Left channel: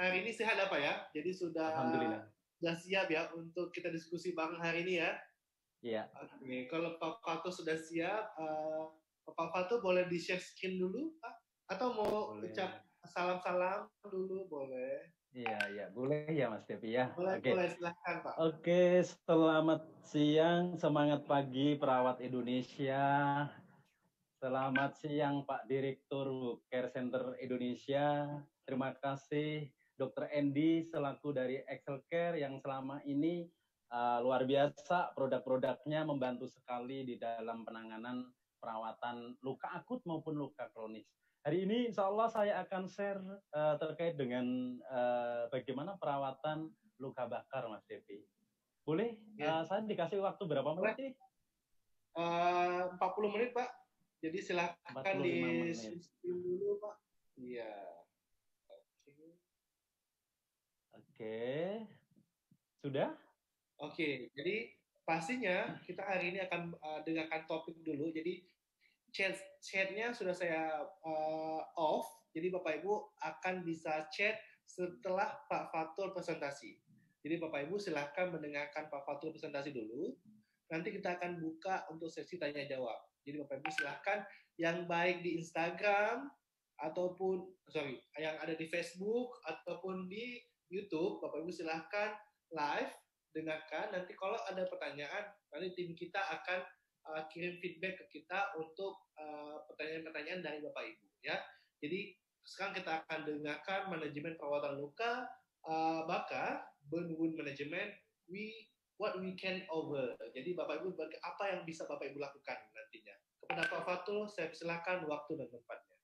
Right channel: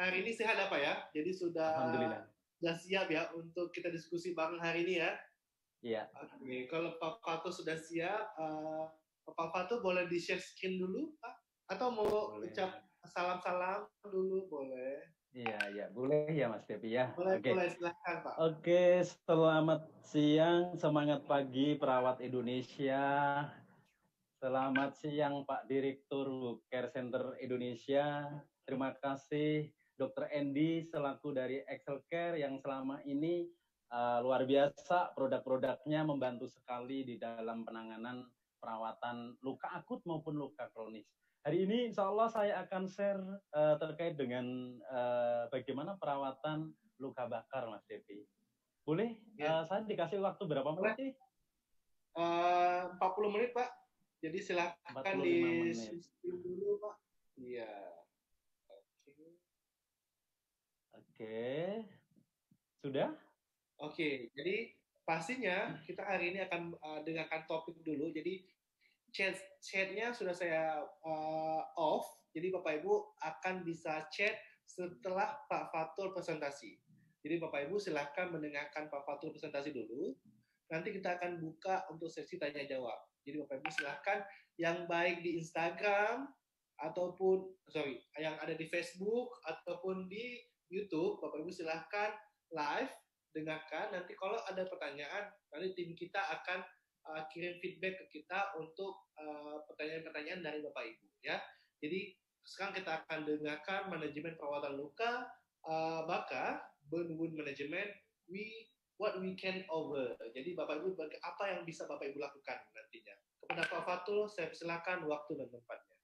hari ini sehat apa ya? Jadi Alhamdulillah. sudah siap ya untuk kita diskusi bareng hari ini ya. Iya, Oke, kalau Pak Fato sudah siap, Pak Fato boleh di-share screen dulu, Pak? Atau mau ucap boleh. salam-salam dulu, boleh? Iya, iya, boleh ya Mas Devi ya. Boleh, Oke. boleh, silahkan Pak. Oke, selamat siang, semangat pagi perawat Indonesia. Selamat siang Pak Direktur Care Center Indonesia. Terima kasih Dr. Andy selaku dari Excel Care yang selama ini luar biasa produk-produknya membantu sekali di dalam penanganan perawatan luka akut maupun luka kronis. Hari ini insya Allah saya akan share terkait dengan bagaimana perawatan luka bakar Mas Devi. Boleh Ya, saya dikasih waktu berapa menit boleh. nih? 40 menit, Pak. Jadi silakan 45 menit. di-screen dulu, Pak. Iya. Oke. Oke, sudah? Oke, jadi pastinya kita hari ini akan dengarkan topik dulu. Jadi chatnya sudah saya off, jadi Bapak Ibu akan bisa chat setelah Pak Fatul presentasi. Jadi Bapak Ibu silahkan mendengarkan Pak Fatul presentasi dulu. Nanti kita akan buka untuk sesi tanya jawab. Jadi Bapak Ibu silahkan yang baik di Instagram ataupun yang ada di Facebook ataupun di YouTube, Bapak Ibu silahkan live dengarkan. Nanti kalau ada pertanyaan, nanti tim kita akan kirim feedback ke kita untuk pertanyaan-pertanyaan dari Bapak Ibu ya. Jadi sekarang kita akan dengarkan manajemen perawatan luka bakar, burn wound management, what we can over. Jadi Bapak Ibu apa yang bisa Bapak Ibu lakukan nantinya. Kepada Pak Fatul, saya persilakan waktu dan tempatnya.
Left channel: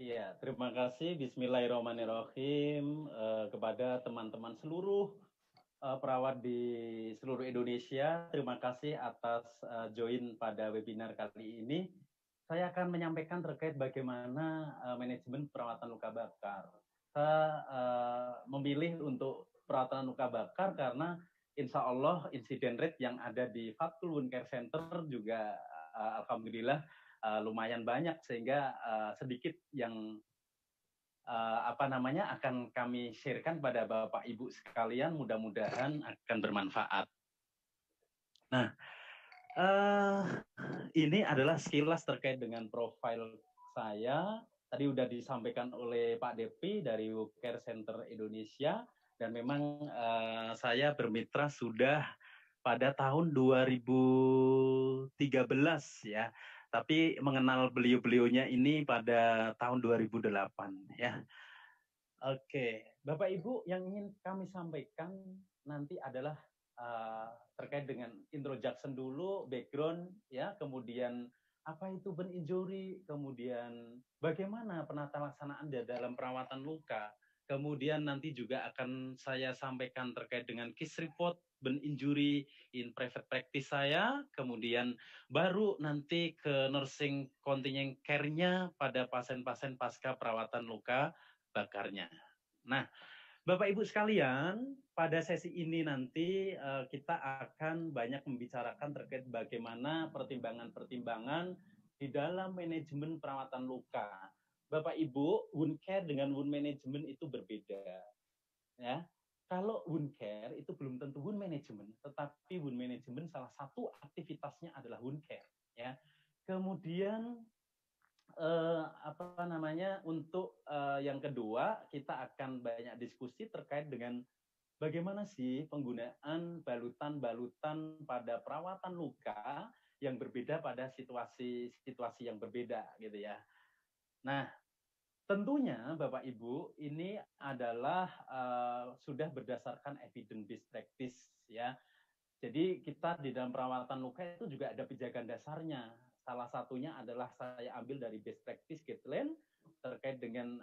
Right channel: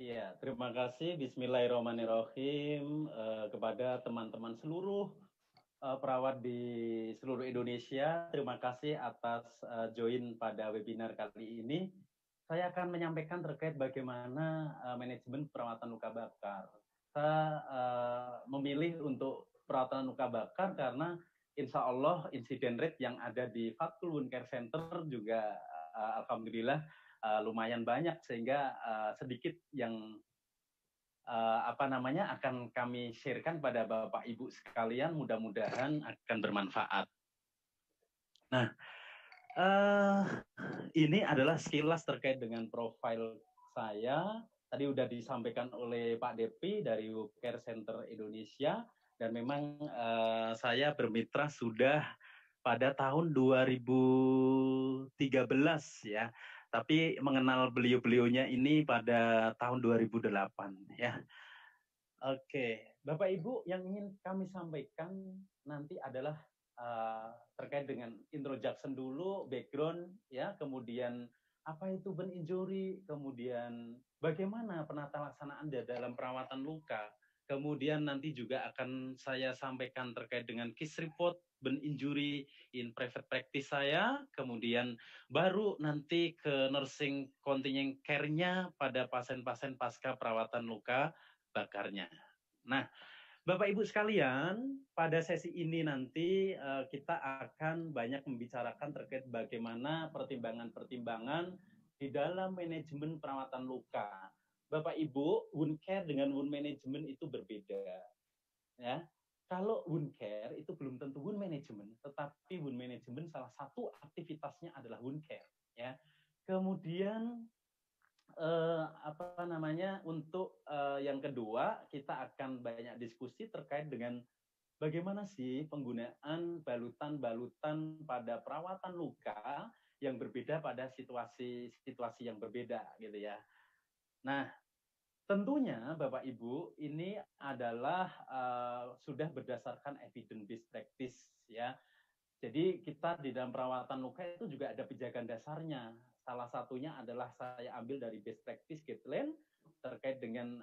Iya, terima kasih. Bismillahirrahmanirrahim kepada teman-teman seluruh perawat di seluruh Indonesia. Terima kasih atas join pada webinar kali ini. Saya akan menyampaikan terkait bagaimana manajemen perawatan luka bakar. Saya memilih untuk perawatan luka bakar karena insya Allah insiden rate yang ada di Fatul Wound Care Center juga alhamdulillah lumayan banyak sehingga sedikit yang akan kami sharekan pada Bapak Ibu sekalian, mudah-mudahan akan bermanfaat. Nah, ini adalah sekilas terkait dengan profil saya. Tadi sudah disampaikan oleh Pak Depi dari Care Center Indonesia, dan memang saya bermitra sudah pada tahun 2013 ya. Tapi mengenal beliau-beliaunya ini pada tahun 2008 ya. Oke, Bapak Ibu yang ingin kami sampaikan nanti adalah terkait dengan introduction dulu, background ya, kemudian apa itu burn injury, kemudian bagaimana penata laksanaan dalam perawatan luka, kemudian nanti juga akan saya sampaikan terkait dengan case report burn injury in private practice saya, kemudian baru nanti ke nursing continuing care-nya pada pasien-pasien pasca perawatan luka bakarnya. Nah, Bapak Ibu sekalian, pada sesi ini nanti kita akan banyak membicarakan terkait bagaimana pertimbangan-pertimbangan di dalam manajemen perawatan luka. Bapak Ibu, wound care dengan wound management itu berbeda. Ya, kalau wound care itu belum tentu wound management, tetapi wound management salah satu aktivitasnya adalah wound care. Ya, kemudian untuk yang kedua kita akan banyak diskusi terkait dengan bagaimana sih penggunaan balutan-balutan pada perawatan luka yang berbeda pada situasi yang berbeda gitu ya. Nah, tentunya Bapak Ibu ini adalah sudah berdasarkan evidence based practice ya. Jadi kita di dalam perawatan luka itu juga ada pijakan dasarnya. Salah satunya adalah saya ambil dari best practice guideline terkait dengan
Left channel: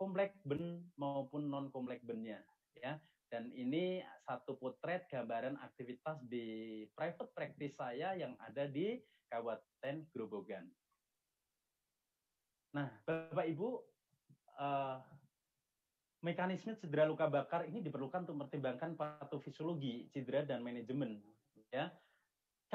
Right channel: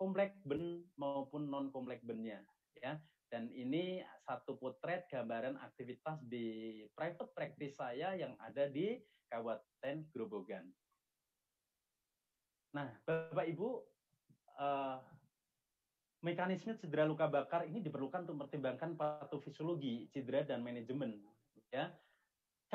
kompleks burn maupun non kompleks burn-nya ya. Dan ini satu potret gambaran aktivitas di private practice saya yang ada di Kabupaten Grobogan. Nah, Bapak Ibu, mekanisme cedera luka bakar ini diperlukan untuk mempertimbangkan patofisiologi cedera dan manajemen ya.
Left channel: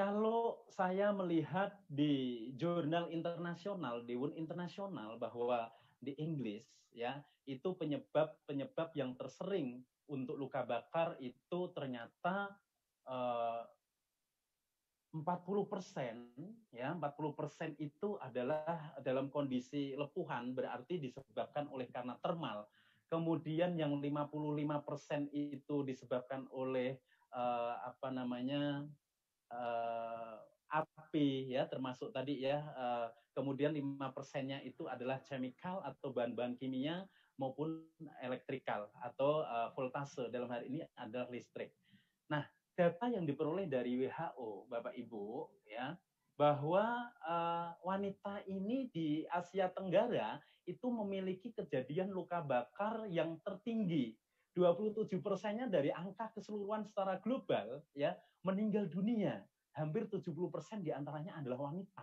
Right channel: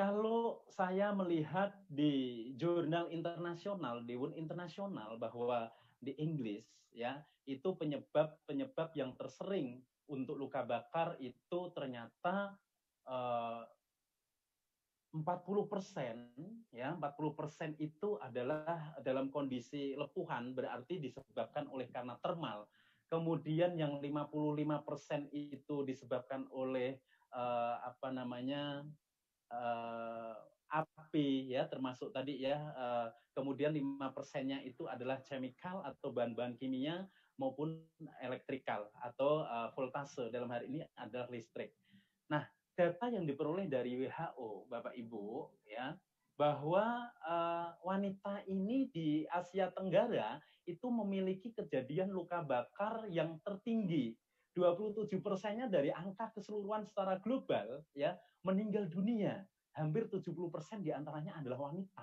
Kalau saya melihat di jurnal internasional, di Wound Internasional, bahwa di Inggris ya, itu penyebab yang tersering untuk luka bakar itu ternyata 40% ya, 40% itu adalah dalam kondisi lepuhan, berarti disebabkan oleh karena termal. Kemudian yang 55% itu disebabkan oleh apa namanya uh, api ya, termasuk tadi ya, kemudian 5%-nya itu adalah chemical atau bahan-bahan kimia maupun elektrikal atau voltase, dalam hal ini adalah listrik. Nah, data yang diperoleh dari WHO, Bapak Ibu, ya, bahwa wanita ini di Asia Tenggara itu memiliki kejadian luka bakar yang tertinggi. 27%-nya dari angka keseluruhan secara global ya, meninggal dunia. Hampir 70% diantaranya adalah wanita.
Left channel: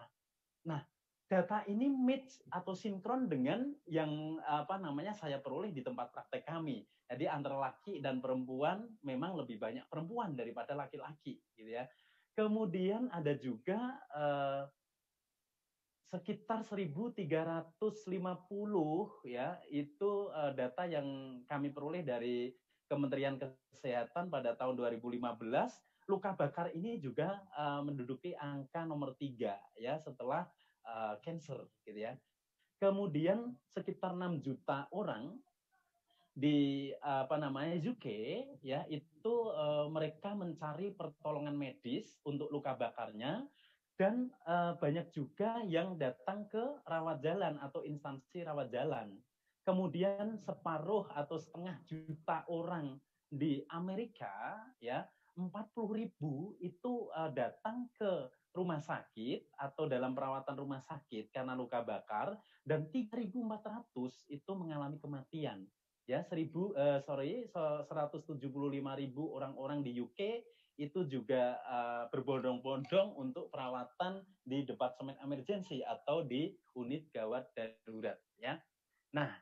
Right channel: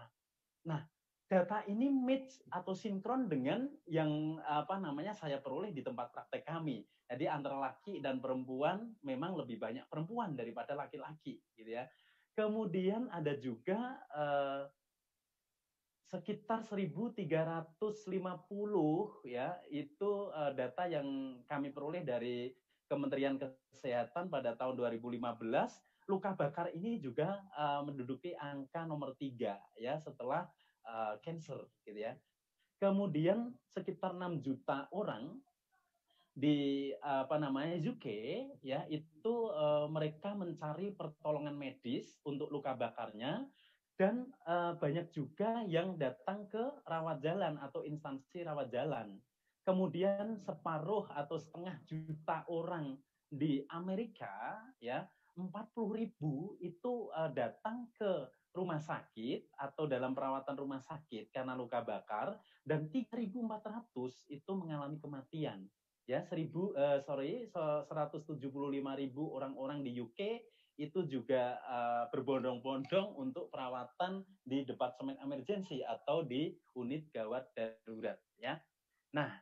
Nah, data ini match atau sinkron dengan yang apa namanya saya peroleh di tempat praktek kami. Jadi antara laki dan perempuan memang lebih banyak perempuan daripada laki-laki, gitu ya. Kemudian ada juga sekitar 1.350 ya, itu data yang kami peroleh dari Kementerian Kesehatan pada tahun 2015. Luka bakar ini juga menduduki angka nomor 3 ya, setelah cancer gitu ya. Kemudian sekitar 6 juta orang di apa namanya UK ya, itu mereka mencari pertolongan medis untuk luka bakarnya, dan banyak juga yang datang ke rawat jalan atau instansi rawat jalan. Kemudian separuh atau setengah juta orang di Amerika ya, 40.000 itu datang ke rumah sakit atau dalam perawatan rumah sakit karena luka bakar, dan 3.400 itu mengalami kematian. Ya, 175.000 orang-orang di UK itu juga berbondong-bondong untuk perawatan di departemen emergency atau di unit gawat darurat ya. Nah,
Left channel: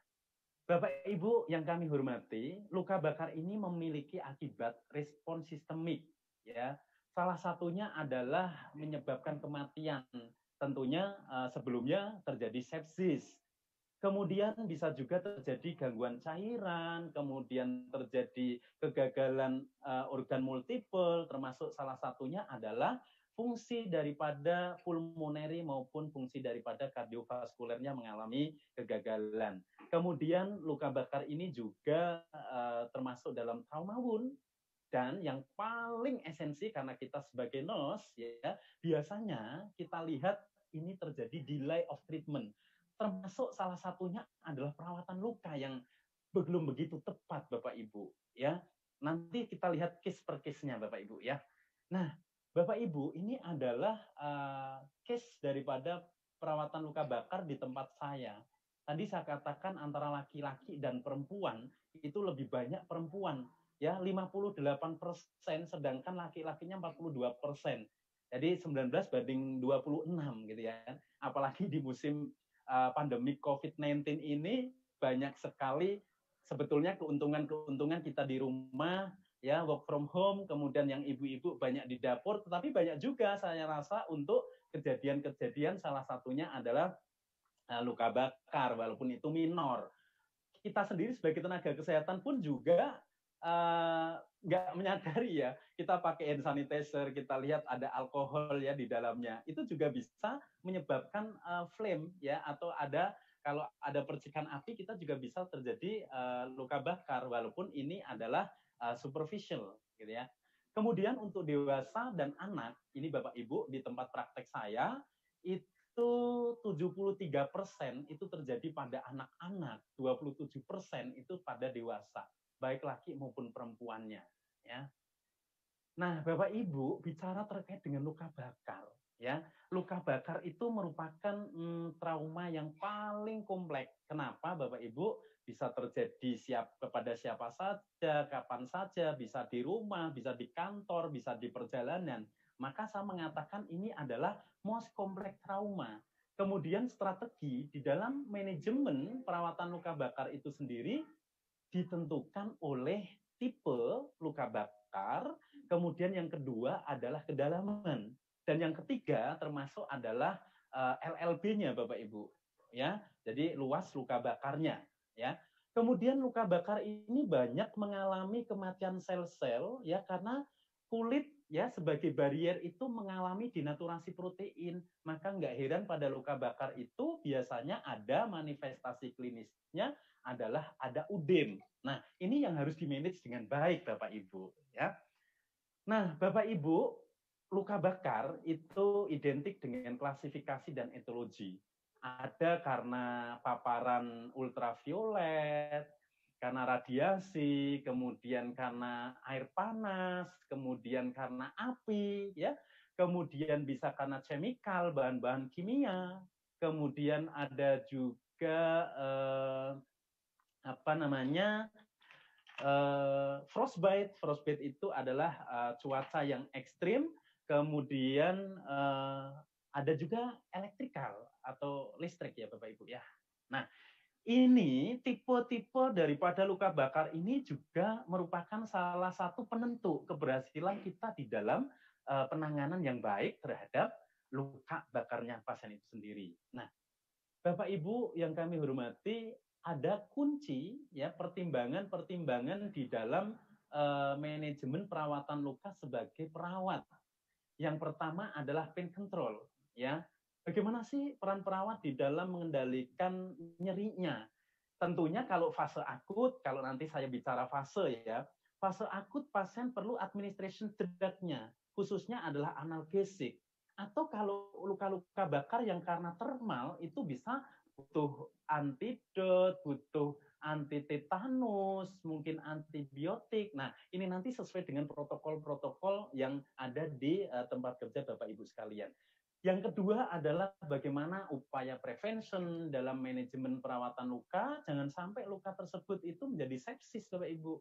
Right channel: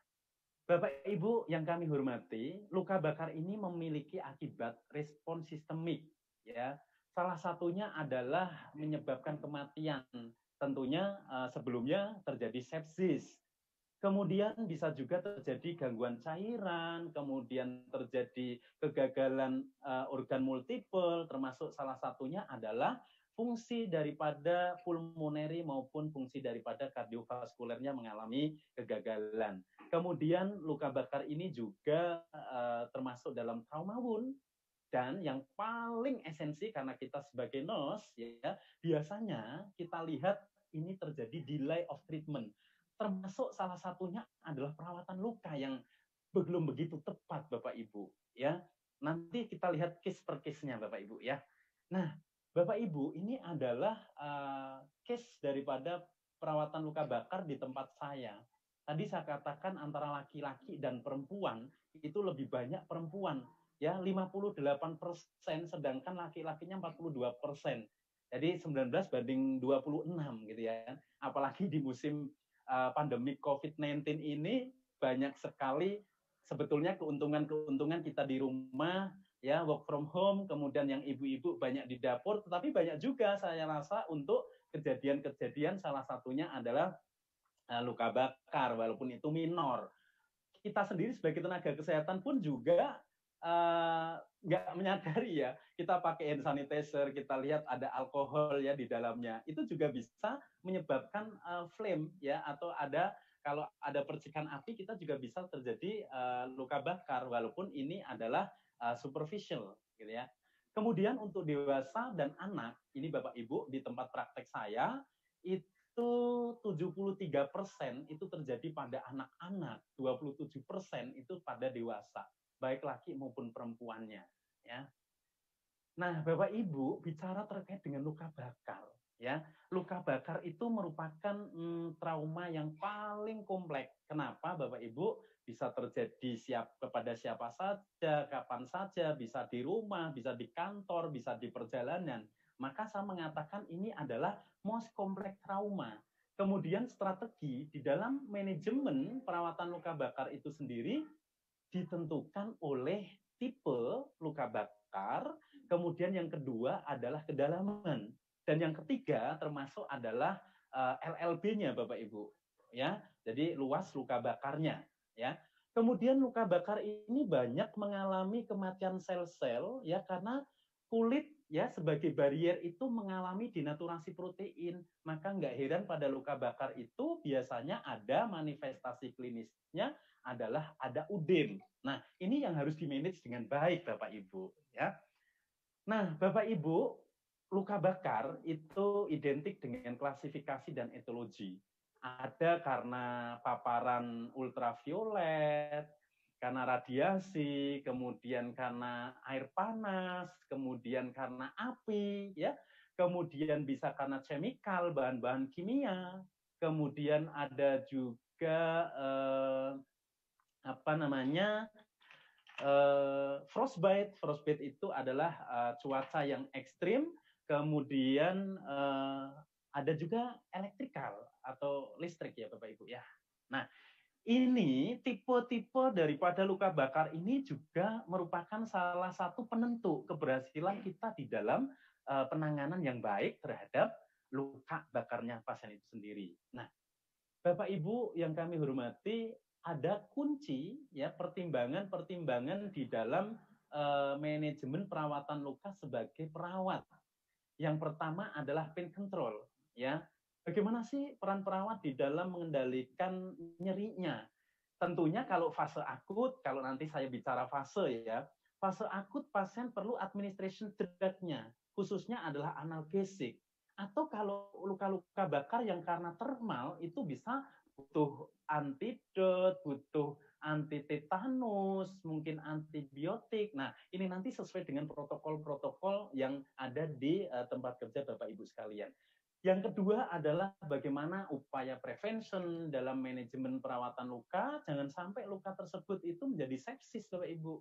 Bapak Ibu yang kami hormati, luka bakar ini memiliki akibat respon sistemik ya. Salah satunya adalah menyebabkan kematian. Tentunya sebelumnya terjadi sepsis. Kemudian bisa juga terjadi gangguan cairan, kemudian terjadi kegagalan organ multiple, termasuk salah satunya adalah fungsi daripada pulmoneri maupun fungsi daripada kardiovaskulernya mengalami kegagalan. Kemudian luka bakar ini juga termasuk dalam trauma wound, dan yang paling esensi karena kita sebagai nurse ya, biasanya kita lihat ini terjadi delay of treatment. Termasuk salah satunya adalah perawatan luka yang belum begitu tepat, Bapak Ibu ya. Nanti kita lihat case per case-nya, Bapak Ibu ya. Nah, Bapak Ibu, ini adalah case daripada perawatan luka bakar di tempat saya. Tadi saya katakan antara laki-laki dan perempuan itu lebih banyak perempuan ya, 58%, sedangkan laki-lakinya 42%. Jadi 19 banding 26 gitu ya. Apalagi di musim pandemi COVID-19 ini banyak sekali sebetulnya keuntungan-keuntungan kita di rumah ya, work from home, kemudian yang ibu-ibu banyak di dapur, tetapi banyak juga saya rasa untuk kejadian-kejadian, salah satunya adalah luka bakar walaupun itu minor. Kita sendiri sebagai tenaga kesehatan pun juga nggak menyadari ya, kita pakai hand sanitizer, kita lihat ada alkohol ya di dalamnya, itu juga bisa menyebabkan flame ya, atau ada kalau ada percikan api kita juga bisa terjadi luka bakar walaupun ini adalah superficial gitu ya. Kemudian untuk dewasa dan anak, ini Bapak Ibu di tempat praktek saya itu 73% itu terjadi pada anak-anak, 27% itu pada dewasa, baik laki maupun perempuannya ya. Nah, Bapak Ibu bicara terkait dengan luka bakar ya. Luka bakar itu merupakan trauma yang paling kompleks. Kenapa Bapak Ibu? Bisa terjadi kepada siapa saja, kapan saja, bisa di rumah, bisa di kantor, bisa di perjalanan. Maka saya mengatakan ini adalah most complex trauma. Kemudian strategi di dalam manajemen perawatan luka bakar itu sendiri ditentukan oleh tipe luka bakar, kemudian yang kedua adalah kedalaman, dan yang ketiga termasuk adalah LLB-nya Bapak Ibu. ya. Jadi luas luka bakarnya, ya. Kemudian luka bakar ini banyak mengalami kematian sel-sel ya karena kulit ya sebagai barier itu mengalami denaturasi protein. Maka nggak heran pada luka bakar itu biasanya ada manifestasi klinisnya adalah ada udem. Nah, ini yang harus dimanage dengan baik Bapak Ibu ya. Nah, Bapak Ibu, luka bakar itu identik dengan klasifikasi dan etologi. Ada karena paparan ultraviolet, karena radiasi, kemudian karena air panas, kemudian karena api, ya, kemudian bisa karena chemical, bahan-bahan kimia, kemudian ada juga apa namanya frostbite. Frostbite itu adalah cuaca yang ekstrim, kemudian ada juga elektrikal atau listrik ya Bapak Ibu ya. Nah, ini tipe-tipe daripada luka bakar ini juga merupakan salah satu penentu keberhasilan kita di dalam penanganan yang baik terhadap luka bakarnya pasien itu sendiri. Nah, Bapak Ibu yang kami hormati, ada kunci ya pertimbangan-pertimbangan di dalam manajemen perawatan luka sebagai perawat. Yang pertama adalah pain control ya. Bagaimana sih peran perawat di dalam mengendalikan nyerinya? Tentunya kalau fase akut, kalau nanti saya bicara fase ya, fase akut pasien perlu administration drug-nya, khususnya adalah analgesik. Atau kalau luka-luka bakar yang karena termal itu bisa butuh antidot, butuh anti tetanus, mungkin antibiotik. Nah, ini nanti sesuai dengan protokol-protokol yang ada di tempat kerja Bapak Ibu sekalian. Yang kedua adalah bagaimana upaya prevention dalam manajemen perawatan luka, jangan sampai luka tersebut itu menjadi sepsis Bapak Ibu.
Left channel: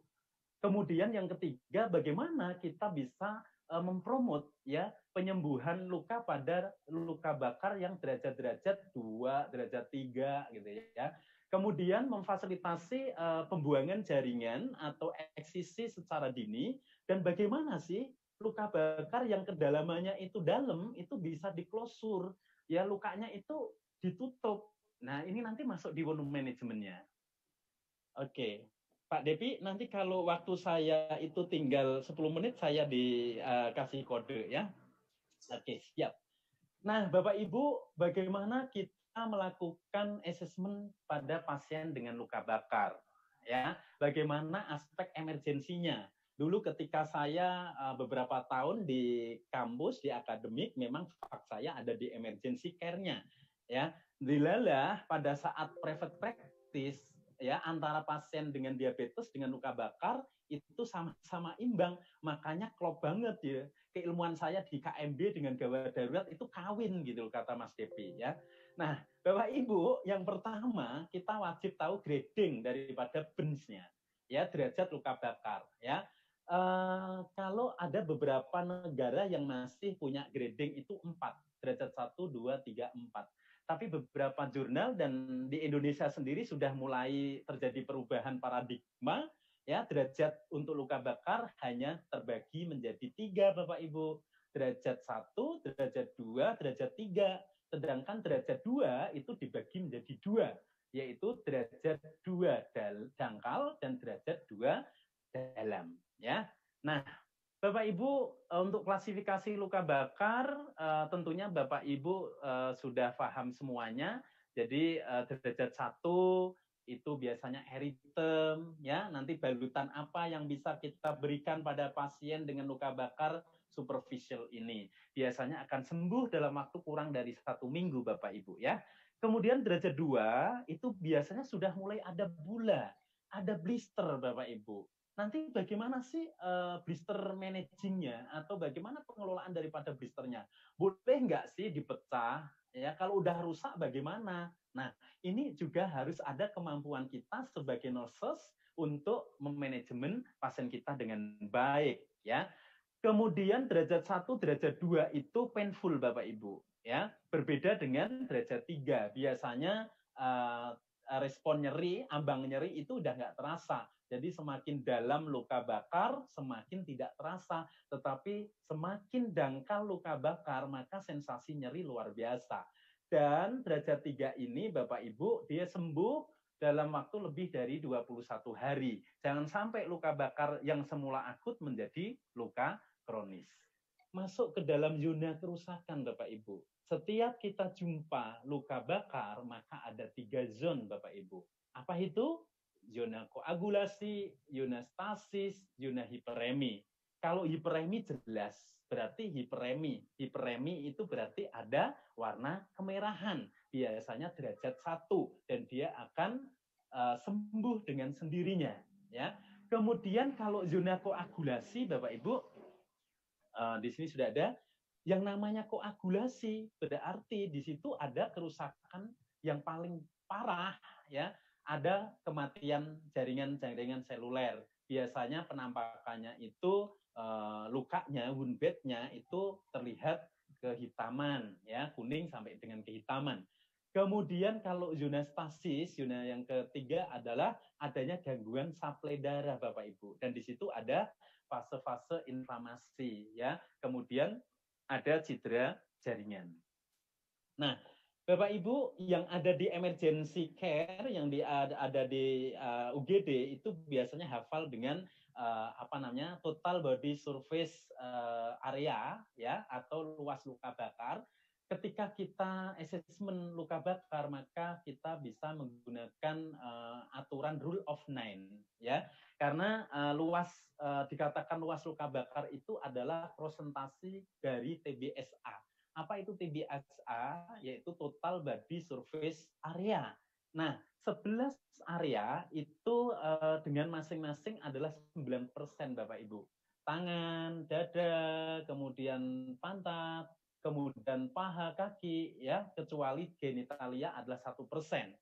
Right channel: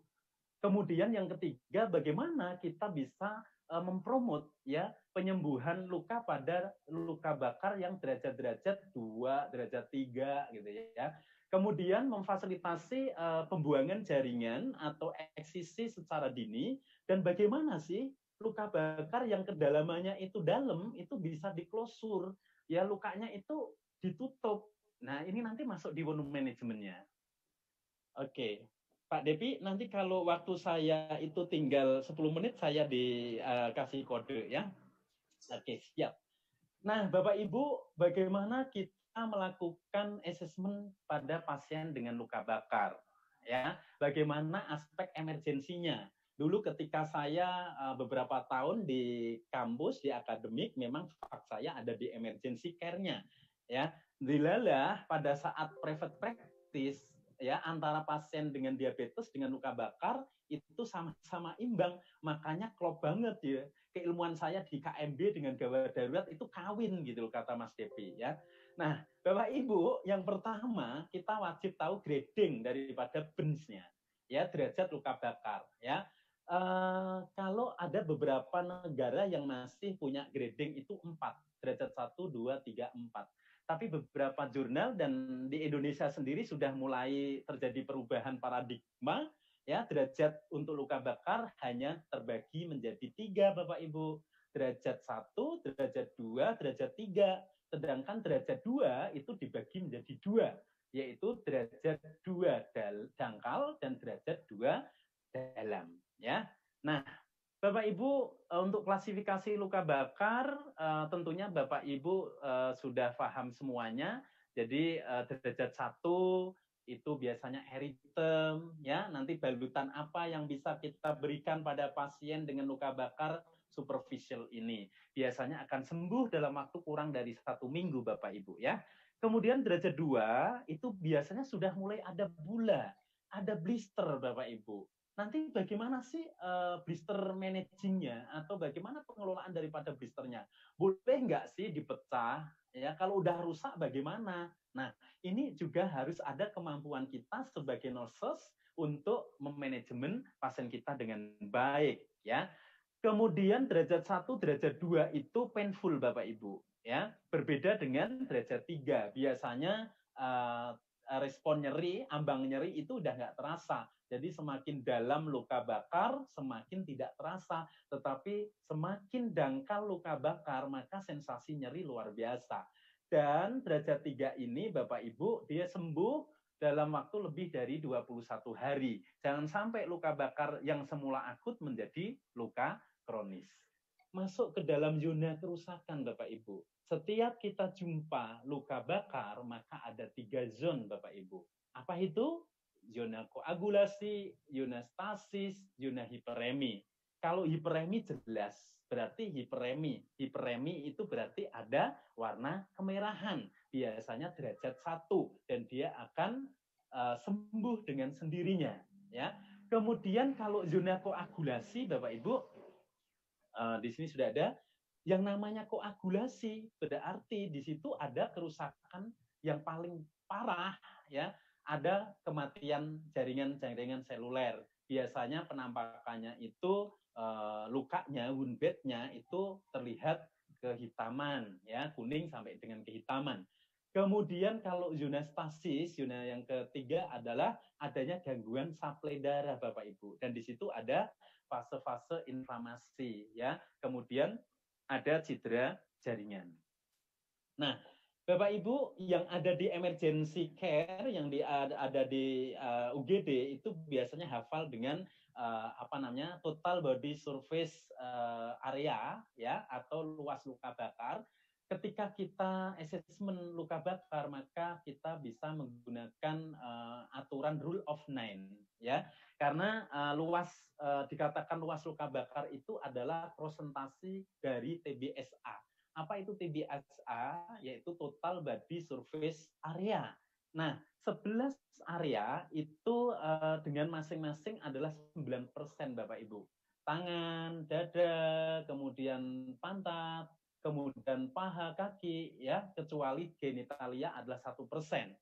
Kemudian yang ketiga, bagaimana kita bisa mempromot ya penyembuhan luka pada luka bakar yang derajat-derajat 2, derajat 3 gitu ya. Kemudian memfasilitasi pembuangan jaringan atau eksisi secara dini, dan bagaimana sih luka bakar yang kedalamannya itu dalam itu bisa diklosur ya, lukanya itu ditutup. Nah, ini nanti masuk di volume manajemennya. Oke. Pak Depi, nanti kalau waktu saya itu tinggal 10 menit saya dikasih kode ya. Oke, siap. Nah, Bapak Ibu, bagaimana kita melakukan asesmen pada pasien dengan luka bakar? Ya, bagaimana aspek emergensinya? Dulu ketika saya beberapa tahun di kampus, di akademik, memang fak saya ada di emergency care-nya. Ya, dilalah pada saat private practice, ya antara pasien dengan diabetes dengan luka bakar itu sama-sama imbang, makanya klop banget ya keilmuan saya di KMB dengan gawat darurat itu kawin gitu kata Mas Depi ya. Nah, Bapak Ibu, yang pertama kita wajib tahu grading daripada benchnya ya, derajat luka bakar ya. Kalau ada beberapa negara yang masih punya grading itu 4, derajat 1, 2, 3, 4. Tapi beberapa jurnal dan di Indonesia sendiri sudah mulai terjadi perubahan paradigma ya, derajat untuk luka bakar hanya terbagi menjadi 3 Bapak Ibu. Derajat 1, derajat 2, derajat 3. Sedangkan derajat 2 itu dibagi menjadi 2, yaitu derajat 2 dangkal dan derajat 2 dalam ya. Nah, Bapak Ibu, untuk klasifikasi luka bakar tentunya Bapak Ibu sudah paham semuanya. Jadi derajat 1 itu biasanya eritem ya, nanti balutan apa yang bisa kita berikan pada pasien dengan luka bakar superficial ini. Biasanya akan sembuh dalam waktu kurang dari 1 minggu Bapak Ibu ya. Kemudian derajat 2 itu biasanya sudah mulai ada bula, ada blister Bapak Ibu. Nanti bagaimana sih blister managingnya atau bagaimana pengelolaan daripada blisternya? Boleh nggak sih dipecah? Ya, kalau udah rusak bagaimana? Nah, ini juga harus ada kemampuan kita sebagai nurses untuk memanajemen pasien kita dengan baik ya. Kemudian derajat 1, derajat 2 itu painful Bapak Ibu ya. Berbeda dengan derajat 3. Biasanya respon nyeri, ambang nyeri itu udah nggak terasa. Jadi semakin dalam luka bakar, semakin tidak terasa. Tetapi semakin dangkal luka bakar, maka sensasi nyeri luar biasa. Dan derajat 3 ini Bapak Ibu dia sembuh dalam waktu lebih dari 21 hari. Jangan sampai luka bakar yang semula akut menjadi luka kronis. Masuk ke dalam zona kerusakan Bapak Ibu. Setiap kita jumpa luka bakar, maka ada 3 zona Bapak Ibu. Apa itu? Zona koagulasi, zona stasis, zona hiperemi. Kalau hiperemi jelas, berarti hiperemi. Hiperemi itu berarti ada warna kemerahan. Biasanya derajat 1 dan dia akan sembuh dengan sendirinya. Ya. Kemudian kalau zona koagulasi, Bapak Ibu, di sini sudah ada yang namanya koagulasi, berarti di situ ada kerusakan yang paling parah, ya. Ada kematian jaringan-jaringan seluler. Biasanya penampakannya itu lukanya, wound bednya itu terlihat kehitaman, ya, kuning sampai dengan kehitaman. Kemudian kalau zona stasis, zona yang ketiga adalah adanya gangguan suplai darah, Bapak Ibu. Dan di situ ada fase-fase inflamasi, ya. Kemudian ada cedera jaringan. Nah, Bapak Ibu yang ada di emergency care, yang ada di UGD itu biasanya hafal dengan total body surface area, ya, atau luas luka bakar. Ketika kita assessment luka bakar, maka kita bisa menggunakan aturan rule of 9, ya, karena dikatakan luas luka bakar itu adalah prosentasi dari TBSA. Apa itu TBSA? Yaitu total body surface area. Nah, 11 area itu dengan masing-masing adalah 9%, Bapak Ibu. Tangan, dada, kemudian pantat, kemudian paha, kaki, ya, kecuali genitalia adalah 1%.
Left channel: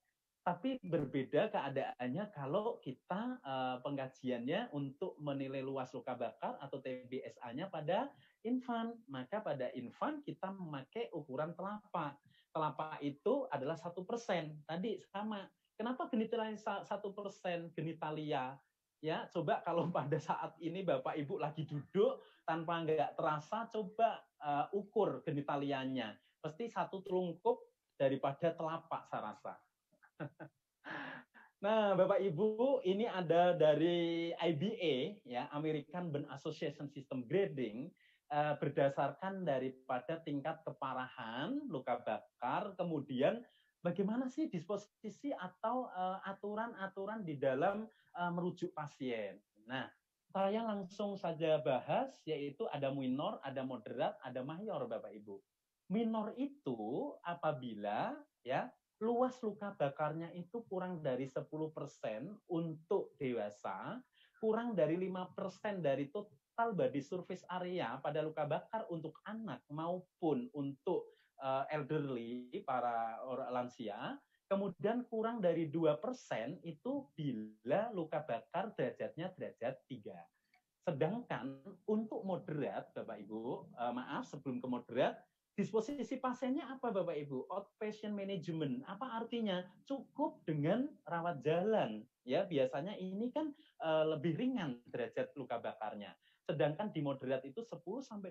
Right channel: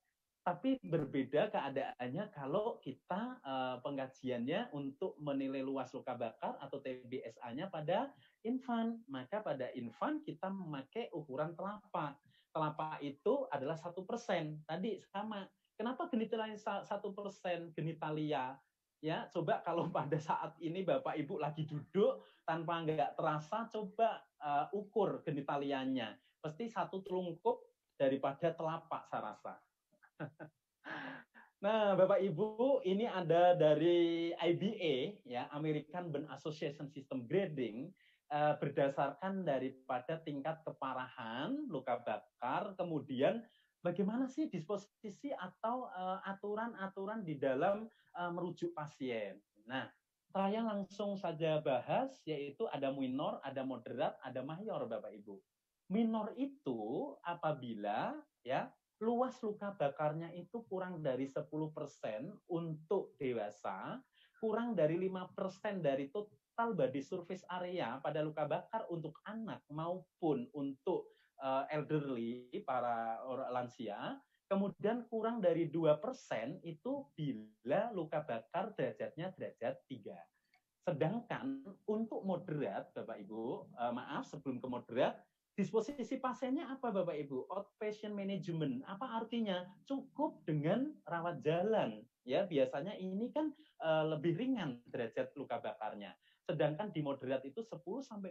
Tapi berbeda keadaannya kalau kita pengkajiannya untuk menilai luas luka bakar atau TBSA-nya pada infan. Maka pada infan kita memakai ukuran telapak. Telapak itu adalah 1%. Tadi sama. Kenapa genitalia 1% genitalia? Ya, coba kalau pada saat ini Bapak Ibu lagi duduk tanpa nggak terasa, coba ukur genitalianya. Pasti satu telungkup daripada telapak saya rasa. Nah, Bapak Ibu, ini ada dari IBA, ya, American Burn Association System Grading, berdasarkan daripada tingkat keparahan luka bakar, kemudian bagaimana sih disposisi atau aturan-aturan di dalam merujuk pasien. Nah, saya langsung saja bahas, yaitu ada minor, ada moderat, ada mayor, Bapak Ibu. Minor itu apabila, ya, luas luka bakarnya itu kurang dari 10% untuk dewasa, kurang dari 5% dari total body surface area pada luka bakar untuk anak maupun untuk elderly, para orang lansia, kemudian kurang dari 2% itu bila luka bakar derajatnya derajat 3. Sedangkan untuk moderat, Bapak Ibu, sebelum ke moderat, disposisi pasiennya apa Bapak Ibu? Outpatient management. Apa artinya? Cukup dengan rawat jalan. Ya, biasanya ini kan lebih ringan derajat luka bakarnya. Sedangkan di moderat itu 10-20%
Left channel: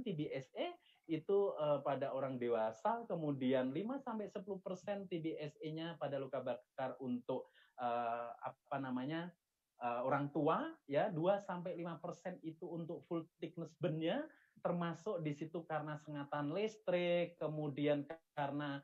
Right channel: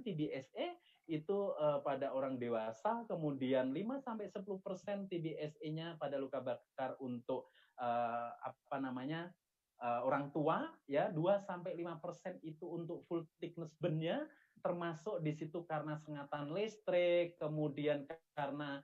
TBSA itu pada orang dewasa, kemudian 5-10% TBSA-nya pada luka bakar untuk orang tua, ya, 2-5% itu untuk full thickness burn-nya, termasuk di situ karena sengatan listrik, kemudian karena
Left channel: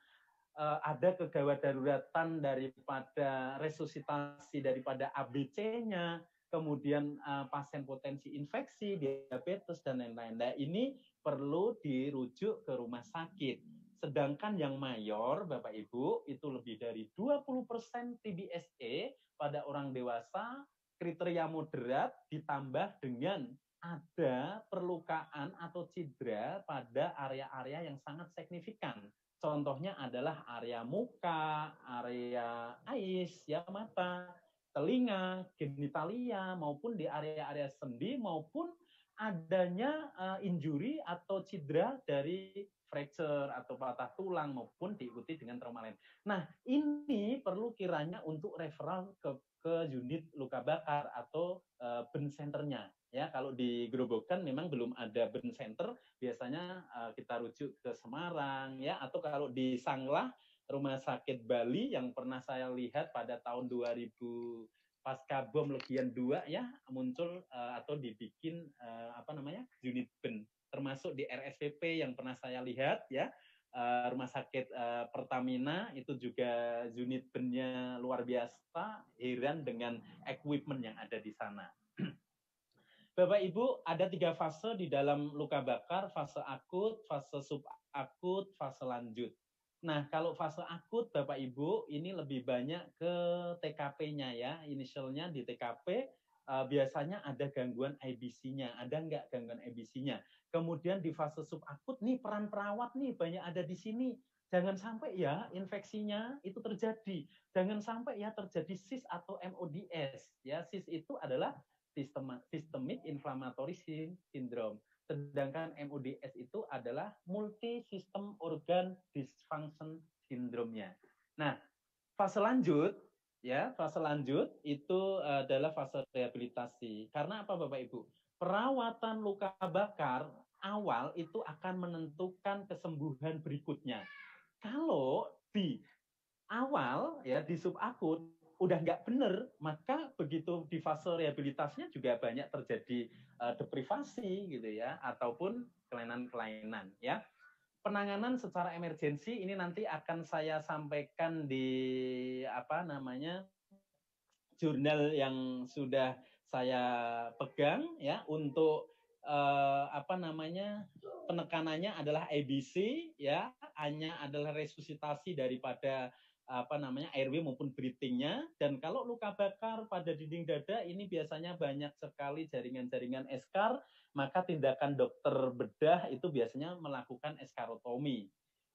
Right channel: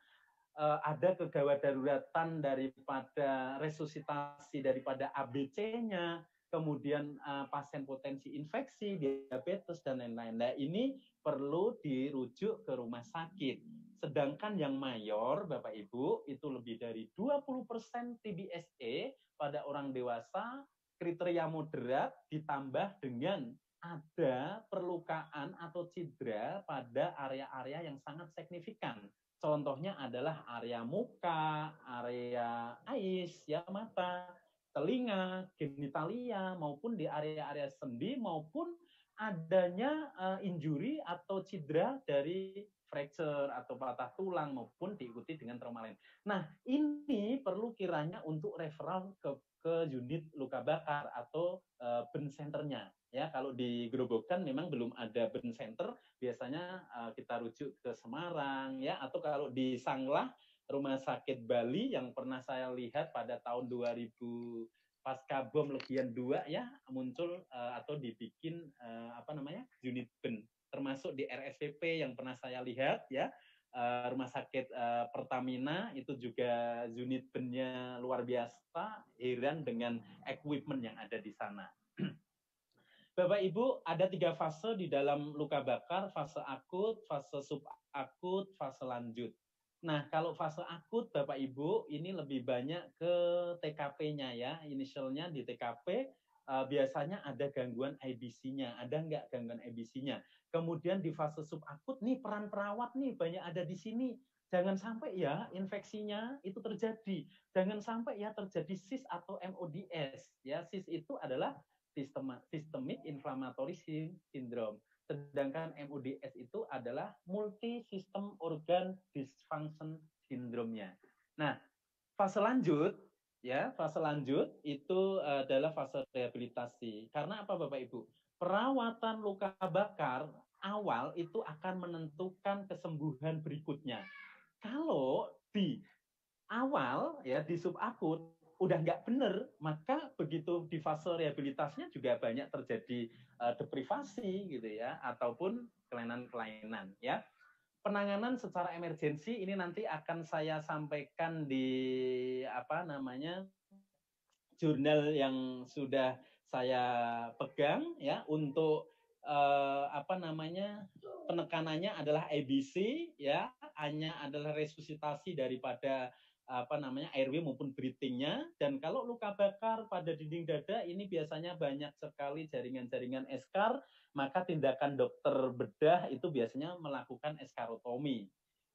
ada kegawat daruratan daripada resusitasi daripada ABC-nya, kemudian pasien potensi infeksi, diabetes, dan lain-lain. Nah, ini perlu dirujuk ke rumah sakit. Sedangkan yang mayor, Bapak Ibu, itu lebih dari 20% TBSA pada orang dewasa, kriteria moderat ditambah dengan ada perlukaan atau cedera pada area-area yang sangat signifikan. Contohnya adalah area muka, area ais, ya, mata, telinga, genitalia, maupun di area-area sendi, maupun adanya injury atau cedera dari fracture atau patah tulang maupun diikuti dengan trauma lain. Nah, ini perlu kiranya untuk referral ke unit luka bakar atau burn center-nya. Ya, kalau di Grobogan memang belum ada burn center, biasanya biasanya kita rujuk ke Semarang ya, atau kalau di Sanglah Rumah Sakit Bali yang pernah saya lihat pada tahun 2000 pasca bom Legian 2 ya, muncul atau dibikin unit ben, termasuk di RSPP yang pernah saya lihat ya. Rumah sakit Pertamina itu juga unit bennya luar biasa, heran dengan equipment yang ada di sana. Bapak Ibu, ada 3 fase di dalam luka bakar, fase akut, fase subakut, fase lanjut. Nah, kalau fase akut Bapak Ibu, ini lebih banyak ke TKP-nya ya, inisialnya di TKP, biasanya ada gangguan IBC-nya, ada nggak gangguan IBC-nya. Kemudian di fase subakut, nih peran perawat nih banyak ada di sini. Jangan sampai ya infeksinya itu terjadi. Jangan sampai ya terjadi SIS atau MODS. Ya, SIS itu adalah systemic inflammatory syndrome. Sedangkan MODS itu adalah multi system organ dysfunction syndrome-nya. Nah, fase lanjut itu adalah fase rehabilitasi. Karena apa Bapak Ibu? Perawatan luka bakar awal itu akan menentukan kesembuhan berikutnya. Kalau di awal ya di subakut udah nggak benar, maka begitu di fase rehabilitasinya juga banyak terjadi deprivasi gitu ya, ataupun kelainan-kelainan ya. Penanganan secara emergensi ini nanti akan saya sampaikan di jurnal yang sudah saya pegang ya, untuk penekanannya adalah ABC ya, hanya adalah resusitasi daripada airway maupun breathing-nya. Dan kalau luka bakar pada dinding dada ini biasanya banyak sekali jaringan-jaringan eschar, maka tindakan dokter bedah itu biasanya melakukan eskarotomi.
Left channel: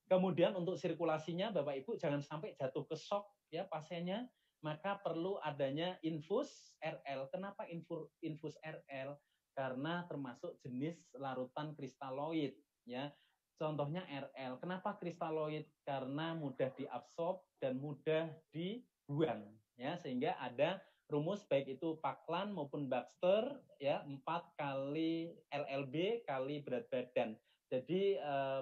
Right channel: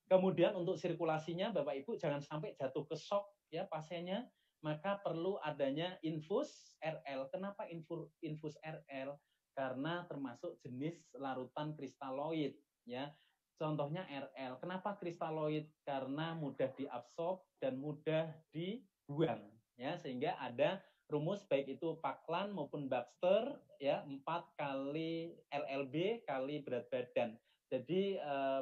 Kemudian untuk sirkulasinya Bapak Ibu jangan sampai jatuh ke shock ya pasiennya, maka perlu adanya infus RL. Kenapa infus RL? Karena termasuk jenis larutan kristaloid ya. Contohnya RL. Kenapa kristaloid? Karena mudah diabsorb dan mudah dibuang ya, sehingga ada rumus baik itu Paklan maupun Baxter ya, 4 kali LLB kali berat badan. Jadi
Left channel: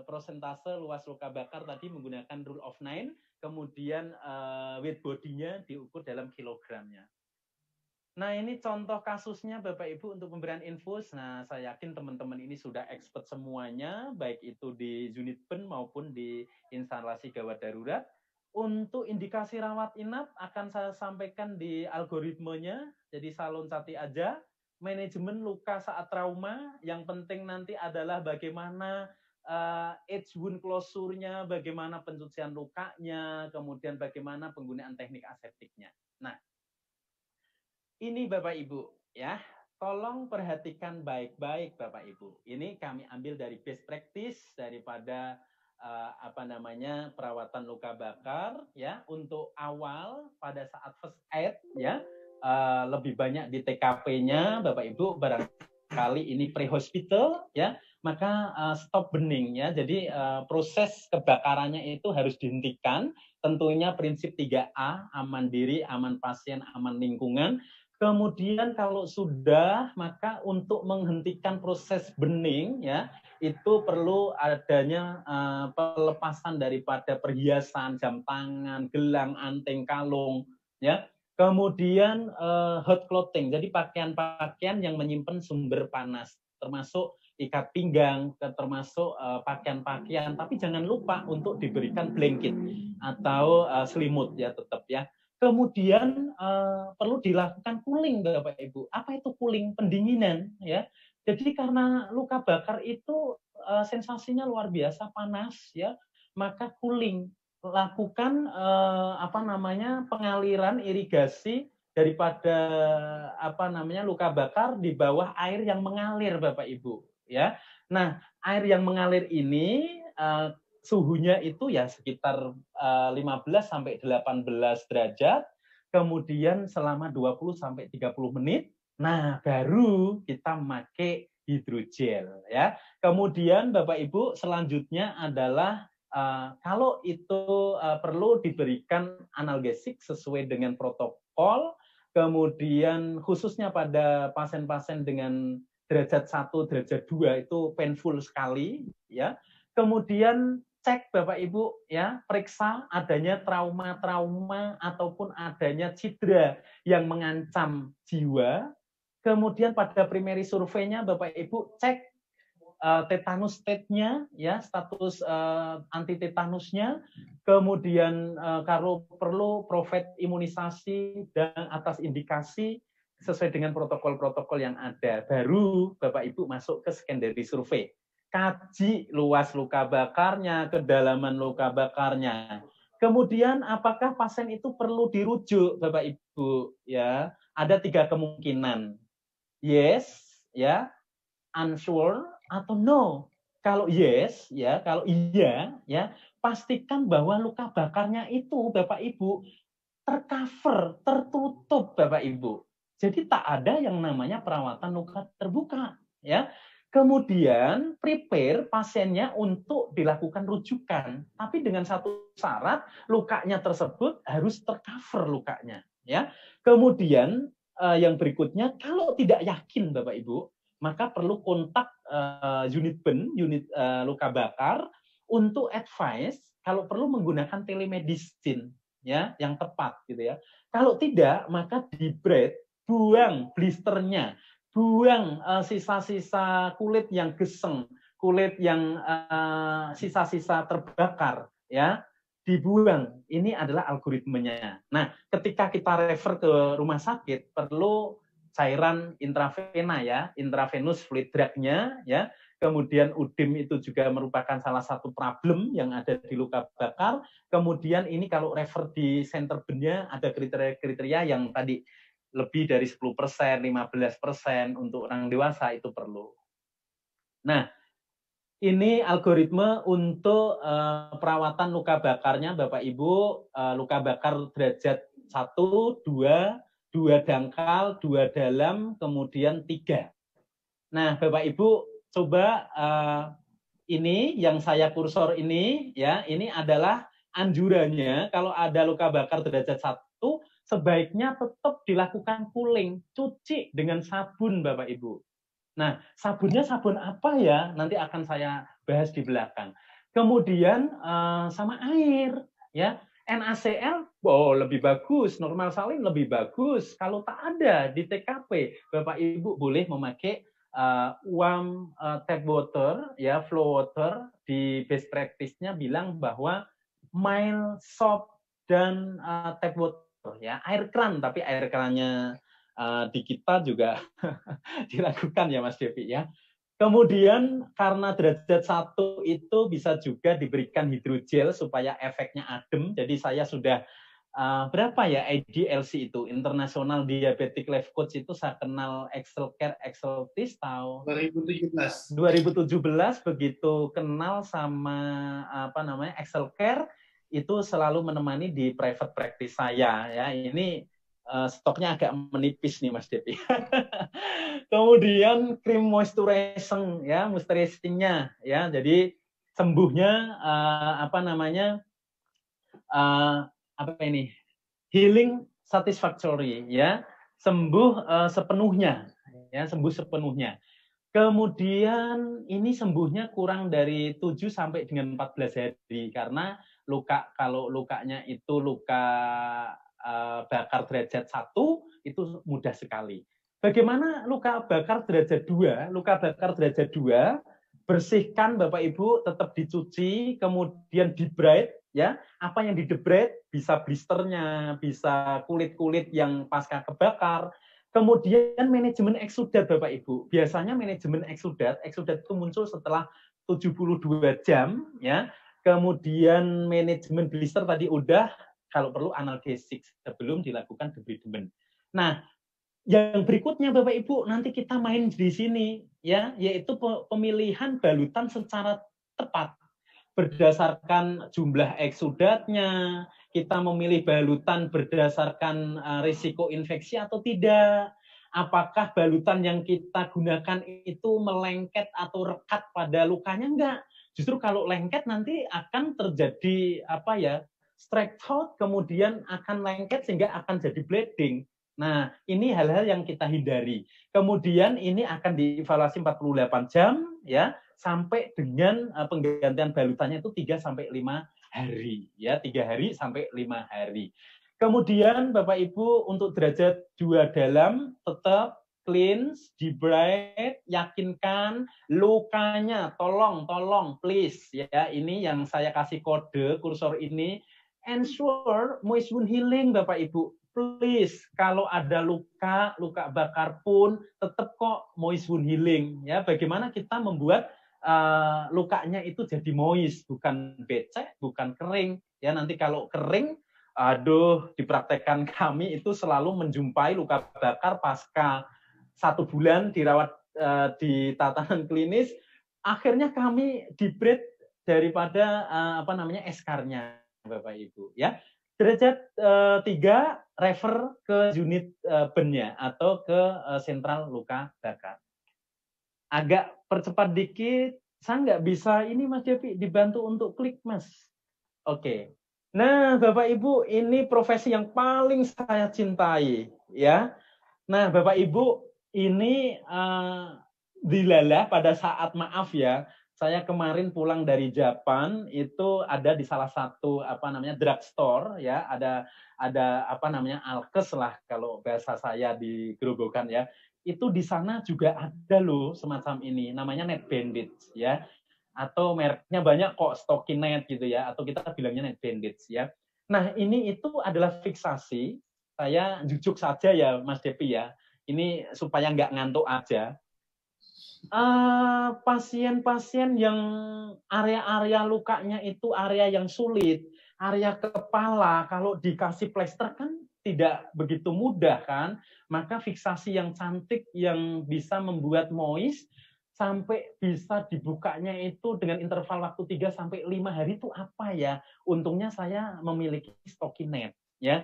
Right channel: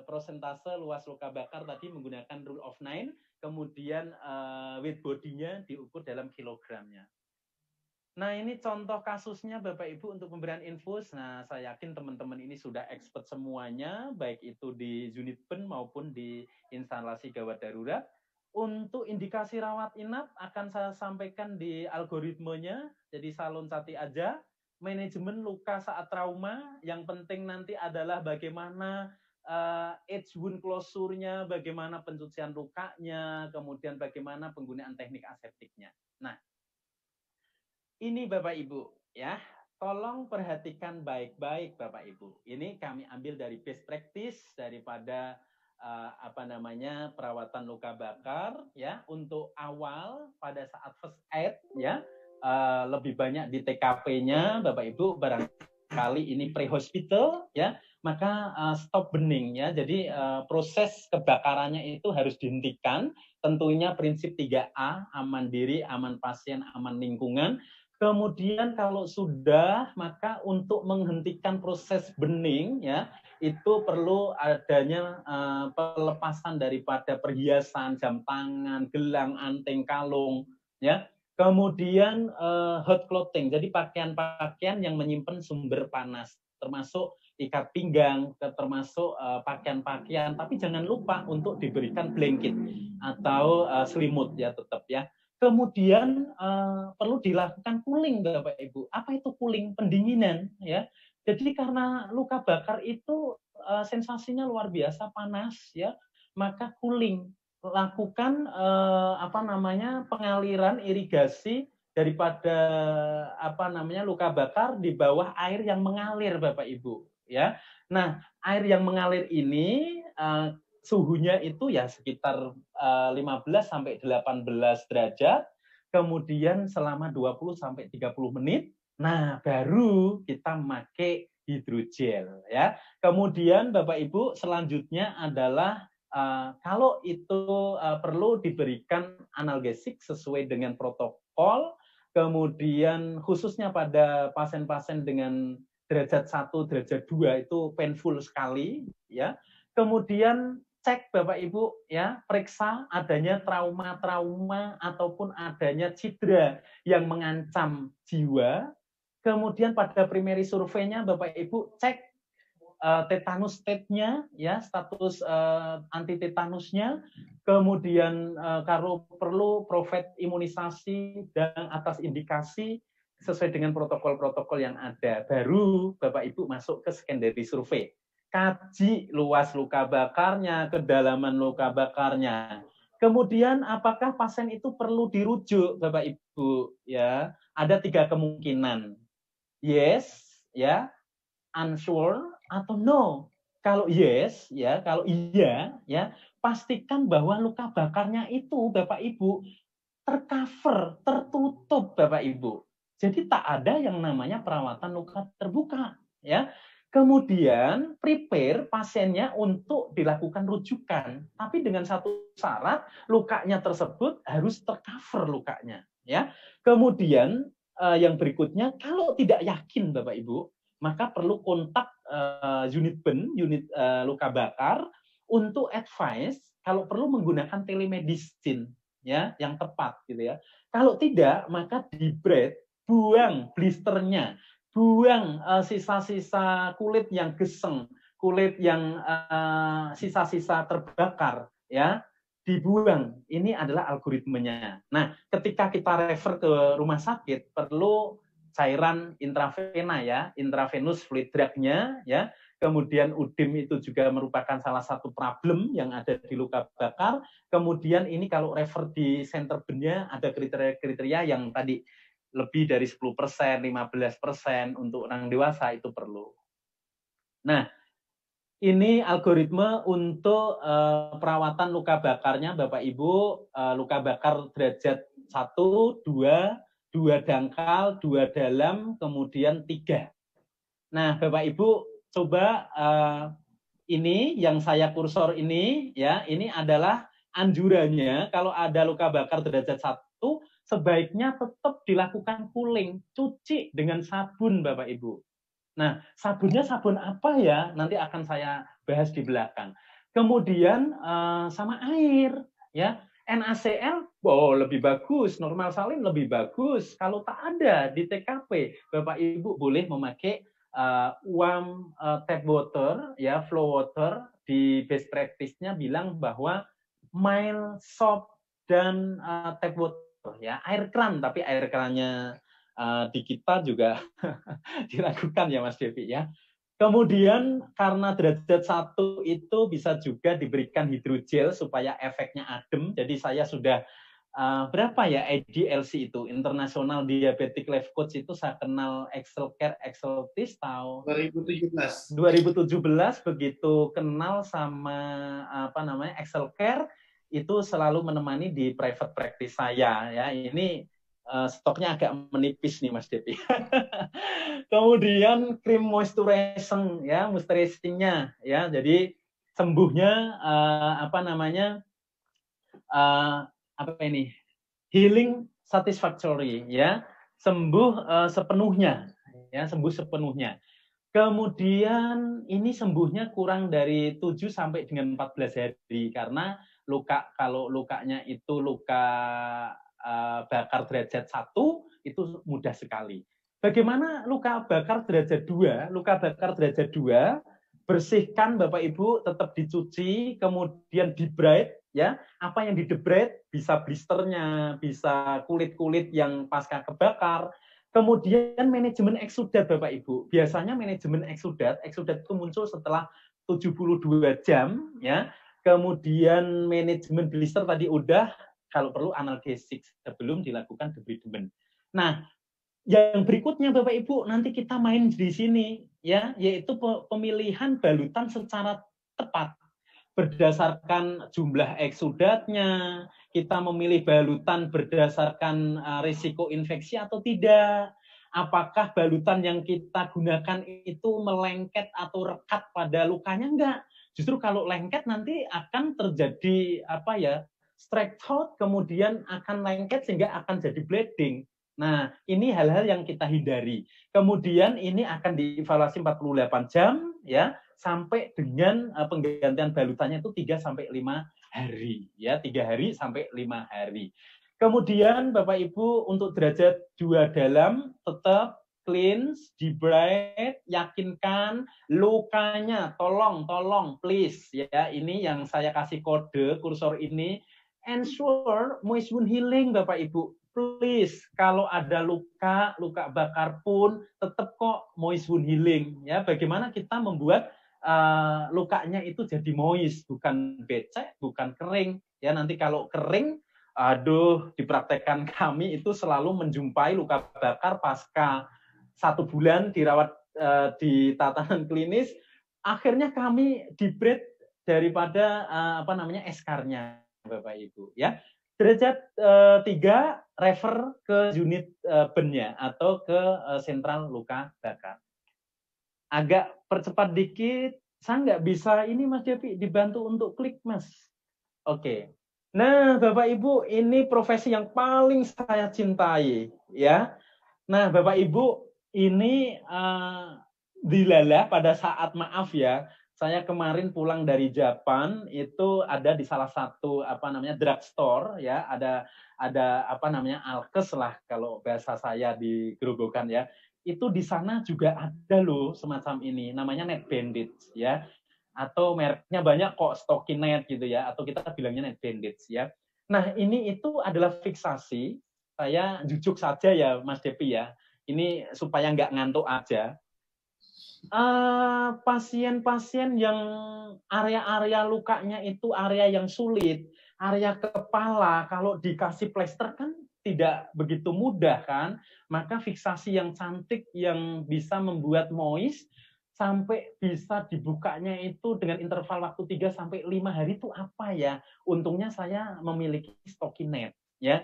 prosentase luas luka bakar tadi menggunakan rule of 9, kemudian weight body-nya diukur dalam kilogramnya. Nah, ini contoh kasusnya Bapak Ibu untuk pemberian infus. Nah, saya yakin teman-teman ini sudah expert semuanya, baik itu di unit ben maupun di instalasi gawat darurat. Untuk indikasi rawat inap akan saya sampaikan di algoritmenya, jadi salonsati aja. Manajemen luka saat trauma, yang penting nanti adalah bagaimana edge wound closure-nya, bagaimana pencucian lukanya, kemudian bagaimana penggunaan teknik aseptiknya. Nah, ini Bapak Ibu ya, tolong perhatikan baik-baik Bapak Ibu. Ini kami ambil dari best practice daripada perawatan luka bakar ya. Untuk awal pada saat first aid ya, lebih banyak di TKP-nya Bapak Ibu, barangkali ini pre-hospital ya, maka stop burning ya. Jadi proses kebakarannya itu harus dihentikan. Tentunya prinsip 3A, aman diri, aman pasien, aman lingkungan. Kemudian kalau sudah, maka untuk menghentikan proses burning ya, itu perlu adanya pelepasan daripada perhiasan, jam tangan, gelang, anting, kalung ya. Kemudian hot clothing, jadi pakaian-pakaian yang menyimpan sumber panas, termasuk ikat pinggang, termasuk pakaian-pakaian, tapi jangan lupa untuk diberikan blanket atau selimut ya, tetap ya. Kemudian perlu dilakukan cooling Bapak Ibu. Apa itu cooling? Pendinginan ya. Jadi karena luka bakar itu sensasinya luar biasa panas ya, maka cooling. Lakukan pengaliran irigasi daripada luka bakar di bawah air yang mengalir Bapak Ibu ya. Nah, air yang mengalir ini suhunya itu ya sekitar 15 sampai 18 derajat, kemudian selama 20 sampai 30 menit. Nah, baru kita memakai hidrogel ya. Kemudian Bapak Ibu selanjutnya adalah kalau itu perlu diberikan analgesik sesuai dengan protokol, kemudian khususnya pada pasien-pasien dengan derajat 1, derajat 2 itu painful sekali, ya. Kemudian cek Bapak Ibu, ya, periksa adanya trauma-trauma ataupun adanya cedera yang mengancam jiwa. Kemudian pada primary surveinya Bapak Ibu cek tetanus state-nya, ya, status anti tetanusnya, kemudian kalau perlu provide imunisasi dan atas indikasi sesuai dengan protokol-protokol yang ada. Baru Bapak Ibu masuk ke secondary survey. Kaji luas luka bakarnya, kedalaman luka bakarnya. Kemudian apakah pasien itu perlu dirujuk, Bapak Ibu? Ya, ada 3 kemungkinan. Yes, ya, unsure atau no. Kalau yes, ya, kalau iya, ya, pastikan bahwa luka bakarnya itu Bapak Ibu tercover, tertutup Bapak Ibu. Jadi tak ada yang namanya perawatan luka terbuka, ya. Kemudian prepare pasiennya untuk dilakukan rujukan, tapi dengan satu syarat, lukanya tersebut harus tercover lukanya, ya. Kemudian yang berikutnya, kalau tidak yakin Bapak Ibu, maka perlu kontak unit BEN, unit luka bakar, untuk advice kalau perlu menggunakan telemedicine, ya, yang tepat gitu ya. Kalau tidak, maka di-braid, buang blisternya, buang sisa-sisa kulit yang geseng, kulit yang sisa-sisa terbakar, ya, dibuang. Ini adalah algoritmenya. Nah, ketika kita refer ke rumah sakit, perlu cairan intravena, ya, intravenous fluid drug-nya, ya. Kemudian UDIM itu juga merupakan salah satu problem yang ada di luka bakar. Kemudian ini kalau refer di center BEN-nya ada kriteria-kriteria yang tadi lebih dari 10%, 15% untuk orang dewasa itu perlu. Nah, ini algoritma untuk perawatan luka bakarnya Bapak Ibu, luka bakar derajat 1, 2, 2 dangkal, 2 dalam, kemudian 3. Nah, Bapak Ibu coba ini yang saya kursor ini, ya, ini adalah anjurannya kalau ada luka bakar derajat 1 sebaiknya tetap dilakukan cooling, cuci dengan sabun Bapak Ibu. Nah, sabunnya sabun apa ya? Nanti akan saya bahas di belakang. Kemudian sama air, ya. NaCl, lebih bagus. Normal salin lebih bagus. Kalau tak ada di TKP, Bapak Ibu boleh memakai warm tap water, ya, flow water. Di best practice-nya bilang bahwa mild soap dan tap water, ya, air keran, tapi air kerannya di kita juga dilakukan ya Mas Devi, ya. Kemudian karena derajat 1 itu bisa juga diberikan hidrogel supaya efeknya adem. Jadi saya sudah berapa ya IDLC itu, International Diabetic Life Coach itu saya kenal Exceltis tahun 2017 begitu kenal sama Excelcare itu selalu menemani di private practice saya, ya. Ini stoknya agak menipis nih Mas Devi. Kemudian krim moisturizing, ya, moisturizing-nya, ya. Jadi sembuhnya healing satisfactory, ya. Sembuh sepenuhnya, ya, sembuh sepenuhnya. Kemudian ini sembuhnya kurang dari 7 sampai dengan 14 hari karena kalau lukanya itu luka bakar derajat 1 itu mudah sekali. Bagaimana luka bakar derajat 2? Luka bakar derajat 2 bersihkan Bapak Ibu, tetap dicuci, kemudian di-braid, ya. Apa yang di-braid bisa blisternya, bisa kulit-kulit yang pasca kebakar. Kemudian manajemen eksudat Bapak Ibu. Biasanya manajemen eksudat itu muncul setelah 72 jam, ya. Kemudian manajemen blister tadi udah, kalau perlu analgesik sebelum dilakukan debridement. Nah, yang berikutnya Bapak Ibu, nanti kita main di sini, ya, yaitu pemilihan balutan secara tepat. Berdasarkan jumlah eksudatnya, kita memilih balutan berdasarkan risiko infeksi atau tidak. Apakah balutan yang kita gunakan itu melengket atau rekat pada lukanya? Enggak. Justru kalau lengket nanti akan terjadi strike throat, kemudian akan lengket sehingga akan jadi bleeding. Nah, ini hal-hal yang kita hindari. Kemudian ini akan dievaluasi 48 jam ya sampai dengan penggantian balutannya itu 3 sampai 5 hari ya, 3 hari sampai 5 hari. Kemudian Bapak Ibu untuk derajat 2 dalam tetap cleanse, debride, yakinkan lukanya, tolong please ya, ini yang saya kasih kode kursor ini, ensure moist wound healing Bapak Ibu. Please, kalau ada luka bakar pun tetap kok moist wound healing ya. Bagaimana kita membuat lukanya itu jadi moist, bukan becek, bukan kering ya. Nanti kalau kering, aduh, dipraktekkan kami itu selalu menjumpai luka bakar pasca 1 bulan dirawat di tatanan klinis, akhirnya kami debride daripada eskarnya Bapak Ibu ya. Derajat 3 refer ke unit bennya atau ke sentral luka bakar. Agak percepat dikit, saya nggak bisa ini Mas Devi, dibantu untuk klik Mas. Oke. Nah Bapak Ibu, ini profesi yang paling saya cintai ya. Nah Bapak Ibu, ini dilalah pada saat maaf ya, saya kemarin pulang dari Jepang itu ada di salah satu drugstore ya, ada alkes lah kalau bahasa saya di Grobogan ya. Itu di sana juga ada loh semacam ini, namanya Net Bandits ya. Atau mereknya banyak kok, Stockinet gitu ya, atau kita bilangnya Net Bandits ya. Nah, ini itu adalah fiksasi. Saya jujuk saja ya Mas Depi ya. Ini supaya nggak ngantuk aja. Pasien-pasien yang area-area lukanya itu area yang sulit, area kepala, kalau dikasih plester kan tidak begitu mudah kan, maka fiksasi yang cantik yang bisa membuat moist sampai bisa dibukanya itu dengan interval waktu 3 sampai 5 hari itu apa ya? Untungnya saya memiliki Stockinet ya.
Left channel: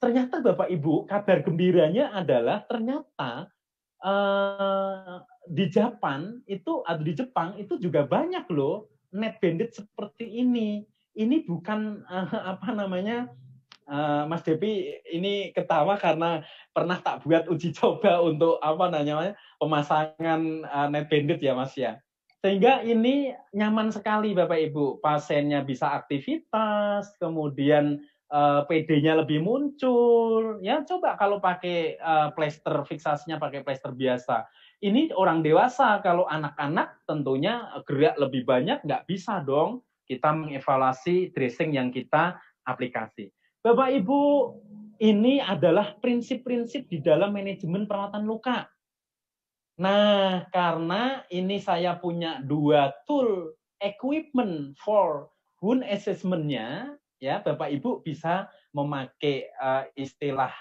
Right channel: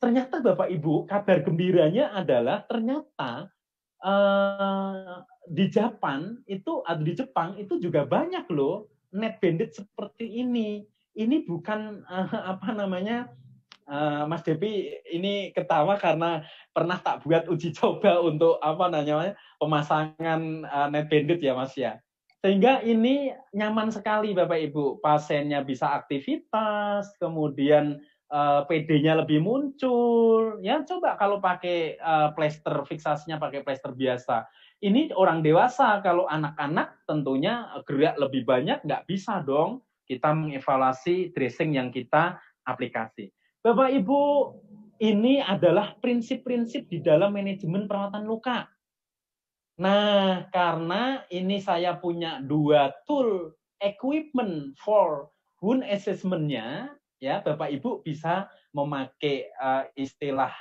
Ternyata Bapak Ibu, kabar gembiranya adalah ternyata di Jepang itu atau di Jepang itu juga banyak loh Net Bandit seperti ini. Ini bukan Mas Depi ini ketawa karena pernah tak buat uji coba untuk pemasangan Net Bandit ya Mas ya. Sehingga ini nyaman sekali Bapak Ibu, pasiennya bisa aktivitas, kemudian PD-nya lebih muncul. Ya coba kalau pakai plester, fiksasinya pakai plester biasa. Ini orang dewasa, kalau anak-anak tentunya gerak lebih banyak, nggak bisa dong kita mengevaluasi dressing yang kita aplikasi. Bapak Ibu, ini adalah prinsip-prinsip di dalam manajemen perawatan luka. Nah, karena ini saya punya 2 tool equipment for wound assessment-nya, ya Bapak Ibu bisa memakai istilah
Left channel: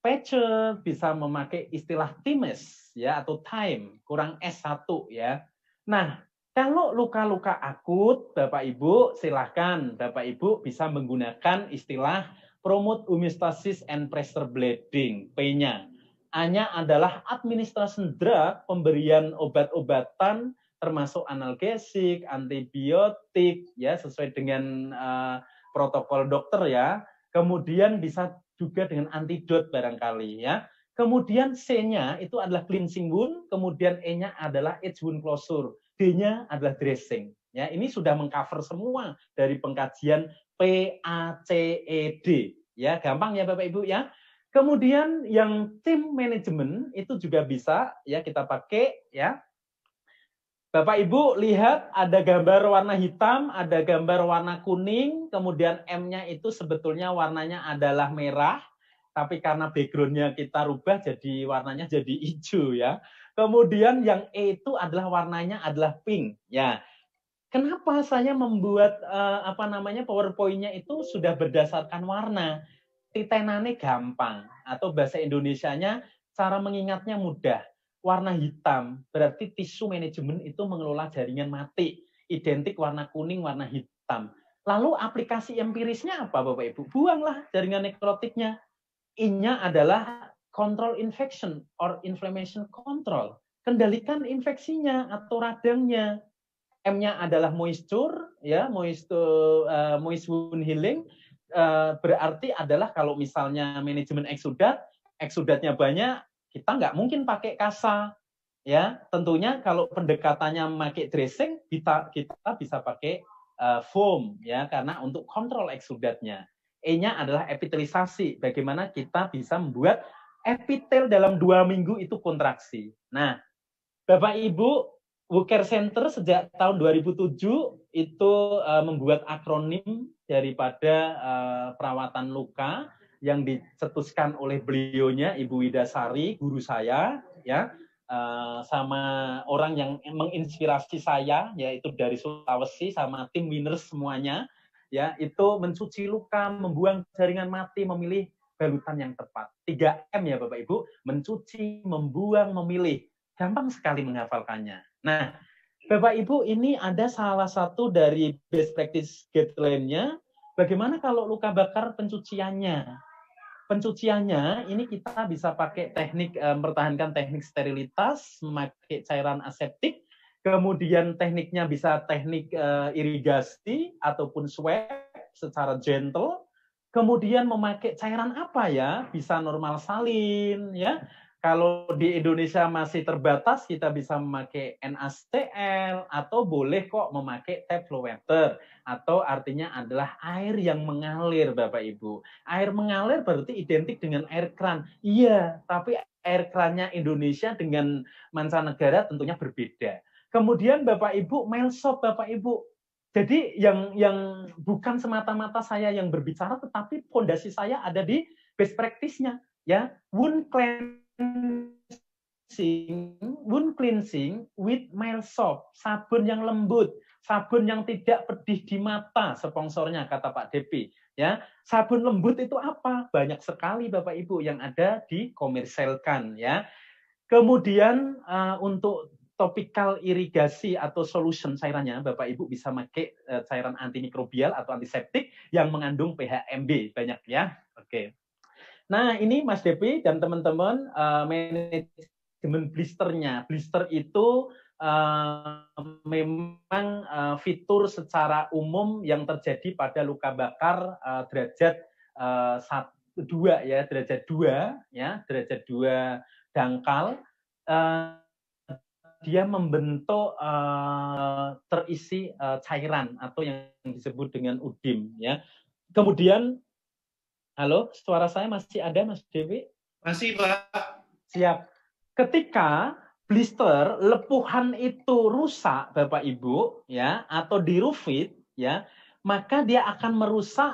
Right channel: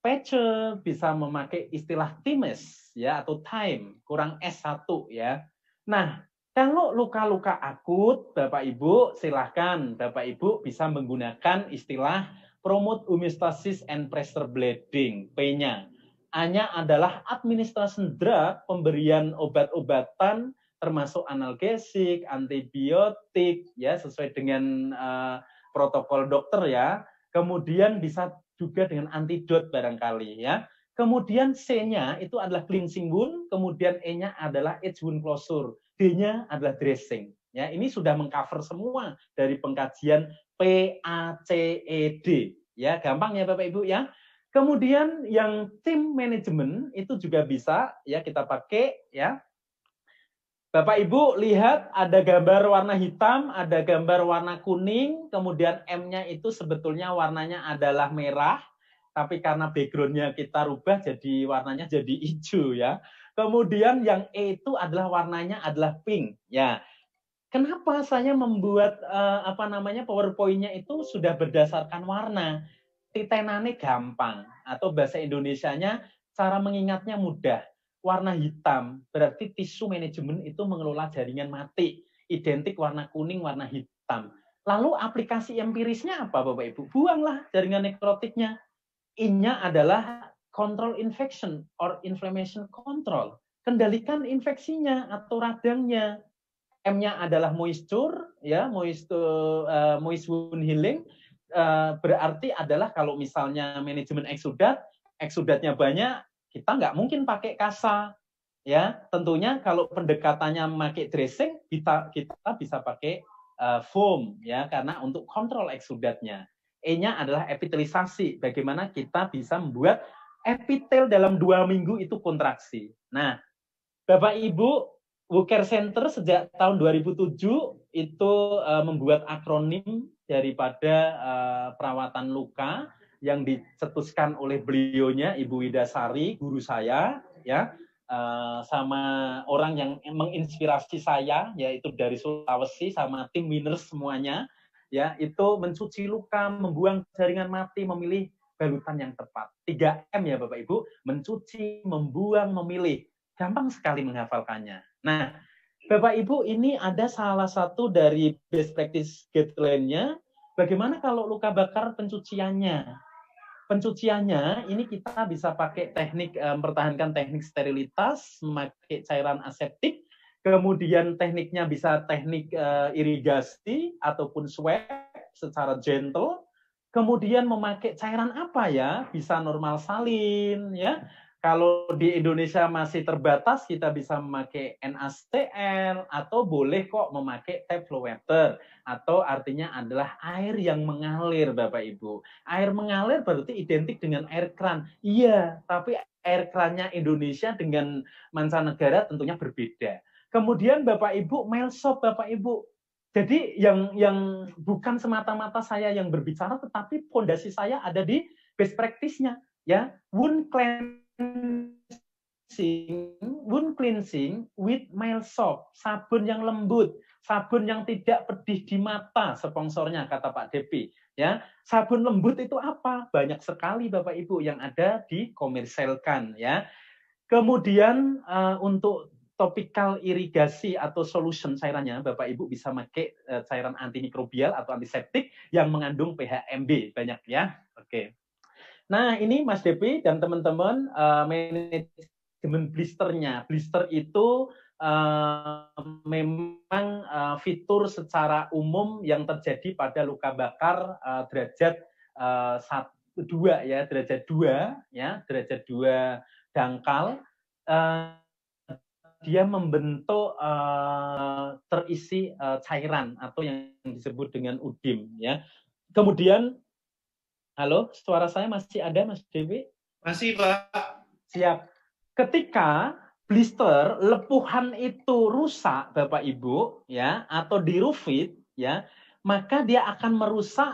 patcher, bisa memakai istilah TIMES ya atau time kurang S1 ya. Nah, kalau luka-luka akut Bapak Ibu silahkan Bapak Ibu bisa menggunakan istilah promote homeostasis and pressure bleeding, P-nya. A-nya adalah administration drug, pemberian obat-obatan termasuk analgesik, antibiotik ya sesuai dengan protokol dokter ya. Kemudian bisa juga dengan antidot barangkali ya. Kemudian C-nya itu adalah cleansing wound, kemudian E-nya adalah edge wound closure, D-nya adalah dressing. Ya, ini sudah mengcover semua dari pengkajian PACED. Ya, gampang ya Bapak Ibu ya. Kemudian yang tim manajemen itu juga bisa ya kita pakai ya. Bapak Ibu lihat ada gambar warna hitam, ada gambar warna kuning, kemudian M-nya itu sebetulnya warnanya adalah merah, tapi karena background-nya kita rubah jadi warnanya jadi hijau ya. Kemudian yang E itu adalah warnanya adalah pink ya. Kenapa saya membuat PowerPoint-nya itu sudah berdasarkan warna? Titenane gampang atau bahasa Indonesianya cara mengingatnya mudah. Warna hitam berarti tisu manajemen itu mengelola jaringan mati. Identik warna kuning, warna hitam. Lalu aplikasi empirisnya apa Bapak Ibu? Buanglah jaringan nekrotiknya. I-nya adalah control infection or inflammation control. Kendalikan infeksinya atau radangnya. M-nya adalah moisture, ya moist wound healing. Berarti adalah kalau misalnya manajemen eksudat eksudatnya banyak, kita nggak mungkin pakai kasa. Ya, tentunya kalau pendekatannya memakai dressing, kita bisa pakai foam ya, karena untuk kontrol eksudatnya. E-nya adalah epitelisasi. Bagaimana kita bisa membuat epitel dalam 2 minggu itu kontraksi. Nah, Bapak Ibu, WooCare Center sejak tahun 2007 itu membuat akronim daripada perawatan luka yang dicetuskan oleh beliaunya, Ibu Widasari, guru saya, ya, sama orang yang menginspirasi saya, yaitu dari Sulawesi, sama tim winners semuanya, ya, itu mencuci luka, membuang jaringan mati, memilih balutan yang tepat. 3M ya Bapak Ibu, mencuci, membuang, memilih. Gampang sekali menghafalkannya. Nah, Bapak Ibu, ini ada salah satu dari best practice guideline-nya. Bagaimana kalau luka bakar pencuciannya? Pencuciannya ini kita bisa pakai teknik mempertahankan teknik sterilitas, memakai cairan aseptik, kemudian tekniknya bisa teknik irigasi ataupun swab secara gentle, kemudian memakai cairan apa ya? Bisa normal salin ya. Kalau di Indonesia masih terbatas, kita bisa memakai NaCl atau boleh kok memakai tap flow water, atau artinya adalah air yang mengalir, Bapak Ibu. Air mengalir berarti identik dengan air kran. Iya, tapi air krannya Indonesia dengan mancanegara tentunya berbeda. Kemudian Bapak Ibu, Melsop Bapak Ibu. Jadi yang bukan semata-mata saya yang berbicara, tetapi fondasi saya ada di best practice-nya, ya. Wound cleansing with mild soap, sabun yang lembut, sabun yang tidak pedih di mata, sponsornya kata Pak Depi, ya. Sabun lembut itu apa? Banyak sekali Bapak Ibu yang ada dikomersilkan, ya. Kemudian untuk topikal irigasi atau solution cairannya, Bapak Ibu bisa pakai cairan antimikrobial atau antiseptik yang mengandung pH MB banyak ya. Oke. Nah, ini Mas Depi dan teman-teman manajemen blisternya. Blister itu memang fitur secara umum yang terjadi pada luka bakar derajat 2 ya, derajat 2 ya, derajat 2 dangkal. Dia membentuk terisi cairan atau yang disebut dengan udim ya. Kemudian halo, suara saya masih ada, Mas Dewi? Masih, Pak. Siap. Ketika blister lepuhan itu rusak, Bapak Ibu, ya, atau dirufit, ya, maka dia akan merusak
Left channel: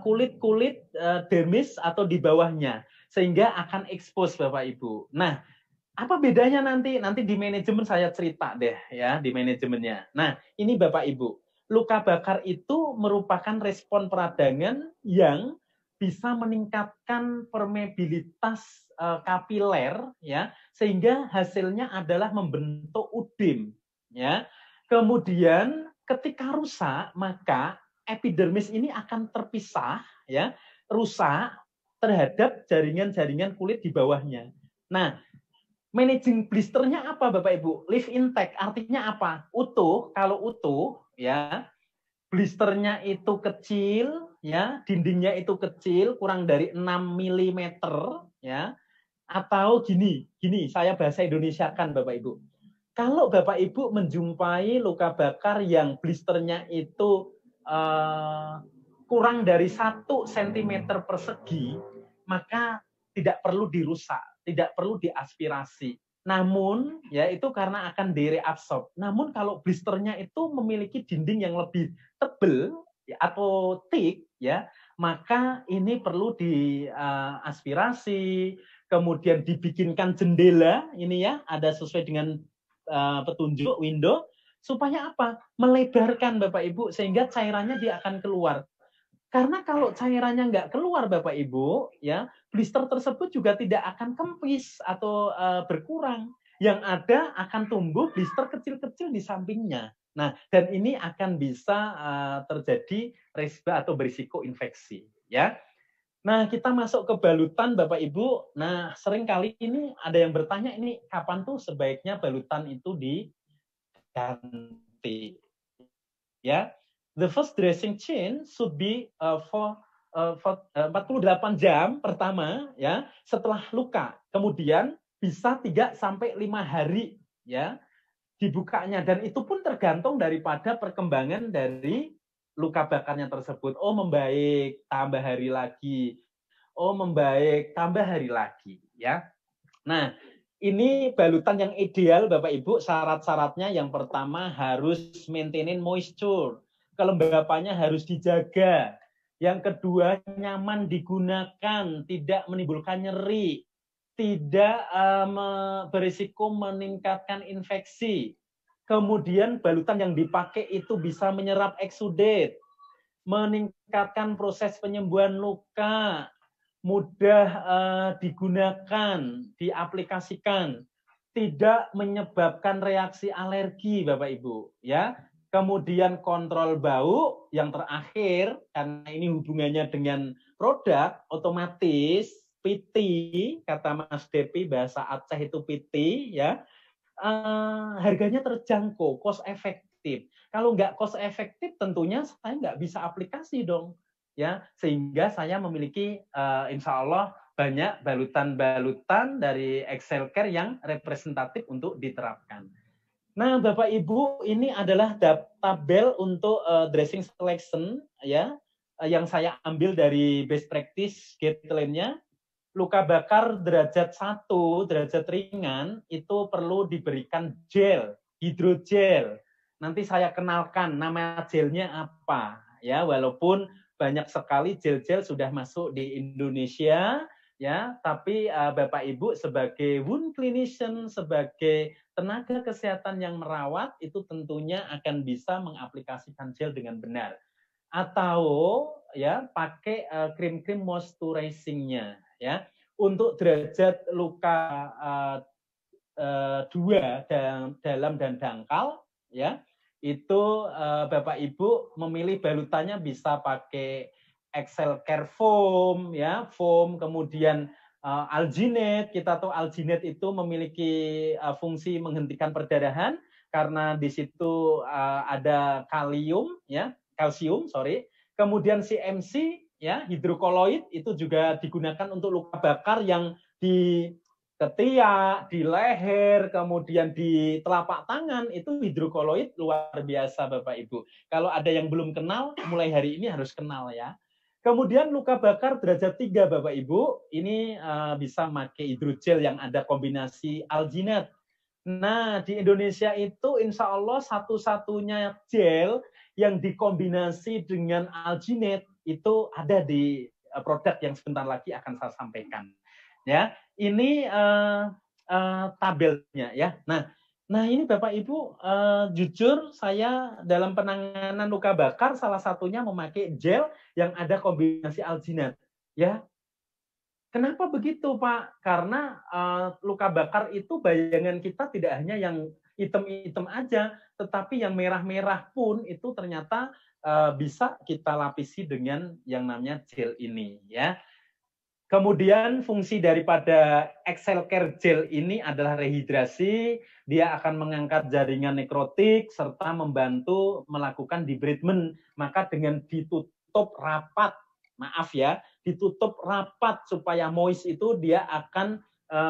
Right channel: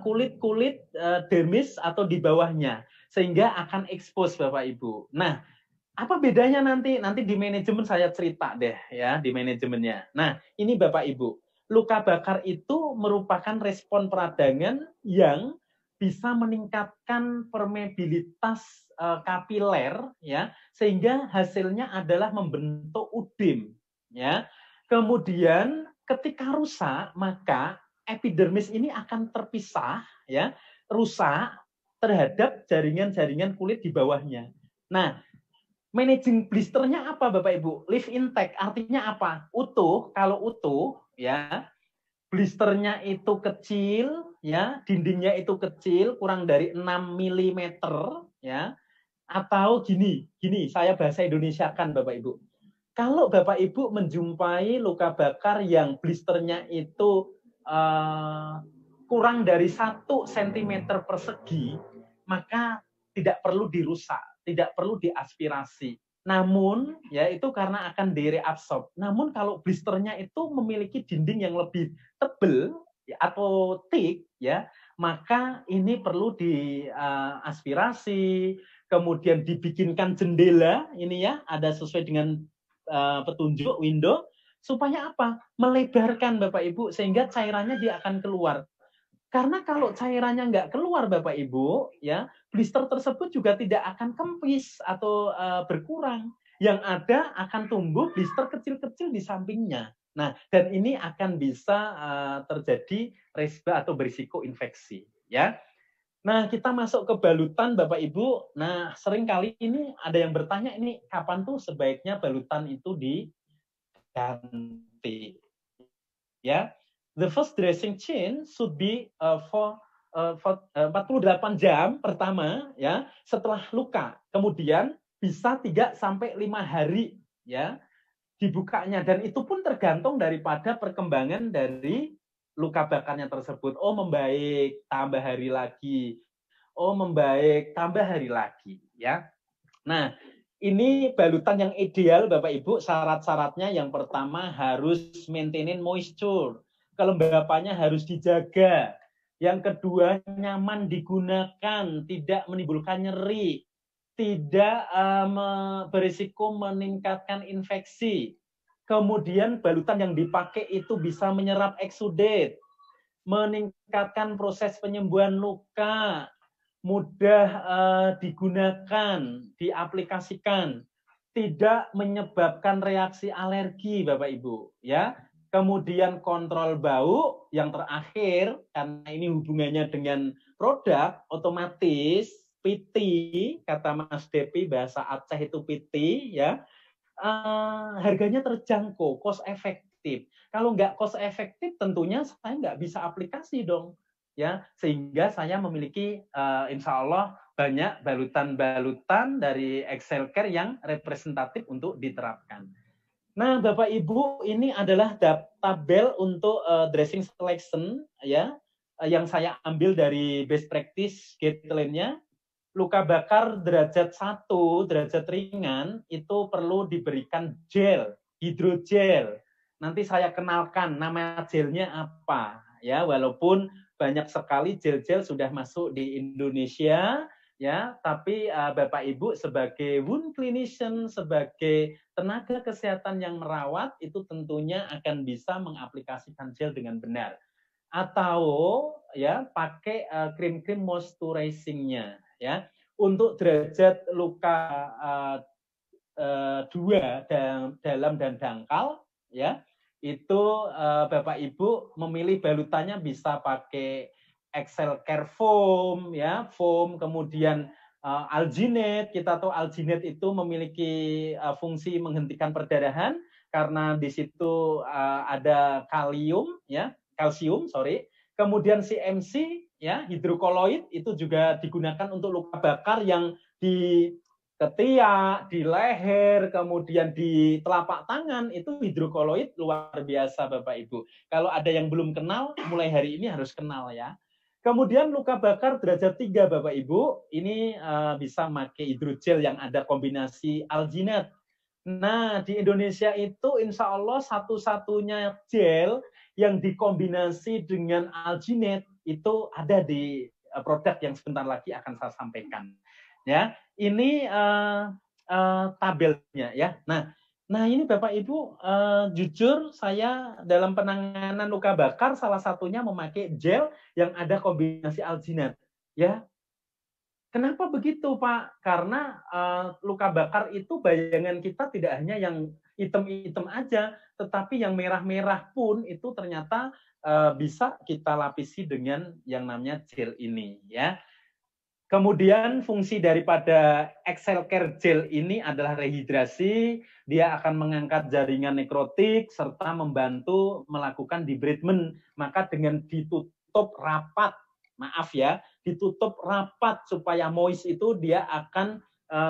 kulit-kulit dermis atau di bawahnya, sehingga akan expose, Bapak Ibu. Nah, apa bedanya nanti? Nanti di manajemen saya cerita deh, ya, di manajemennya. Nah, ini Bapak Ibu, luka bakar itu merupakan respon peradangan yang bisa meningkatkan permeabilitas kapiler ya, sehingga hasilnya adalah membentuk udim ya. Kemudian ketika rusak maka epidermis ini akan terpisah ya, rusak terhadap jaringan-jaringan kulit di bawahnya. Nah, managing blisternya apa Bapak Ibu? Live intact artinya apa? Utuh, kalau utuh ya, blisternya itu kecil, ya, dindingnya itu kecil, kurang dari 6 mm, ya. Atau gini, saya bahasa Indonesia kan Bapak Ibu. Kalau Bapak Ibu menjumpai luka bakar yang blisternya itu kurang dari 1 cm persegi, maka tidak perlu dirusak, tidak perlu diaspirasi. Namun ya itu karena akan direabsorb. Namun kalau blisternya itu memiliki dinding yang lebih tebal atau thick ya, maka ini perlu diaspirasi, kemudian dibikinkan jendela ini ya, ada sesuai dengan petunjuk window supaya apa? Melebarkan Bapak Ibu sehingga cairannya dia akan keluar. Karena kalau cairannya nggak keluar Bapak Ibu, ya blister tersebut juga tidak akan kempis atau berkurang. Yang ada akan tumbuh blister kecil-kecil di sampingnya. Nah, dan ini akan bisa terjadi resba atau berisiko infeksi. Ya. Nah, kita masuk ke balutan Bapak Ibu. Nah, sering kali ini ada yang bertanya ini kapan tuh sebaiknya balutan itu diganti. Ya. The first dressing change should be for 48 jam pertama ya setelah luka. Kemudian bisa 3 sampai 5 hari ya dibukanya, dan itu pun tergantung daripada perkembangan dari luka bakarnya tersebut. Oh, membaik, tambah hari lagi. Oh, membaik, tambah hari lagi ya. Nah, ini balutan yang ideal Bapak Ibu, syarat-syaratnya yang pertama harus maintaining moisture. Kelembapannya harus dijaga. Yang kedua, nyaman digunakan, tidak menimbulkan nyeri, tidak berisiko meningkatkan infeksi. Kemudian balutan yang dipakai itu bisa menyerap eksudate, meningkatkan proses penyembuhan luka, mudah digunakan, diaplikasikan, tidak menyebabkan reaksi alergi, Bapak Ibu, ya. Kemudian kontrol bau, yang terakhir karena ini hubungannya dengan produk, otomatis PT, kata Mas Depi bahasa Aceh itu PT, ya. Harganya terjangkau, cost efektif. Kalau nggak cost efektif, tentunya saya nggak bisa aplikasi dong, ya. Sehingga saya memiliki insya Allah banyak balutan-balutan dari Excel Care yang representatif untuk diterapkan. Nah, Bapak Ibu, ini adalah tabel untuk dressing selection ya, yang saya ambil dari best practice guideline-nya. Luka bakar derajat 1, derajat ringan, itu perlu diberikan gel, hidrogel. Nanti saya kenalkan nama gelnya apa ya, walaupun banyak sekali gel-gel sudah masuk di Indonesia ya, tapi Bapak Ibu sebagai wound clinician, sebagai tenaga kesehatan yang merawat, itu tentunya akan bisa mengaplikasikan gel dengan benar. Atau ya pakai krim-krim moisturizing-nya ya. Untuk derajat luka 2 dalam dan dangkal ya, itu Bapak Ibu memilih balutannya bisa pakai Excel Care foam ya, foam, kemudian alginate. Kita tahu alginate itu memiliki fungsi menghentikan perdarahan karena di situ ada kalsium ya, kemudian CMC ya, hidrokoloid itu juga digunakan untuk luka bakar yang di ketiak, di leher, kemudian di telapak tangan, itu hidrokoloid luar biasa Bapak Ibu. Kalau ada yang belum kenal, mulai hari ini harus kenal ya. Kemudian luka bakar derajat 3 Bapak Ibu, ini bisa pakai hidrogel yang ada kombinasi alginat. Nah, di Indonesia itu insya Allah satu-satunya gel yang dikombinasi dengan alginate itu ada di produk yang sebentar lagi akan saya sampaikan. Ya, ini tabelnya ya. Nah ini Bapak Ibu, jujur saya dalam penanganan luka bakar salah satunya memakai gel yang ada kombinasi alginat. Ya, kenapa begitu Pak? Karena luka bakar itu bayangan kita tidak hanya yang hitam-hitam aja, tetapi yang merah-merah pun itu ternyata bisa kita lapisi dengan yang namanya gel ini ya. Kemudian fungsi daripada Excel Care Gel ini adalah rehidrasi, dia akan mengangkat jaringan nekrotik serta membantu melakukan debridement. Maka dengan ditutup rapat, maaf ya, ditutup rapat supaya moist itu dia akan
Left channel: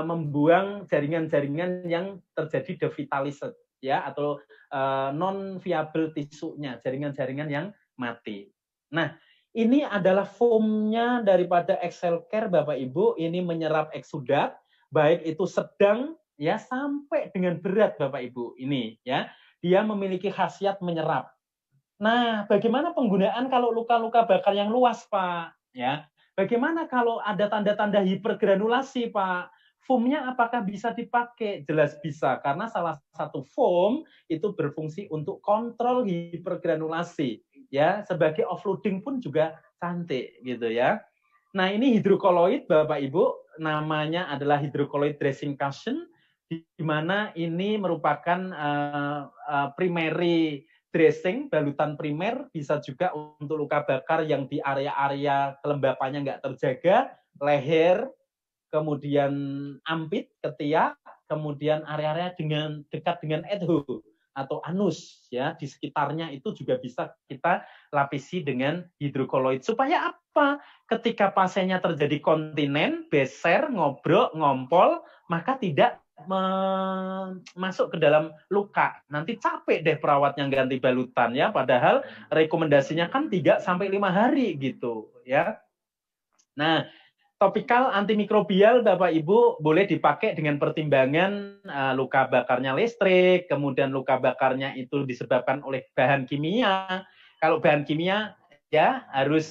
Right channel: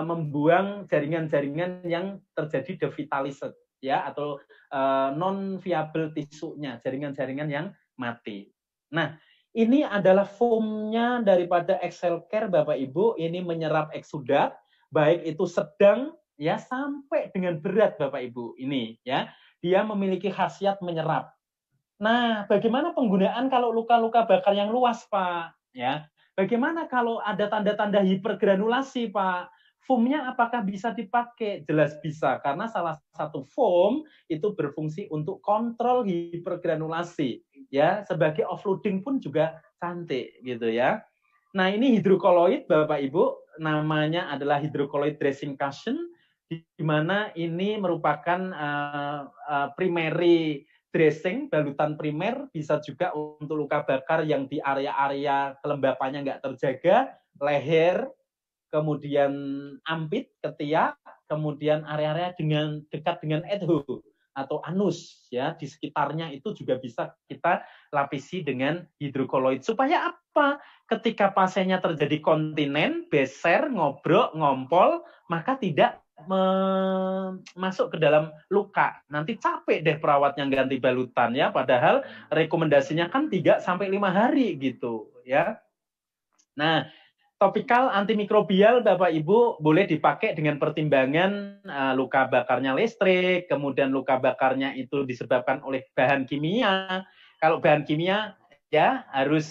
membuang jaringan-jaringan yang terjadi devitalised ya, atau non viable tisunya, jaringan-jaringan yang mati. Nah, ini adalah foamnya daripada Excel Care Bapak Ibu, ini menyerap eksudat, baik itu sedang ya sampai dengan berat Bapak Ibu. Ini ya, dia memiliki khasiat menyerap. Nah, bagaimana penggunaan kalau luka-luka bakar yang luas, Pak? Ya, bagaimana kalau ada tanda-tanda hipergranulasi, Pak? Foamnya apakah bisa dipakai? Jelas bisa, karena salah satu foam itu berfungsi untuk kontrol hipergranulasi. Ya, sebagai offloading pun juga cantik gitu ya. Nah, ini hidrokoloid Bapak Ibu, namanya adalah hidrokoloid dressing cushion, di mana ini merupakan primary dressing, balutan primer, bisa juga untuk luka bakar yang di area-area kelembapannya nggak terjaga, leher, kemudian ampit, ketiak, kemudian area-area dengan dekat dengan adho. atau anus ya di sekitarnya itu juga bisa kita lapisi dengan hidrokoloid. Supaya apa? Ketika pasiennya terjadi kontinen, beser, ngobrol, ngompol, maka tidak masuk ke dalam luka. Nanti capek deh perawatnya ganti balutan ya, padahal rekomendasinya kan 3 sampai 5 hari gitu ya. Nah, topikal antimikrobial Bapak Ibu boleh dipakai dengan pertimbangan luka bakarnya listrik, kemudian luka bakarnya itu disebabkan oleh bahan kimia. Kalau bahan kimia ya harus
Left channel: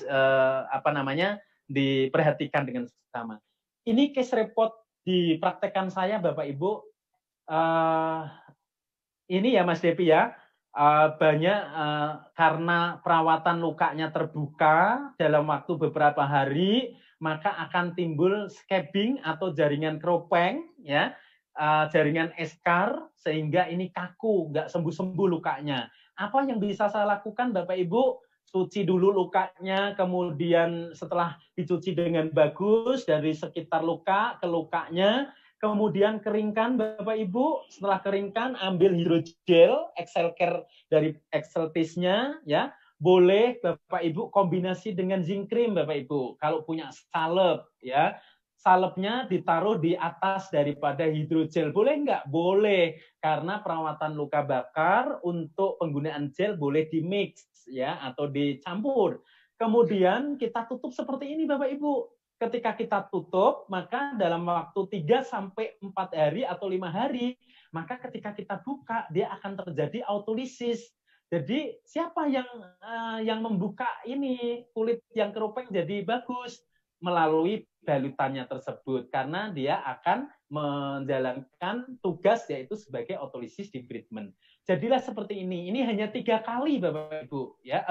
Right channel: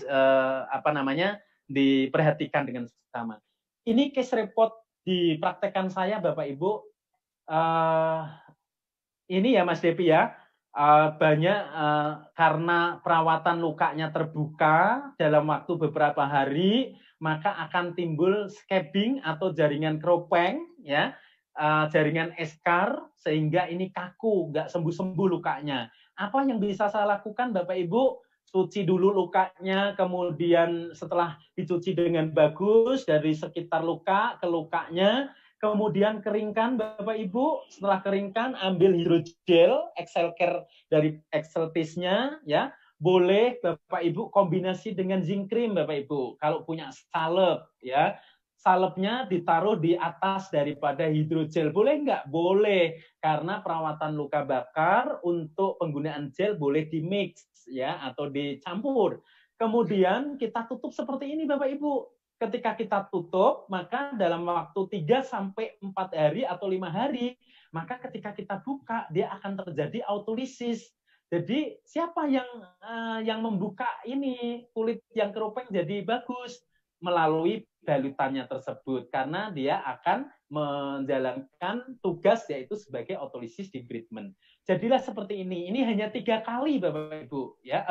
diperhatikan dengan sama. Ini case report di praktekan saya Bapak Ibu. Ini ya Mas Depi ya. Banyak karena perawatan lukanya terbuka dalam waktu beberapa hari, maka akan timbul scabbing atau jaringan keropeng ya, jaringan eskar, sehingga ini kaku, nggak sembuh-sembuh lukanya. Apa yang bisa saya lakukan Bapak Ibu? Cuci dulu lukanya, kemudian setelah dicuci dengan bagus dari sekitar luka ke lukanya, kemudian keringkan Bapak Ibu, setelah keringkan ambil hidrogel Excel Care dari Exceltis-nya ya. Boleh Bapak Ibu kombinasi dengan zinc cream Bapak Ibu. Kalau punya salep ya, salepnya ditaruh di atas daripada hidrogel. Boleh nggak? Boleh. Karena perawatan luka bakar untuk penggunaan gel boleh dimix ya atau dicampur. Kemudian kita tutup seperti ini Bapak Ibu. Ketika kita tutup, maka dalam waktu 3 sampai 4 hari atau 5 hari, maka ketika kita buka, dia akan terjadi autolisis. Jadi siapa yang membuka ini kulit yang keropeng jadi bagus? Melalui balutannya tersebut, karena dia akan menjalankan tugas yaitu sebagai autolisis debridement. Jadilah seperti ini. Ini hanya 3 kali Bapak Ibu ya.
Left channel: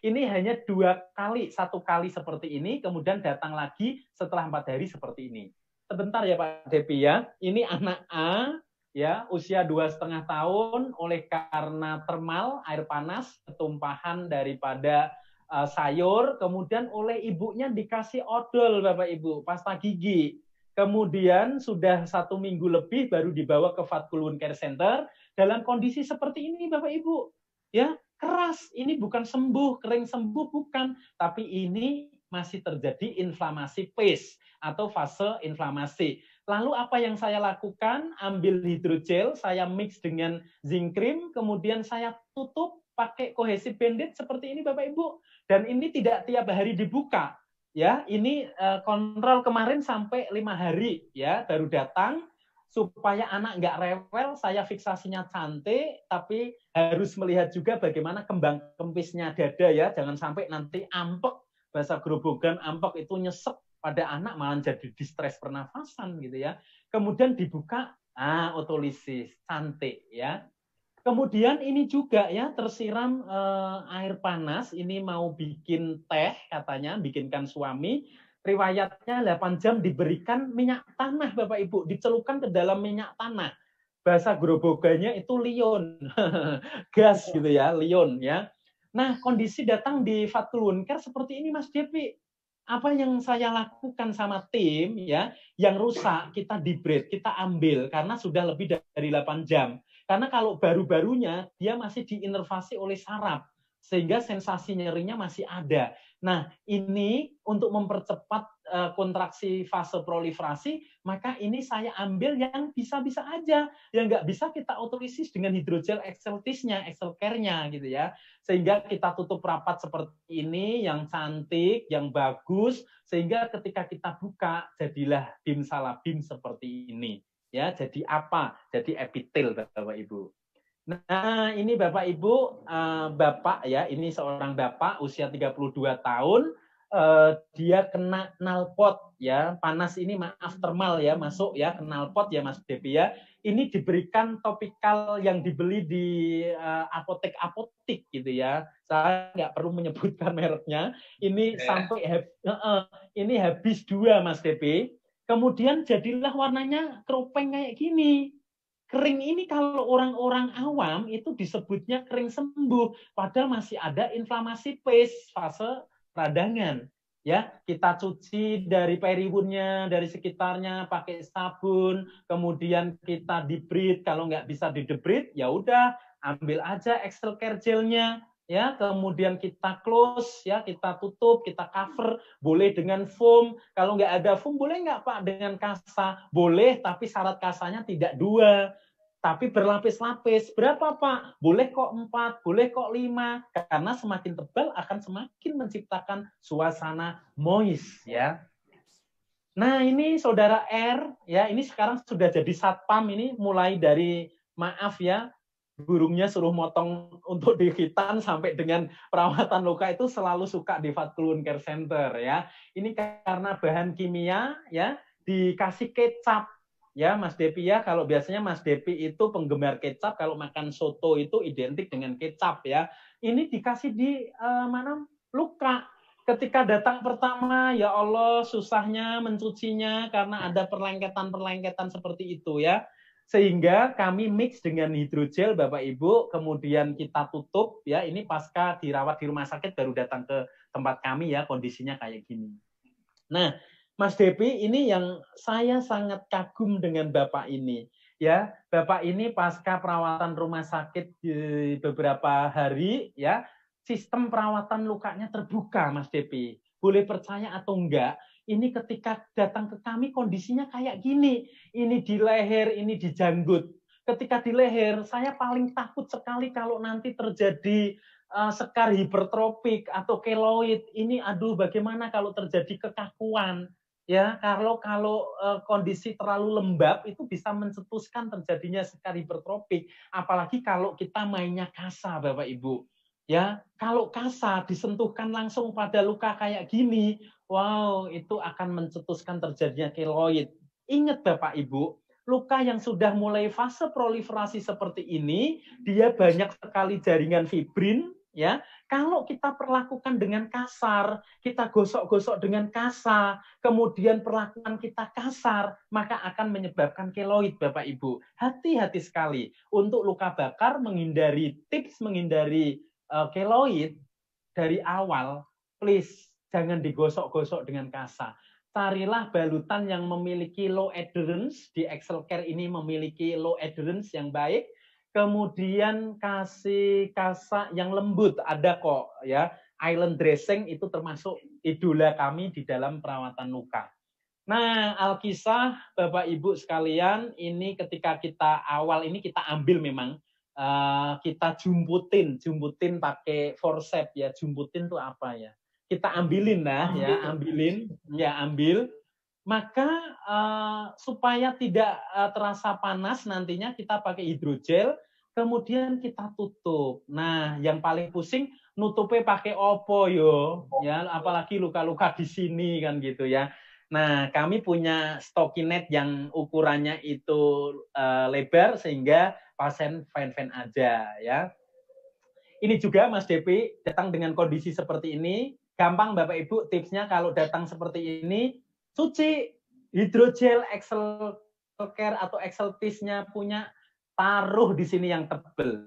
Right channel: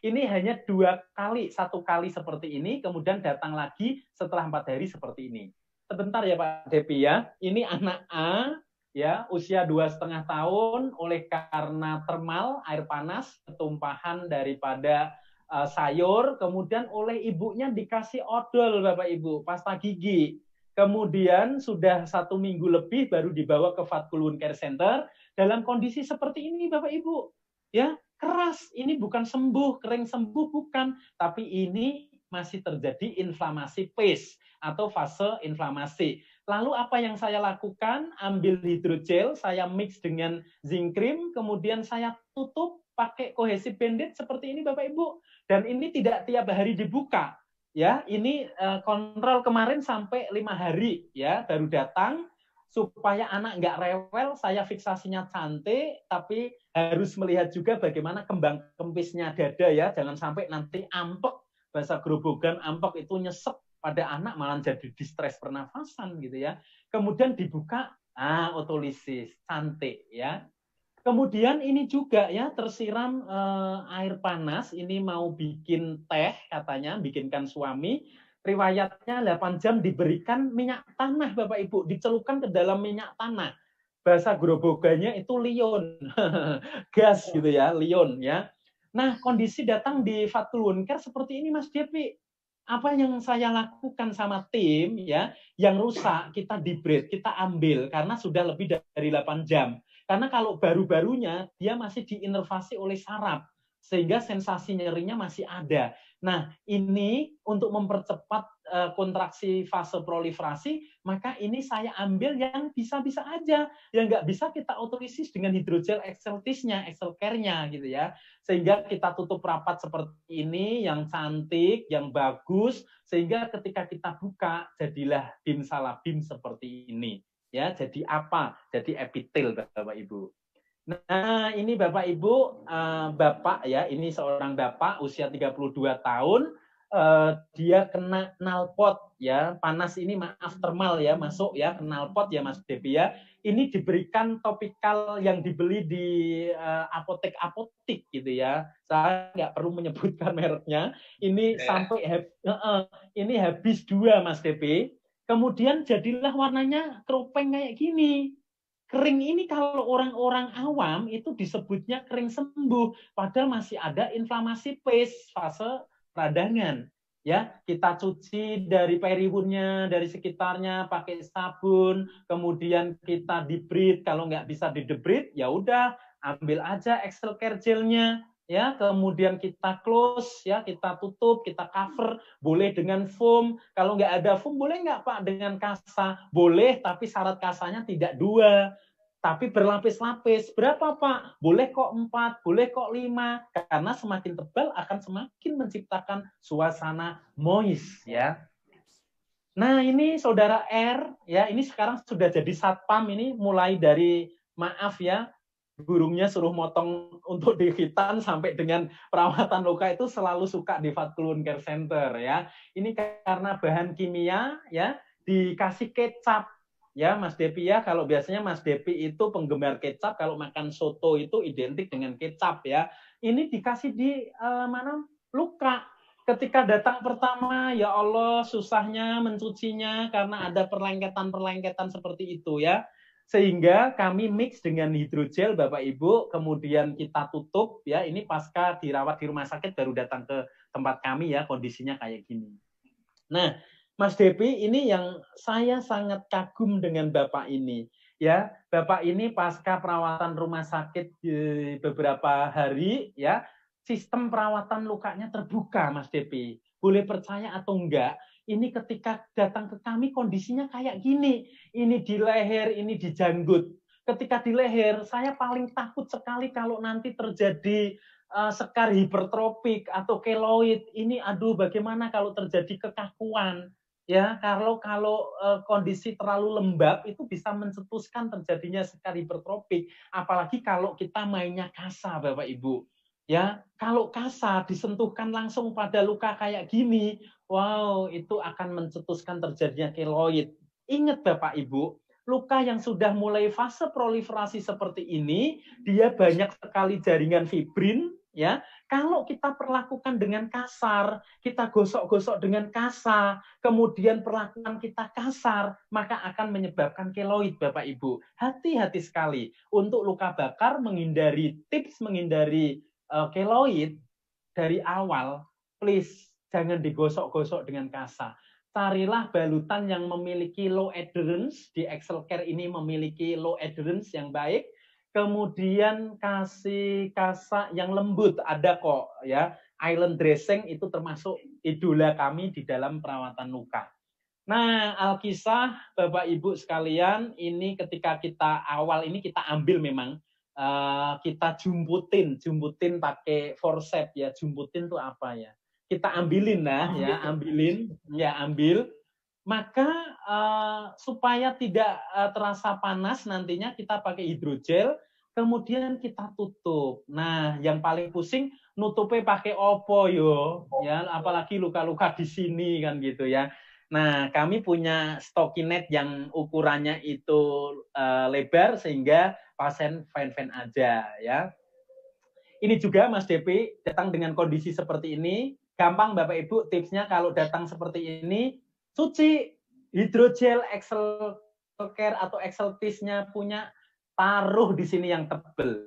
Ini hanya 2 kali, 1 kali seperti ini, kemudian datang lagi setelah 4 hari seperti ini. Sebentar ya Pak Depi ya. Ini anak A ya, usia 2,5 tahun, oleh karena termal air panas, ketumpahan daripada sayur, kemudian oleh ibunya dikasih odol Bapak Ibu, pasta gigi. Kemudian sudah 1 minggu lebih baru dibawa ke Fatkulun Care Center dalam kondisi seperti ini Bapak Ibu. Ya, keras, ini bukan sembuh, kering sembuh bukan, tapi ini masih terjadi inflamasi pace atau fase inflamasi. Lalu apa yang saya lakukan? Ambil hidrogel, saya mix dengan zinc cream, kemudian saya tutup pakai kohesif bandage seperti ini Bapak Ibu. Dan ini tidak tiap hari dibuka. Ya, ini kontrol kemarin sampai 5 hari ya baru datang, supaya anak nggak rewel. Saya fiksasinya cantik, tapi harus melihat juga bagaimana kembang kempisnya dada ya, jangan sampai nanti ampek, bahasa grobogan ampek itu nyesek pada anak malah jadi distres pernafasan gitu ya. Kemudian dibuka, otolisis cantik ya. Kemudian ini juga ya tersiram air panas, ini mau bikin teh katanya, bikinkan suami. Riwayatnya 8 jam diberikan minyak tanah Bapak Ibu, dicelupkan ke dalam minyak tanah. Bahasa grobogannya itu lion. Gas gitu ya, lion ya. Nah, kondisi datang di Fatkulun Care seperti ini Mas Devi. Apa yang saya lakukan sama tim ya, yang rusak kita debride, kita ambil karena sudah lebih dari 8 jam. Karena kalau baru-barunya dia masih diinervasi oleh saraf, sehingga sensasi nyerinya masih ada. Nah, ini untuk mempercepat kontraksi fase proliferasi, maka ini saya ambil yang bisa-bisa aja. Yang nggak bisa kita otolisis dengan hidrogel Exceltis-nya, Excel Care-nya gitu ya. Sehingga kita tutup rapat seperti ini, yang cantik, yang bagus, sehingga ketika kita buka, jadilah bim salabim seperti ini. Ya, jadi apa? Jadi epitel Bapak Ibu. Nah, ini Bapak Ibu, Bapak ya, ini seorang Bapak usia 32 tahun, dia kena knalpot ya, panas ini maaf termal ya, masuk ya, knalpot ya Mas Devi ya. Ini diberikan topikal yang dibeli di apotek-apotek gitu ya. Saya nggak perlu menyebutkan mereknya. Ini sampai ini habis 2 Mas Devi. Kemudian jadilah warnanya keropeng kayak gini. Kering ini kalau orang-orang awam itu disebutnya kering sembuh, padahal masih ada inflamasi pace, fase peradangan. Ya, kita cuci dari periwunnya, dari sekitarnya pakai sabun, kemudian kita debride. Kalau nggak bisa di debride, ya udah ambil aja Excel Care gelnya, ya, kemudian kita close, ya, kita tutup, kita cover, boleh dengan foam. Kalau nggak ada foam, boleh nggak Pak dengan kasa? Boleh, tapi syarat kasanya tidak 2, tapi berlapis-lapis. Berapa Pak? Boleh kok 4, boleh kok 5, karena semakin tebal akan semakin menciptakan suasana moist, ya. Nah, ini Saudara R, ya, ini sekarang sudah jadi satpam, ini mulai dari, maaf ya, burungnya suruh motong untuk dihitan sampai dengan perawatan luka itu selalu suka di Fatkulun Care Center, ya. Ini karena bahan kimia, ya, dikasih kecap, ya Mas Depi, ya. Kalau biasanya Mas Depi itu penggemar kecap, kalau makan soto itu identik dengan kecap, ya. Ini dikasih di mana luka. Ketika datang pertama, ya Allah, susahnya mencucinya karena ada perlengketan-perlengketan seperti itu, ya. Sehingga kami mix dengan hidrogel, Bapak Ibu, kemudian kita tutup, ya. Ini pasca dirawat di rumah sakit baru datang ke tempat kami, ya, kondisinya kayak gini. Nah, Mas Depi, ini yang saya sangat kagum dengan Bapak ini, ya. Bapak ini pasca perawatan rumah sakit beberapa hari, ya, sistem perawatan lukanya terbuka, Mas Depi. Boleh percaya atau enggak, ini ketika datang ke kami kondisinya kayak gini. Ini di leher, ini di janggut. Ketika di leher, saya paling takut sekali kalau nanti terjadi sekar hipertropik atau keloid. Ini aduh, bagaimana kalau terjadi kekakuan, ya. Kalau kondisi terlalu lembab itu bisa mencetuskan terjadinya sekar hipertropik, apalagi kalau kita mainnya kasa, Bapak Ibu, ya. Kalau kasa disentuhkan langsung pada luka kayak gini, wow, itu akan mencetuskan terjadinya keloid. Ingat Bapak Ibu, luka yang sudah mulai fase proliferasi seperti ini, dia banyak sekali jaringan fibrin, ya. Kalau kita perlakukan dengan kasar, kita gosok-gosok dengan kasar, kemudian perlakuan kita kasar, maka akan menyebabkan keloid, Bapak Ibu. Hati-hati sekali untuk luka bakar, tips menghindari keloid dari awal, please jangan digosok-gosok dengan kasar. Carilah balutan yang memiliki low adherence. Di Excel Care ini memiliki low adherence yang baik. Kemudian kasih kasa yang lembut, ada kok, ya. Island dressing itu termasuk idola kami di dalam perawatan luka. Nah, Alkisah, Bapak Ibu sekalian, ini ketika kita awal ini kita ambil memang kita jumputin pakai forceps, ya. Jumputin itu apa ya? Kita ambilin lah, ya, ambil. Maka supaya tidak terasa panas nantinya kita pakai hidrogel, kemudian kita tutup. Nah, yang paling pusing nutupnya pakai opo yo, ya, apalagi luka-luka di sini kan gitu, ya. Nah, kami punya stockinette yang ukurannya itu lebar sehingga pasien fine-fine aja, ya. Ini juga Mas Depi datang dengan kondisi seperti ini, gampang Bapak Ibu tipsnya kalau datang seperti ini, cuci hidrogel Excel Care atau Excel Piece-nya punya, taruh di sini yang tebal.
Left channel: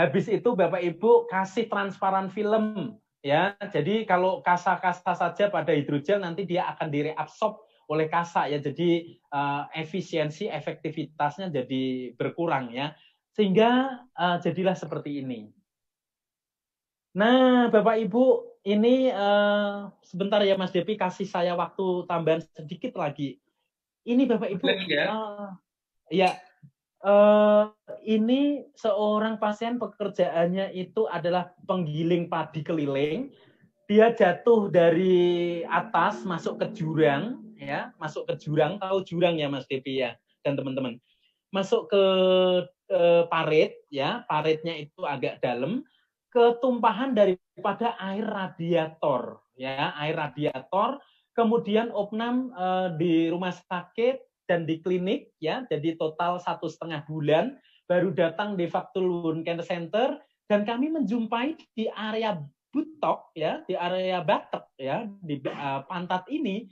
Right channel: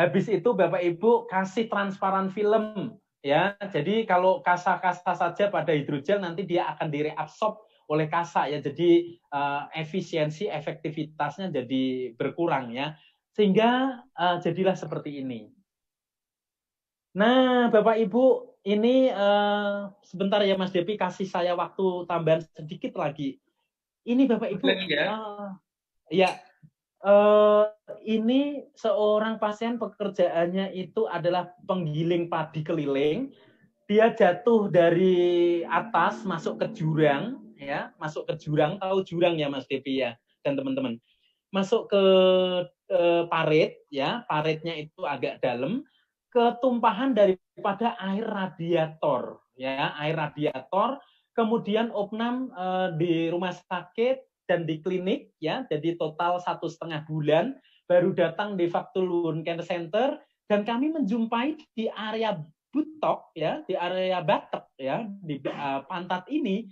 Habis itu Bapak Ibu kasih transparan film, ya. Jadi kalau kasa-kasa saja pada hidrogel nanti dia akan direabsorb oleh kasa, ya. Jadi efisiensi efektivitasnya jadi berkurang, ya. Sehingga jadilah seperti ini. Nah, Bapak Ibu, ini sebentar ya Mas Depi, kasih saya waktu tambahan sedikit lagi. Ini Bapak Ibu, ya, ini seorang pasien pekerjaannya itu adalah penggiling padi keliling. Dia jatuh dari atas masuk ke jurang, ya, masuk ke jurang. Tahu jurang ya Mas Depi, ya, dan teman-teman. Masuk ke parit, ya, paritnya itu agak dalam. Ketumpahan daripada air radiator, ya, air radiator, kemudian opnam di rumah sakit dan di klinik, ya, jadi total 1,5 bulan, baru datang di Fatkulun Care Center, dan kami menjumpai di area butok, ya, di area batok, ya, di pantat ini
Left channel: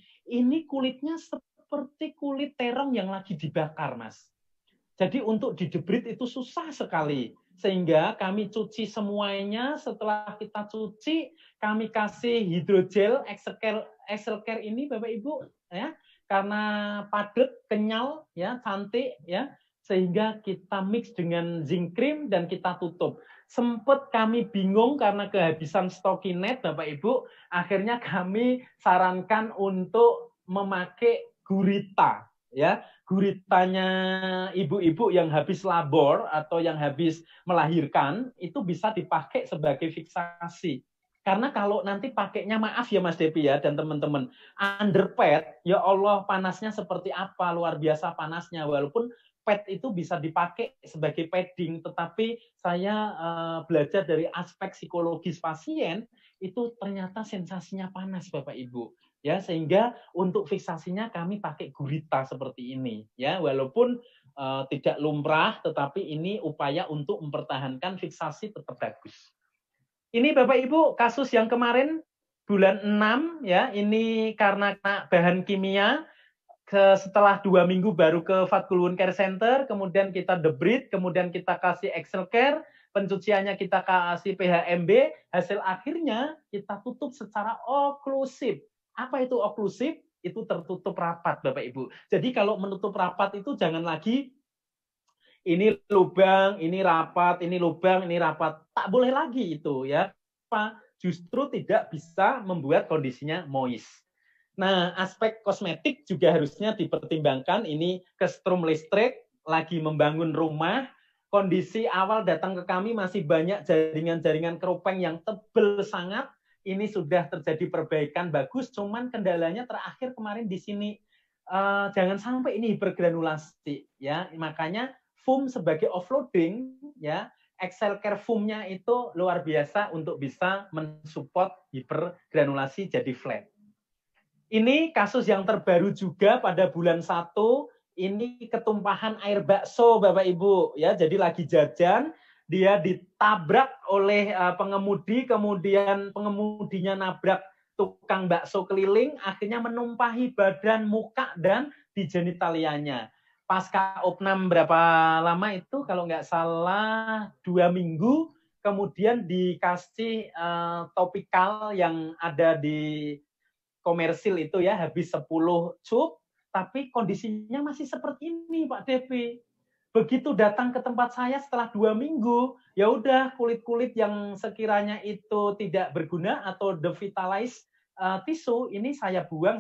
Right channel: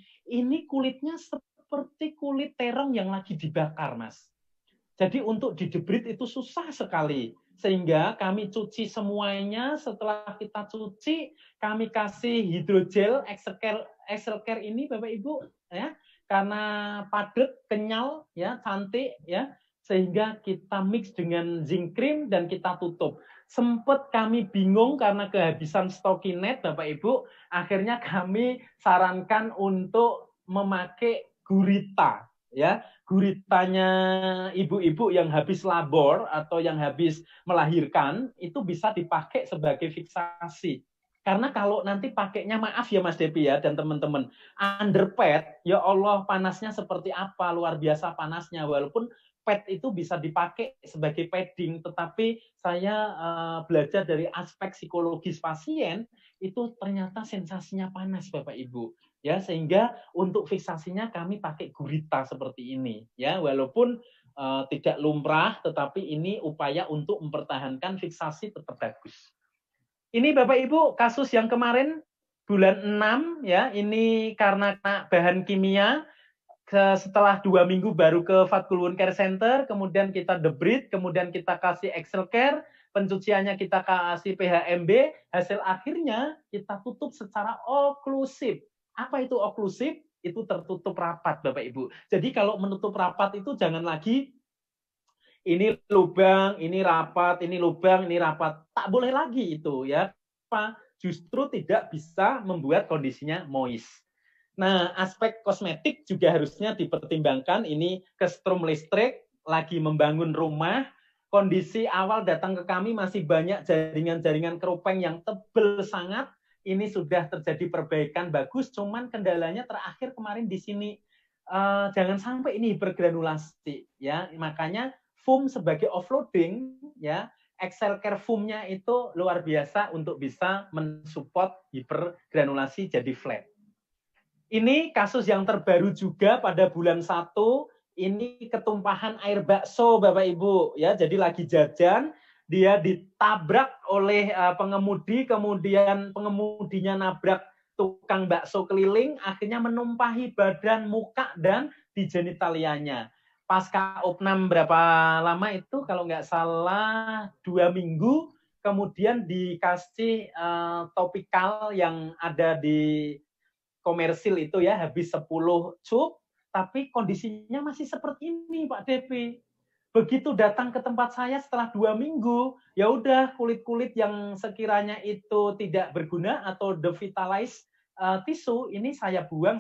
kulitnya seperti kulit terong yang lagi dibakar, Mas. Jadi untuk didebrit itu susah sekali. Sehingga kami cuci semuanya, setelah kita cuci, kami kasih hidrogel Excel Care ini Bapak Ibu, ya, karena padat, kenyal, ya, cantik, ya, sehingga kita mix dengan zinc cream dan kita tutup. Sempat kami bingung karena kehabisan Stokinet, Bapak Ibu. Akhirnya kami sarankan untuk memakai gurita, ya. Guritanya ibu-ibu yang habis labor atau yang habis melahirkan itu bisa dipakai sebagai fiksasi. Karena kalau nanti pakainya, maaf ya Mas Depi ya dan teman-teman, underpad, ya Allah panasnya seperti apa, luar biasa panasnya. Walaupun pad itu bisa dipakai sebagai padding, tetapi saya belajar dari aspek psikologis pasien, itu ternyata sensasinya panas Bapak Ibu. Ya, sehingga untuk fiksasinya kami pakai gurita seperti ini. Ya, walaupun tidak lumrah, tetapi ini upaya untuk mempertahankan fiksasi tetap bagus. Ini Bapak Ibu kasus yang kemarin bulan 6 ya, ini karena bahan kimia. Setelah 2 minggu baru ke Fatkul Wound Care Center, kemudian kita debrief, kemudian kita kasih Excel Care, pencuciannya kita kasih PHMB, hasil akhirnya kita tutup secara oklusif. Apa itu oklusif? Itu tertutup rapat Bapak Ibu. Jadi kalau menutup rapat itu jangan lagi ini lubang, ini rapat, ini lubang, ini rapat. Tak boleh lagi itu ya. Justru tidak bisa membuat kondisinya moist. Nah, aspek kosmetik juga harusnya dipertimbangkan. Ini kestrum listrik, lagi membangun rumah. Kondisi awal datang ke kami masih banyak jaringan-jaringan keropeng yang tebal sangat. Ini sudah terjadi perbaikan bagus, cuman kendalanya terakhir kemarin di sini. Jangan sampai ini hipergranulasi. Ya, makanya foam sebagai offloading, ya, Excel Care foam-nya itu luar biasa untuk bisa mensupport hipergranulasi jadi flat. Ini kasus yang terbaru juga pada bulan 1, ini ketumpahan air bakso Bapak Ibu ya. Jadi lagi jajan, dia ditabrak oleh pengemudi, kemudian pengemudinya nabrak tukang bakso keliling, akhirnya menumpahi badan, muka dan di genitalianya. Pasca opnam berapa lama itu kalau nggak salah 2 minggu, kemudian dikasih topikal yang ada di komersil itu ya, habis 10 cup, tapi kondisinya masih seperti ini Pak Depi. Begitu datang ke tempat saya setelah 2 minggu, ya udah kulit-kulit yang sekiranya itu tidak berguna atau devitalize tisu, ini saya buang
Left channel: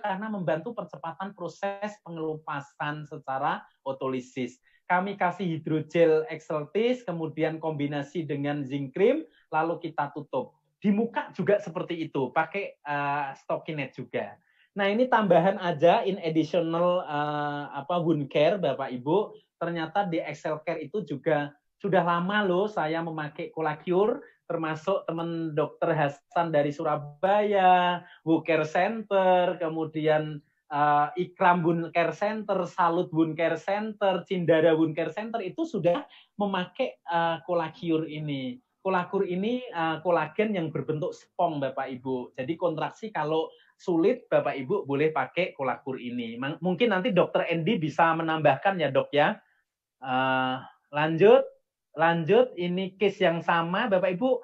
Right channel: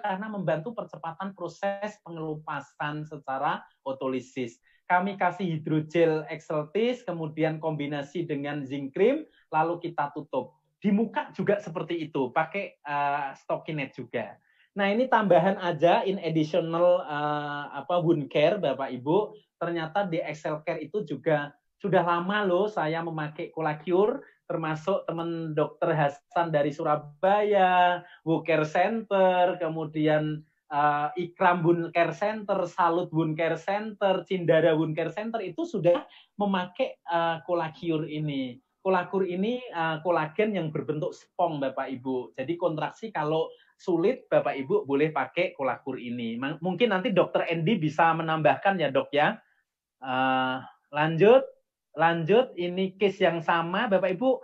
karena membantu percepatan proses pengelupasan secara otolisis. Kami kasih hidrogel exeltis, kemudian kombinasi dengan zinc cream, lalu kita tutup. Di muka juga seperti itu, pakai Stokinet juga. Nah, ini tambahan aja in additional wound care Bapak Ibu. Ternyata di Excel Care itu juga sudah lama loh saya memakai Colacure, termasuk teman dokter Hasan dari Surabaya, Wound Care Center, kemudian Ikram Wound Care Center, Salut Wound Care Center, Cindara Wound Care Center itu sudah memakai Colacure ini. Kolakur ini kolagen yang berbentuk spong Bapak Ibu. Jadi kontraksi kalau sulit Bapak Ibu boleh pakai kolakur ini. Mungkin nanti Dokter Endi bisa menambahkan ya Dok ya. Lanjut. Ini case yang sama Bapak Ibu.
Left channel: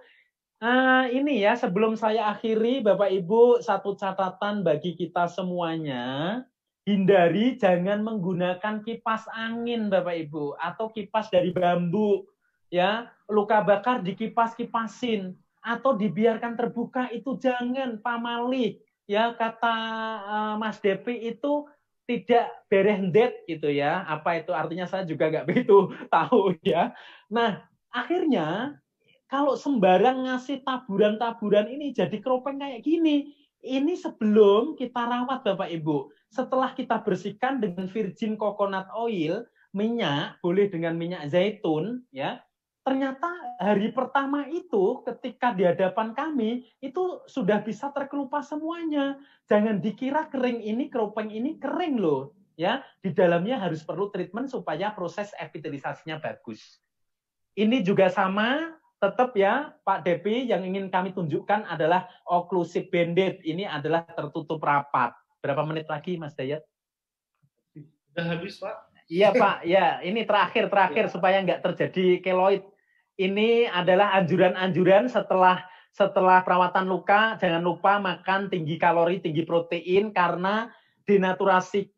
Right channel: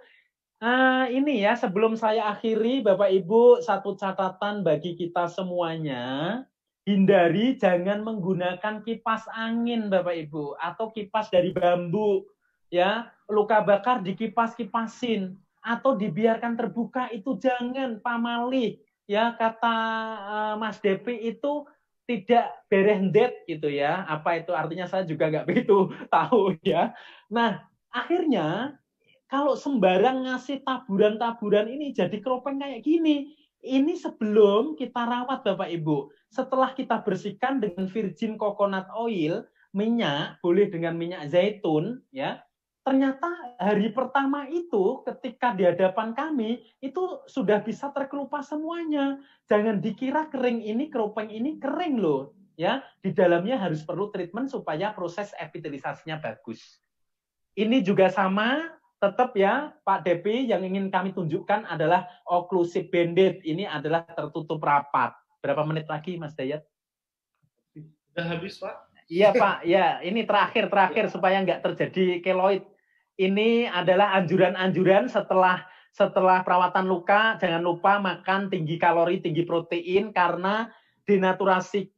Ini ya sebelum saya akhiri Bapak Ibu, satu catatan bagi kita semuanya. Hindari jangan menggunakan kipas angin Bapak Ibu atau kipas dari bambu. Ya, luka bakar dikipas-kipasin atau dibiarkan terbuka itu jangan, pamali. Ya, kata Mas Depi itu tidak berendet gitu ya. Apa itu artinya saya juga nggak begitu tahu ya. Nah, akhirnya kalau sembarang ngasih taburan-taburan ini jadi keropeng kayak gini. Ini sebelum kita rawat Bapak Ibu. Setelah kita bersihkan dengan virgin coconut oil, minyak, boleh dengan minyak zaitun ya. Ternyata hari pertama itu ketika di hadapan kami itu sudah bisa terkelupas semuanya. Jangan dikira kering ini, keropeng ini kering loh. Ya, di dalamnya harus perlu treatment supaya proses epitelisasinya bagus. Ini juga sama, tetap ya Pak Depi, yang ingin kami tunjukkan adalah occlusive bandit. Ini adalah tertutup rapat. Berapa menit lagi Mas Dayat? Sudah habis Pak. Iya Pak, ya ini terakhir ya. Supaya nggak terjadi keloid. Ini adalah anjuran-anjuran setelah perawatan luka, jangan lupa makan tinggi kalori, tinggi protein, karena denaturasi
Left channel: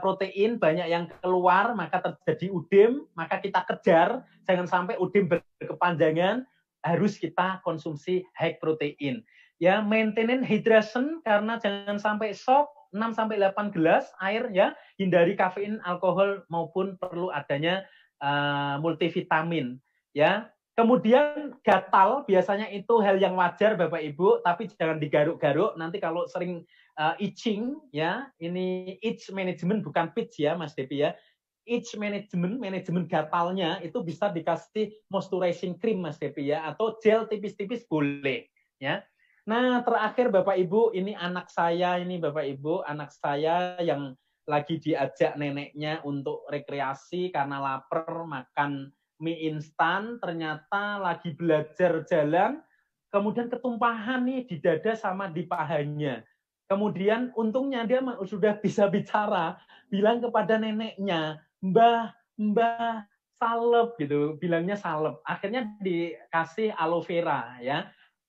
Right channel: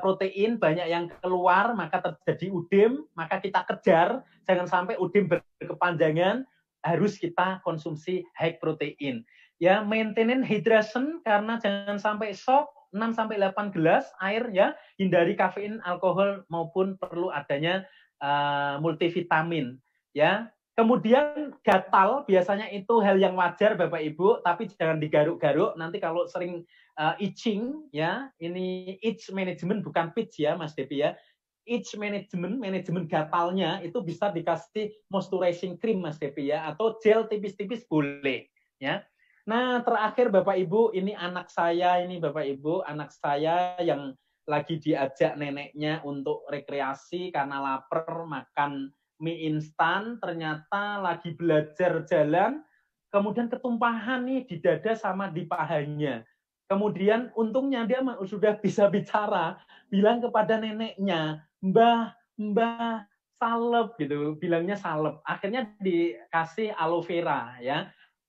protein, banyak yang keluar, maka terjadi udem, maka kita kejar, jangan sampai udem berkepanjangan, harus kita konsumsi high protein. Ya, maintenance hydration karena jangan sampai shock, 6-8 gelas air ya, hindari kafein, alkohol maupun perlu adanya multivitamin ya. Kemudian gatal biasanya itu hal yang wajar Bapak Ibu, tapi jangan digaruk-garuk. Nanti kalau sering itching ya, ini itch management bukan pitch ya Mas Depi ya. Itch management, manajemen gatalnya itu bisa dikasih moisturizing cream Mas Depi ya, atau gel tipis-tipis boleh ya. Nah, terakhir Bapak Ibu, ini anak saya ini Bapak Ibu, anak saya yang lagi diajak neneknya untuk rekreasi karena lapar makan mie instan, ternyata lagi belajar jalan, kemudian ketumpahan nih di dada sama di pahanya. Kemudian untungnya dia sudah bisa bicara, bilang kepada neneknya, Mbah, salep gitu, bilangnya salep. Akhirnya dikasih aloe vera ya.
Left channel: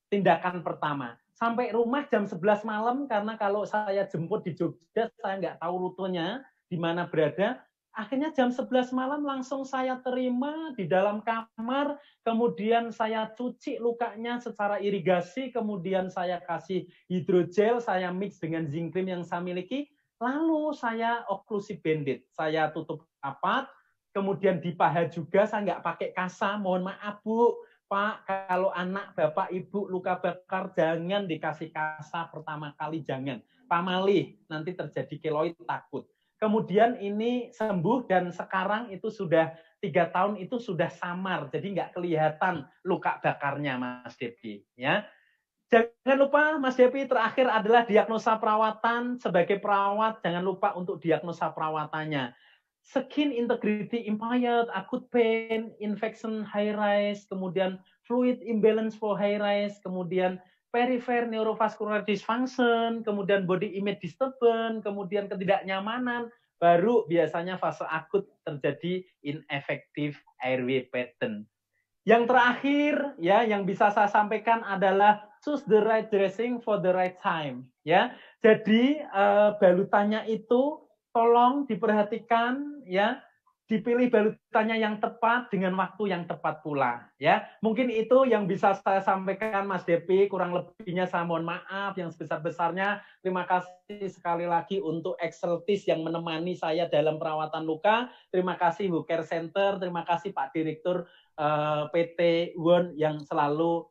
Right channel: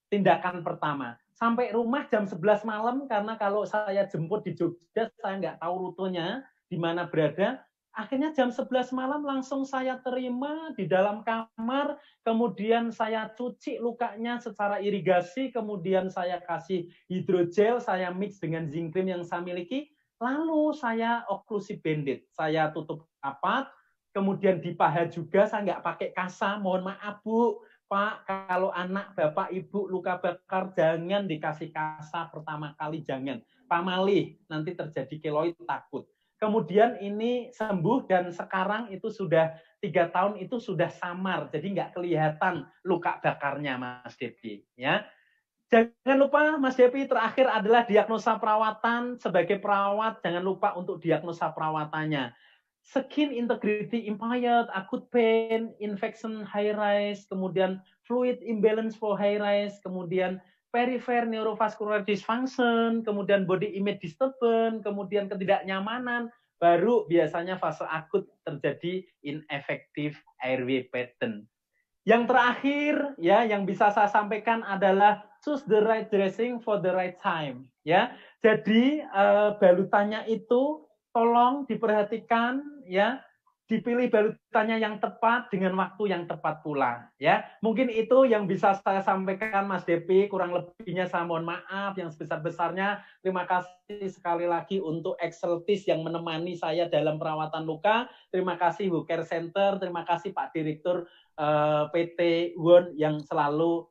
Tindakan pertama. Sampai rumah jam 11 malam karena kalau saya jemput di Jogja saya nggak tahu rutenya di mana berada. Akhirnya jam 11 malam langsung saya terima di dalam kamar, kemudian saya cuci lukanya secara irigasi, kemudian saya kasih hidrogel, saya mix dengan zinc cream yang saya miliki, lalu saya occlusive bandage, saya tutup rapat, kemudian di paha juga saya nggak pakai kasa, mohon maaf Bu, Pak, kalau anak Bapak Ibu luka bakar jangan dikasih kasa pertama kali, jangan. Pamalih, nanti terjadi keloid takut. Kemudian ini sembuh dan sekarang itu sudah 3 tahun itu sudah samar, jadi nggak kelihatan luka bakarnya Mas Depi. Ya, jangan lupa Mas Depi terakhir adalah diagnosa perawatan. Sebagai perawat jangan lupa untuk diagnosa perawatannya. Skin integrity impaired, acute pain, infection high rise, kemudian fluid imbalance for high rise, kemudian peripheral neurovascular dysfunction, kemudian body image disturbance, kemudian ketidaknyamanan, baru biasanya fase akut terjadi ineffective airway pattern. Yang terakhir ya yang bisa saya sampaikan adalah choose the right dressing for the right time ya. Jadi balutannya itu tolong diperhatikan ya, dipilih balutannya yang tepat dengan waktu yang tepat pula ya. Mungkin itu yang bisa saya sampaikan Mas Depi, kurang lebihnya saya mohon maaf yang sebesar-besarnya. Terima kasih sekali lagi untuk Exceltis yang menemani saya dalam perawatan luka. Terima kasih Wu Care Center, terima kasih Pak Direktur PT WON yang selalu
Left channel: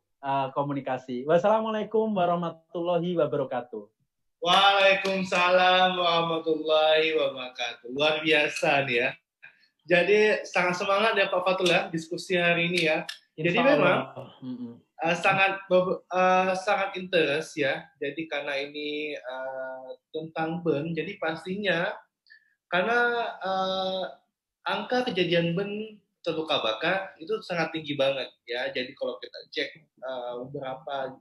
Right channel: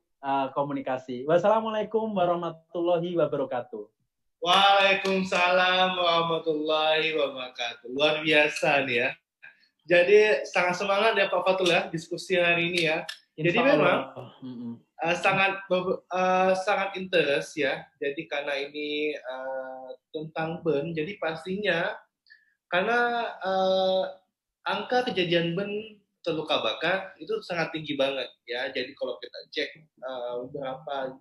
komunikasi. Wassalamualaikum warahmatullahi wabarakatuh. Waalaikumsalam warahmatullahi wabarakatuh. Luar biasa nih ya. Jadi sangat semangat ya Pak Fatul ya diskusi hari ini ya. Jadi memang sangat interest ya. Jadi karena ini tentang burn, jadi pastinya karena angka kejadian burn terluka bakar itu sangat tinggi banget ya. Jadi kalau kita cek beberapa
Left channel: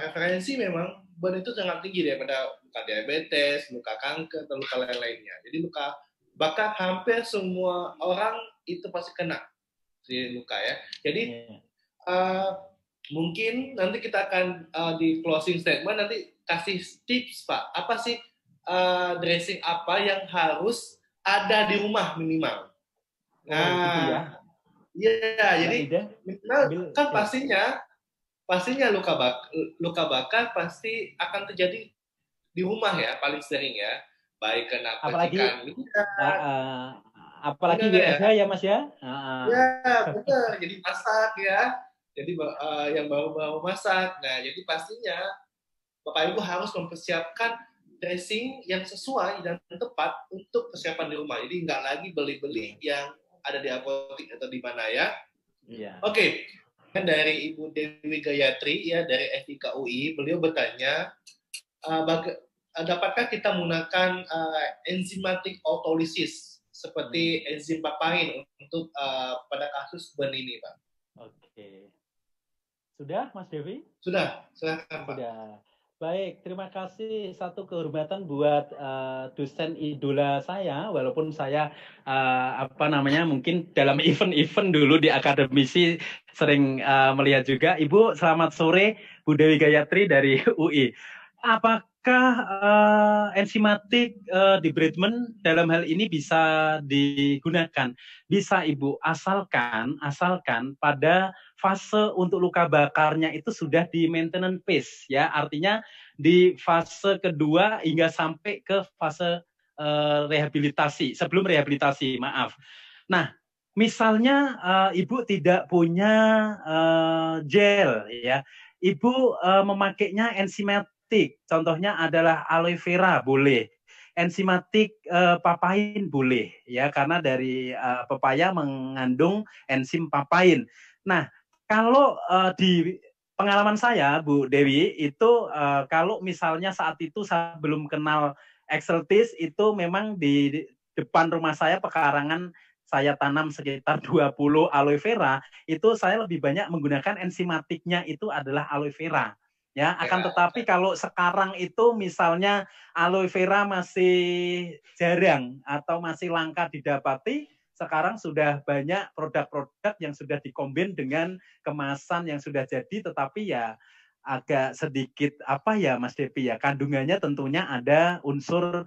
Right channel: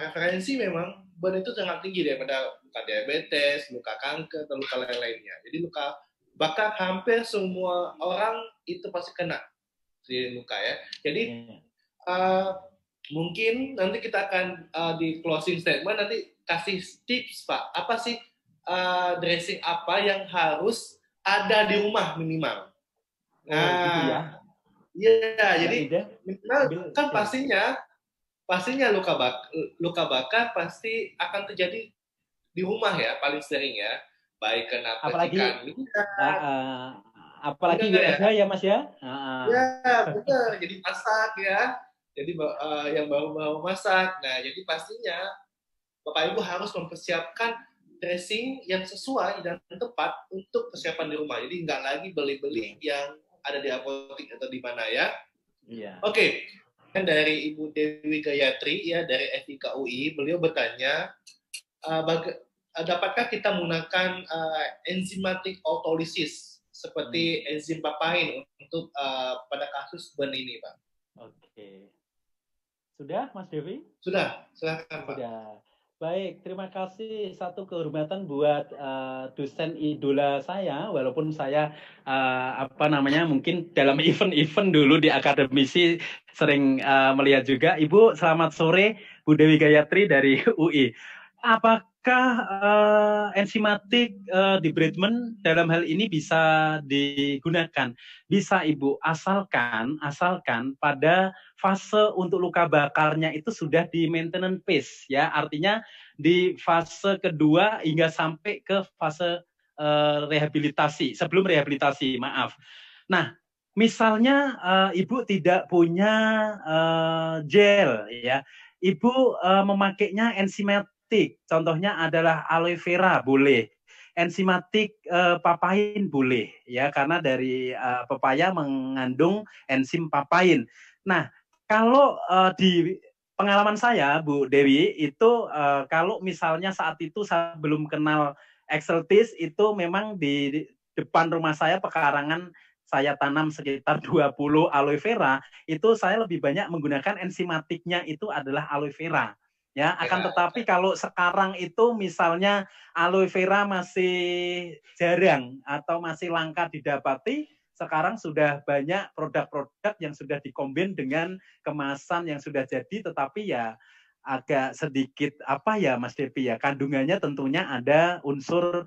referensi memang burn itu sangat tinggi daripada luka diabetes, luka kanker, atau luka lain-lainnya. Jadi luka bakar hampir semua orang itu pasti kena si luka ya. Jadi mungkin nanti kita akan di closing statement nanti kasih tips Pak. Apa sih dressing apa yang harus ada di rumah minimal? Nah, gitu ya. Iya, jadi minimal kan pastinya luka bakar pasti akan terjadi di rumah ya paling sering ya. Baik kena percikan minyak, apalagi WFH ya Mas ya. Ya benar, jadi masak ya, jadi yang baru masak. Nah jadi pastinya Bapak Ibu harus mempersiapkan dressing yang sesuai dan tepat untuk persiapan di rumah. Jadi nggak lagi beli-beli yang ada di apotek atau di mana ya. Iya. Oke. Kan dari Ibu Dewi Gayatri ya dari FIK UI, beliau bertanya dapatkah kita menggunakan enzimatic autolysis seperti enzim papain untuk pada kasus burn ini, Pak? Oke. Sudah, Mas Devi? Sudah, silakan, Pak. Sudah. Baik, terima kasih. Satu kehormatan buat dosen idola saya, walaupun saya mungkin dalam event-event dulu di akademisi sering melihat juga. Ibu, selamat sore, Bu Dewi Gayatri dari UI. apakah enzimatik debridement dalam hal ini bisa digunakan? Bisa Ibu, asalkan pada fase untuk luka bakarnya itu sudah di maintenance phase, ya, artinya di fase kedua hingga sampai ke fase rehabilitasi, sebelum rehabilitasi, maaf. Nah, misalnya Ibu tidak punya gel, ya, Ibu memakainya enzimatik, contohnya adalah aloe vera boleh, enzimatik papain boleh, ya, karena dari pepaya mengandung enzim papain. Nah, kalau di pengalaman saya, Bu Dewi, itu kalau misalnya saat itu saya belum kenal Exeltis, itu memang di depan rumah saya pekarangan saya tanam sekitar 20 aloe vera, itu saya lebih banyak menggunakan enzimatiknya itu adalah aloe vera. Ya, akan tetapi kalau sekarang itu misalnya aloe vera masih jarang atau masih langka didapati, sekarang sudah banyak produk-produk yang sudah dikombin dengan kemasan yang sudah jadi, tetapi ya agak sedikit apa ya Mas Depi ya, kandungannya tentunya ada unsur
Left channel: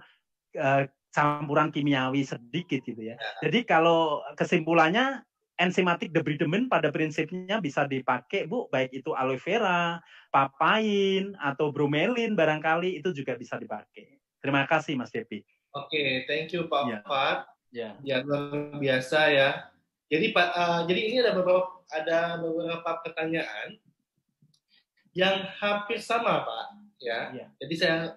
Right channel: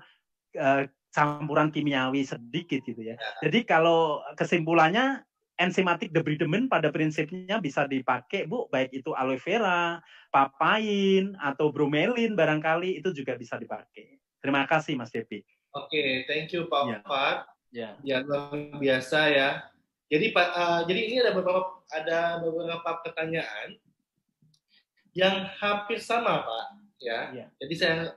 campuran kimiawi sedikit gitu ya. Jadi kalau kesimpulannya enzimatik debridement pada prinsipnya bisa dipakai Bu, baik itu aloe vera, papain atau bromelin barangkali itu juga bisa dipakai. Terima kasih Mas Depi. Oke, thank you Pak Fat. Ya. Ya, luar biasa ya. Jadi jadi ini ada beberapa pertanyaan yang hampir sama Pak, ya. Jadi saya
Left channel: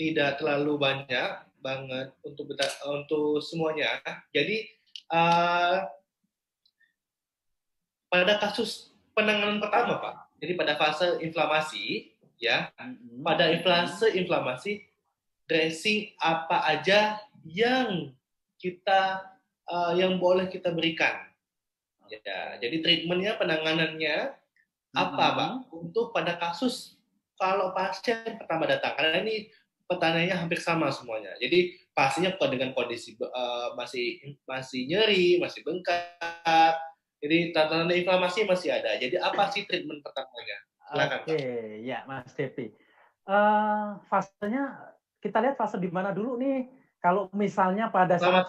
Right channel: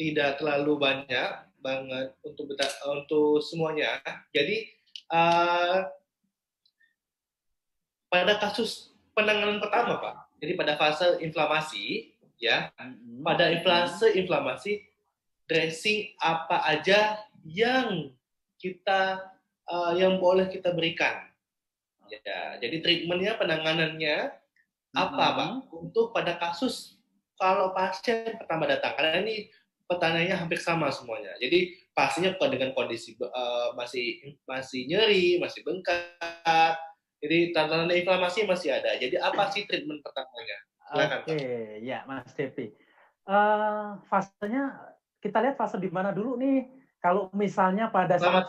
tidak terlalu banyak banget untuk semuanya. Jadi pada kasus penanganan pertama Pak, jadi pada fase inflamasi, ya, pada fase inflamasi, dressing apa aja yang yang boleh kita berikan. Ya, jadi treatmentnya, penanganannya apa Pak? Untuk pada kasus kalau pasien pertama datang, karena ini pertanyaannya hampir sama semuanya. Jadi pastinya dengan kondisi masih nyeri, masih bengkak, jadi tanda-tanda inflamasi masih ada. Jadi apa sih treatment pertamanya? Silakan, Oke, ya Mas Depi. Fasenya kita lihat fase di mana dulu nih. Kalau misalnya pada saat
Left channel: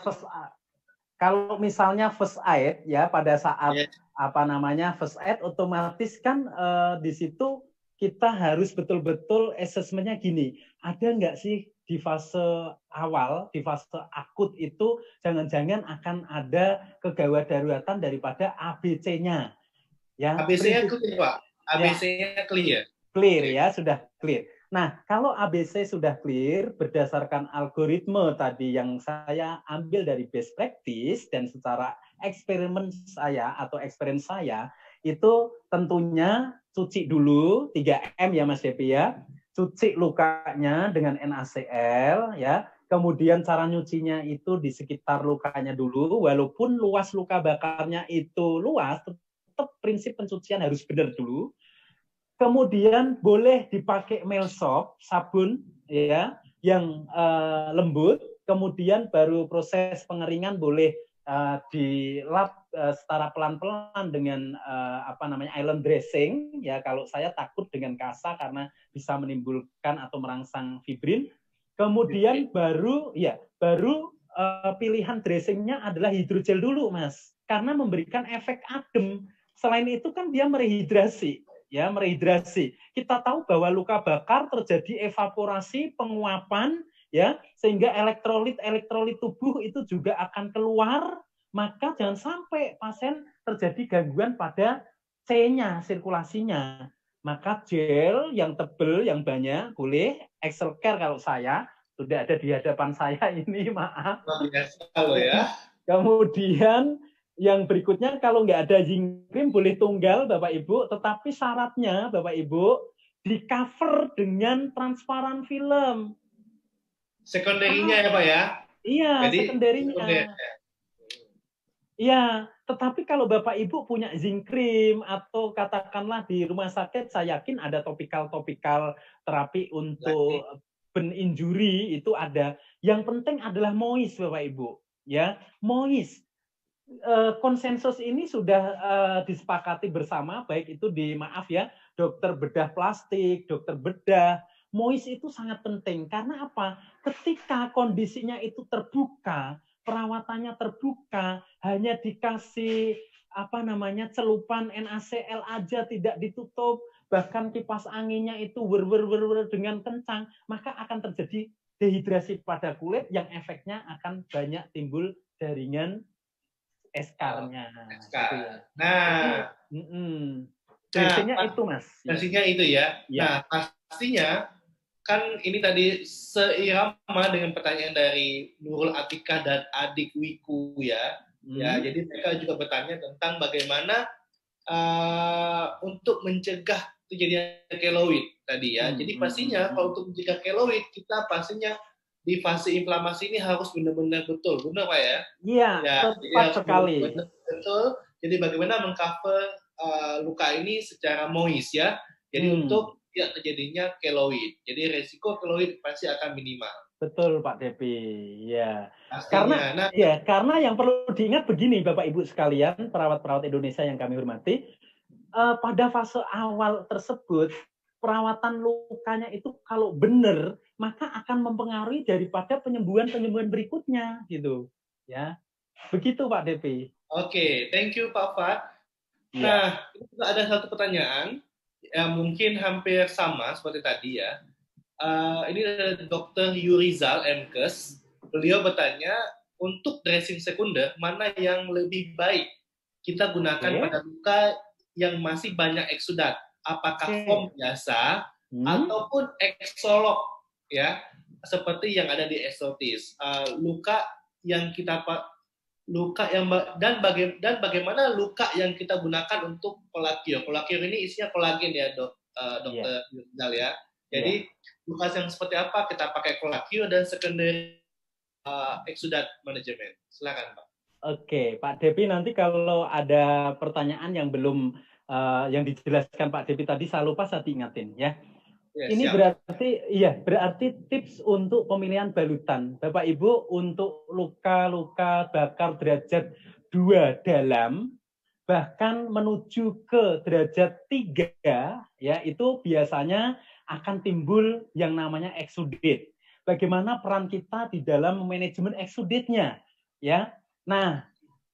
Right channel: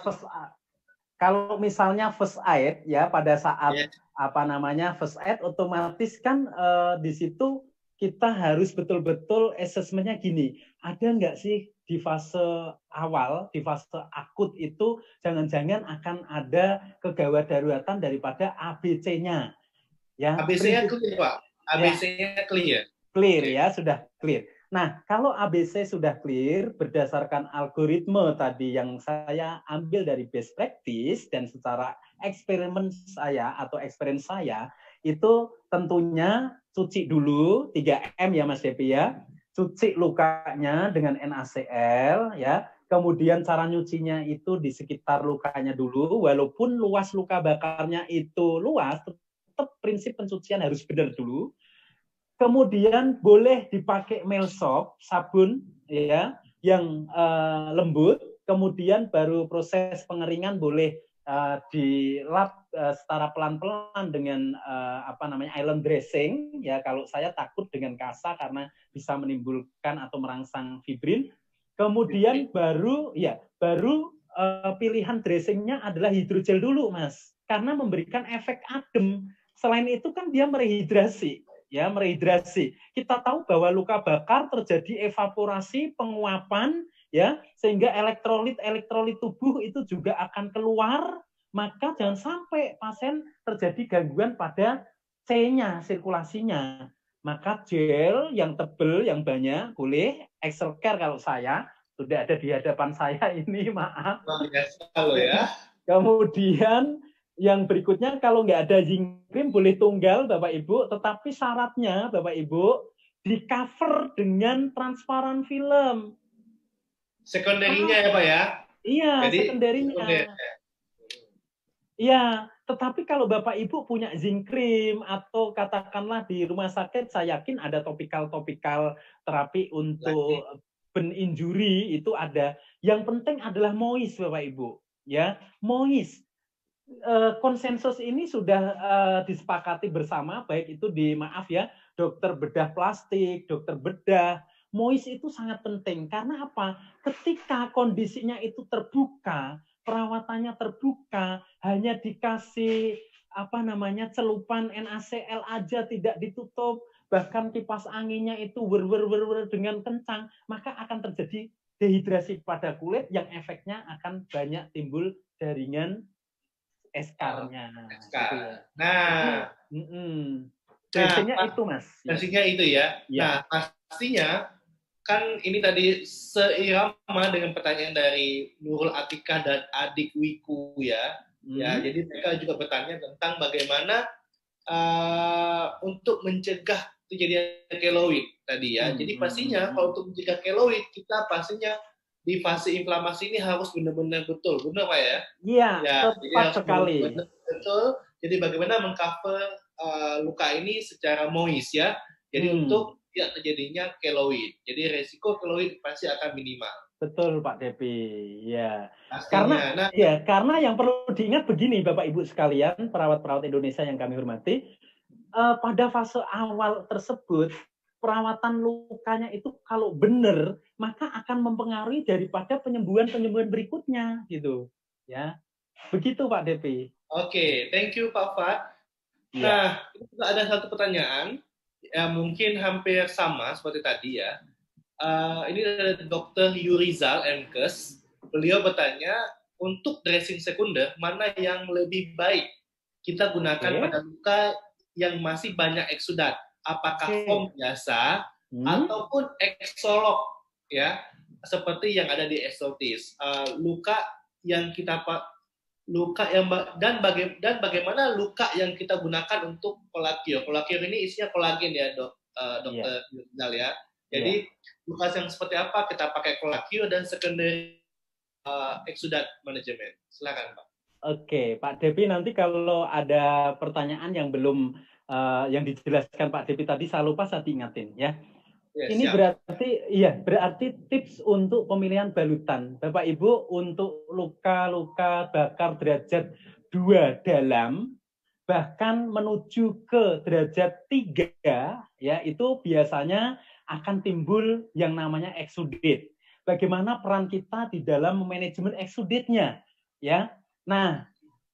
first aid ya, pada saat first aid, otomatis kan di situ kita harus betul-betul assessment-nya gini. Ada nggak sih di fase awal, di fase akut itu jangan-jangan akan ada kegawat daruratan daripada ABC-nya. Ya, ABC-nya clear Pak. ABC-nya clear. Clear ya, sudah clear. Nah, kalau ABC sudah clear berdasarkan algoritma tadi yang saya ambil dari best practice dan secara eksperimen saya atau experience saya, itu tentunya cuci dulu 3M ya Mas Depi ya. Cuci lukanya dengan NaCl ya. Kemudian cara nyucinya itu di sekitar lukanya dulu, walaupun luas luka bakarnya itu luas, tetap prinsip pencucian harus benar dulu. Kemudian boleh dipakai melsop, sabun ya, yang lembut. Kemudian baru proses pengeringan boleh dilap secara pelan-pelan dengan island dressing ya. Kalau saya takut dengan kasa karena bisa menimbulkan atau merangsang fibrin. Kemudian baru pilihan dressingnya adalah hidrogel dulu Mas, karena memberikan efek adem. Selain itu kan dia merehidrasi. Ya, merehidrasi. Kita tahu bahwa luka bakar terjadi evaporasi, penguapan, ya, sehingga elektrolit tubuh itu juga akan keluar, maka jangan sampai pasien terjadi gangguan pada C-nya, sirkulasinya. Maka gel yang tebal, yang banyak, boleh. Exelcare kalau saya, sudah ada di hadapan saya ini, maaf. Biasa loh ya. Kemudian yang berikutnya, kalau nggak ada zinc cream boleh tunggal Bapak Ibu, tetapi syaratnya Bapak Ibu di cover dengan transparan film. Sekunderinya ya Pak ya? Iya, sekunderinya. Iya, tetapi kalau Bapak Ibu punya zinc cream atau katakanlah di rumah sakit, saya yakin ada topikal terapi untuk burn injury itu ada. Yang penting adalah moist Bapak Ibu, ya, moist. konsensus ini sudah disepakati bersama, baik itu di dokter bedah plastik, dokter bedah, MOIS itu sangat penting. Karena apa? Ketika kondisinya itu terbuka, perawatannya terbuka, hanya dikasih celupan NaCl aja tidak ditutup, bahkan kipas anginnya itu dengan kencang, maka akan terjadi dehidrasi pada kulit yang efeknya akan banyak timbul jaringan eskarnya. Gitu ya. Nah, dressingnya itu Mas. Dressingnya itu ya. Nah, pastinya kan ini tadi seirama dengan pertanyaan dari Nurul Atikah dan Adik Wiku ya. Ya, jadi mereka juga bertanya tentang bagaimana untuk mencegah terjadinya keloid tadi ya. Jadi pastinya kalau untuk mencegah keloid kita pastinya di fase inflamasi ini harus benar-benar betul, benar Pak ya? Iya, tepat sekali. Betul. Jadi bagaimana mengcover luka ini secara moist ya. Jadi untuk tidak terjadinya keloid. Jadi resiko keloid pasti akan minimal. Betul Pak Depi, ya. Karena yang perlu diingat begini Bapak Ibu sekalian, perawat-perawat Indonesia yang kami hormati, pada fase awal tersebut perawatan lukanya itu kalau benar maka akan mempengaruhi daripada penyembuhan berikutnya gitu, ya. Begitu Pak Depi. Oke, thank you Pak Fat. Nah, ada satu pertanyaan yang mungkin hampir sama seperti tadi ya. Ini dari Dr. Yurizal Mkes. Beliau bertanya, untuk dressing sekunder, mana yang lebih baik kita gunakan pada luka yang masih banyak eksudat? Apakah foam biasa ataupun eksolog ya, seperti yang ada di Exotis? Luka yang kita bagaimana luka yang kita gunakan untuk kolakior? Kolakior ini isinya kolagen ya, Dokter Yurizal ya. Jadi luka yang seperti apa kita pakai kolakior dan secondary exudat management. Silakan Pak. Oke, Pak Depi, nanti kalau ada pertanyaan yang belum yang dijelaskan Pak Depi tadi saya lupa, saya diingatin ya. Ini berarti tips untuk pemilihan balutan. Bapak Ibu, untuk luka-luka bakar derajat 2 dalam bahkan menuju ke derajat 3 ya, itu biasanya akan timbul yang namanya exudate. Bagaimana peran kita di dalam manajemen exudate-nya ya. Nah,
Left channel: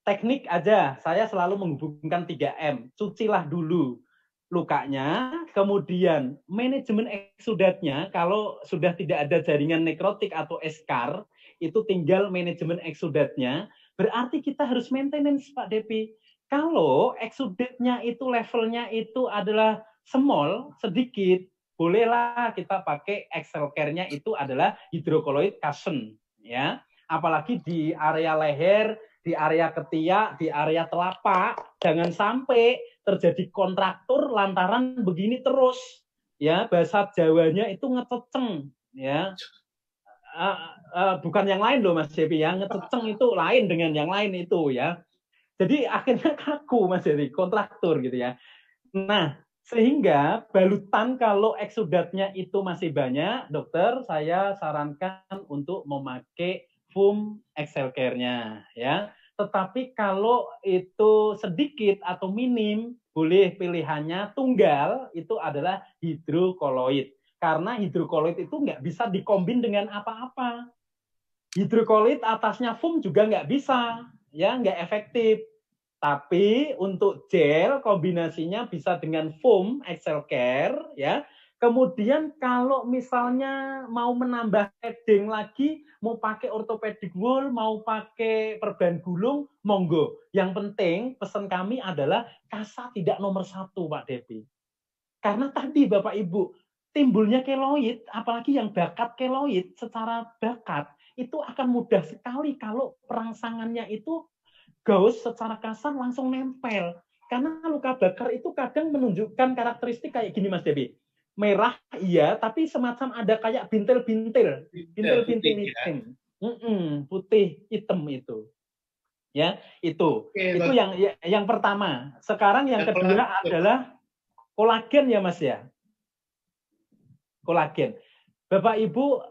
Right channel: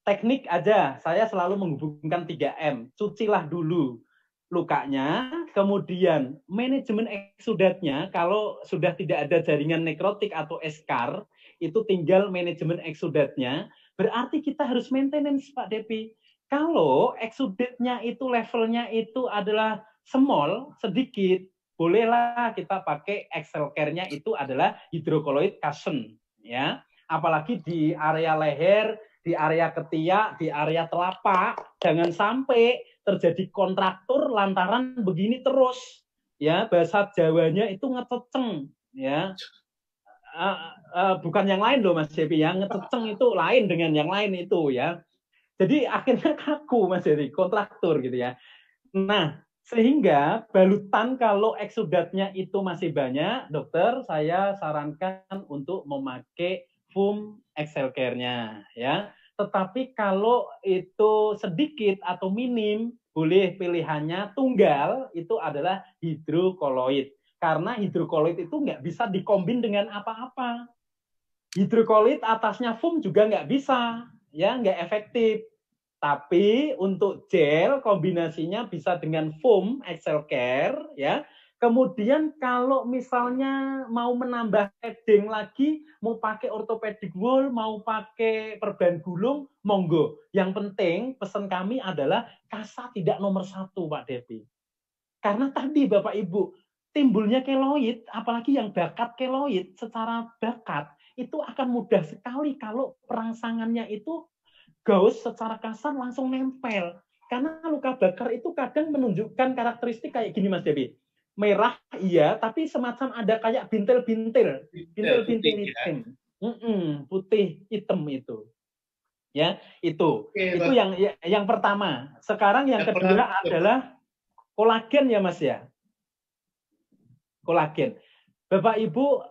teknik aja saya selalu menghubungkan 3M. Cucilah dulu lukanya, kemudian manajemen exudate-nya kalau sudah tidak ada jaringan nekrotik atau eskar, itu tinggal manajemen exudate-nya. Berarti kita harus maintenance Pak Depi. Kalau exudate-nya itu levelnya itu adalah small, sedikit, bolehlah kita pakai Excel Care-nya itu adalah hidrokoloid cushion ya. Apalagi di area leher, di area ketiak, di area telapak, jangan sampai terjadi kontraktur lantaran begini terus ya. Bahasa Jawanya itu ngececeng ya. Bukan yang lain loh Mas Depi ya, ngececeng itu lain dengan yang lain itu ya. Jadi akhirnya kaku Mas Depi, kontraktur gitu ya. Nah, sehingga balutan kalau eksudatnya itu masih banyak, dokter, saya sarankan untuk memakai foam Excel Care-nya ya. Tetapi kalau itu sedikit atau minim, boleh pilihannya tunggal, itu adalah hidrokoloid. Karena hidrokoloid itu nggak bisa dikombin dengan apa-apa. Hidrokoloid atasnya foam juga nggak bisa, ya nggak efektif. Tapi untuk gel kombinasinya bisa dengan foam Excel Care ya. Kemudian kalau misalnya mau menambah padding lagi, mau pakai orthopedic wool, mau pakai perban gulung, monggo. Yang penting pesan kami adalah kasa tidak nomor 1 Pak Depi. Karena tadi Bapak Ibu, timbulnya keloid, apalagi yang bakat keloid secara bakat, itu akan mudah sekali kalau perangsangannya itu gaus secara kasar langsung nempel. Karena luka bakar itu kadang menunjukkan karakteristik kayak gini Mas Devi. Merah iya, tapi semacam ada kayak bintil-bintil. Bintil-bintil hitam. Putih hitam itu. Ya, itu. Itu yang pertama. Sekarang yang kedua adalah kolagen ya Mas ya. Kolagen. Bapak Ibu,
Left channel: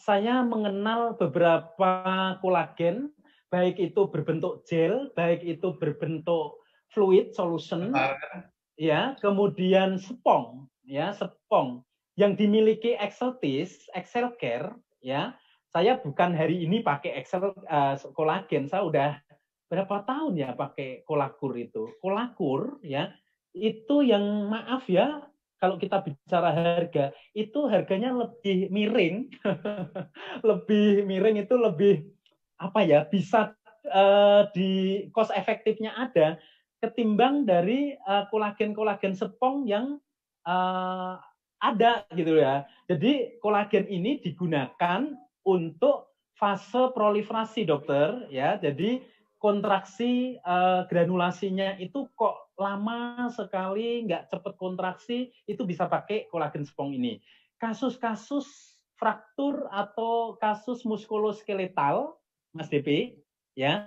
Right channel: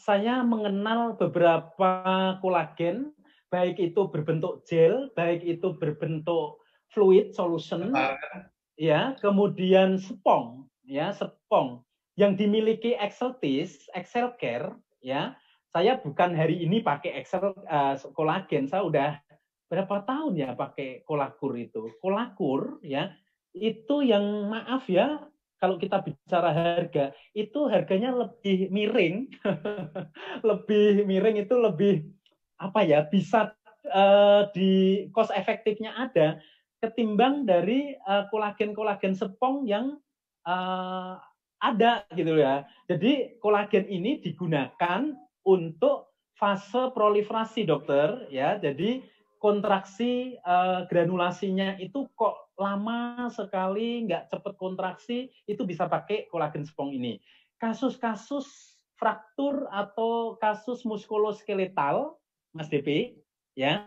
saya mengenal beberapa kolagen. baik itu berbentuk gel, baik itu berbentuk fluid solution, ya, kemudian spong, ya, spong yang dimiliki Exceltis, Excel Care, ya. Saya bukan hari ini pakai Excel kolagen, saya udah berapa tahun ya pakai Kolakur itu. Kolakur, ya, itu yang maaf ya, kalau kita bicara harga, itu harganya lebih miring, lebih miring itu lebih apa ya, bisa di cost efektifnya ada ketimbang dari kolagen-kolagen spong yang ada gitu ya. Jadi kolagen ini digunakan untuk fase proliferasi dokter ya. Jadi kontraksi granulasinya itu kok lama sekali, nggak cepat kontraksi, itu bisa pakai kolagen spong ini. Kasus-kasus fraktur atau kasus muskuloskeletal, Mas DP, ya,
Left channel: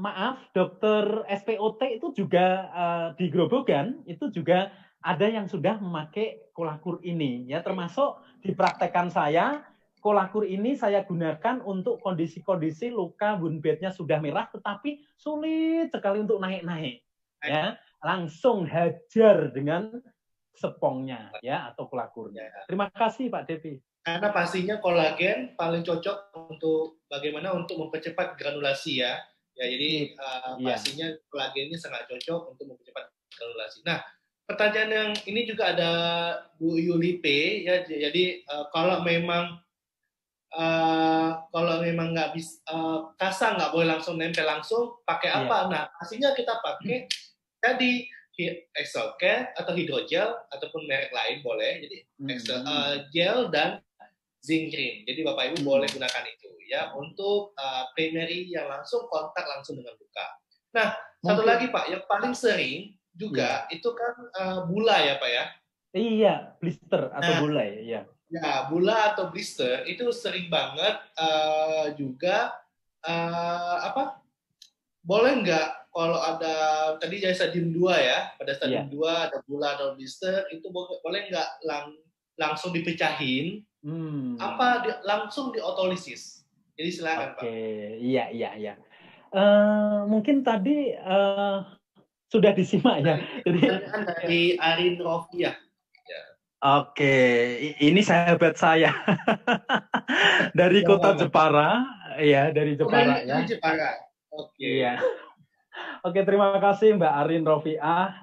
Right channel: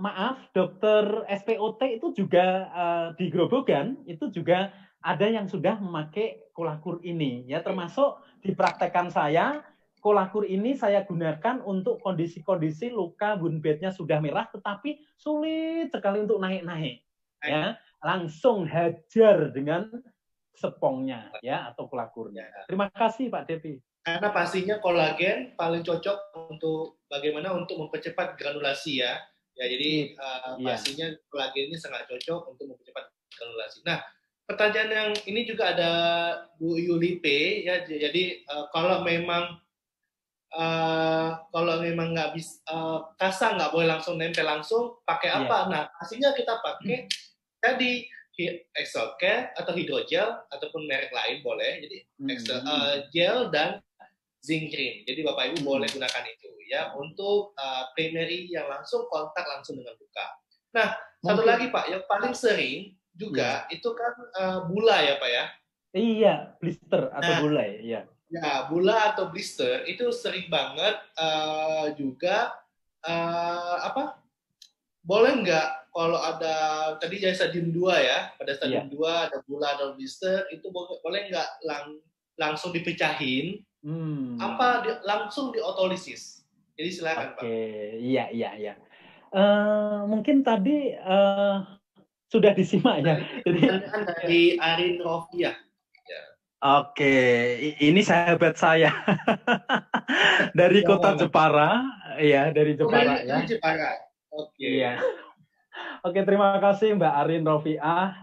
maaf, dokter SPOT itu juga di Grobogan itu juga ada yang sudah memakai Kolakur ini, ya, termasuk di praktekan saya. Kolakur ini saya gunakan untuk kondisi-kondisi luka wound bed-nya sudah merah tetapi sulit sekali untuk naik-naik, ya, langsung hajar dengan sepongnya, ya, atau kolakurnya. Terima kasih Pak Devi. Karena pastinya kolagen paling cocok untuk bagaimana untuk mempercepat granulasi ya. Ya, jadi pastinya kolagen ini sangat cocok untuk mempercepat granulasi. Nah, pertanyaan yang ini juga ada Bu Yulipe ya. Jadi kalau memang nggak bisa kasa nggak boleh langsung nempel langsung, pakai apa? Nah, pastinya kita pakai tadi Excel Care atau hidrogel ataupun merek lain boleh. Jadi gel dan zinc cream. Jadi Bapak Ibu boleh gunakan itu ya untuk primary yang langsung kontak langsung dengan luka. Nah, satu lagi Pak, yang paling sering juga itu kan bula ya Pak ya. Iya, blister atau bula ya. Ya, bula atau blister itu sering banget juga apa? Boleh nggak kalau ada tadi jadi stadium 2 ya, pada stadium 2 ada bula atau blister itu boleh nggak langsung dipecahin? Apa langsung diotolisis? Jadi silakan Pak. Iya. Mungkin tadi sudah disimak ya. Jadi dari Arin Rofia. Oke, ini sahabat saya dari kota Jepara, ya, dari Jepara ya. Jepara. Oke. Iya. Oke, terima kasih Mbak Arin Rofiah.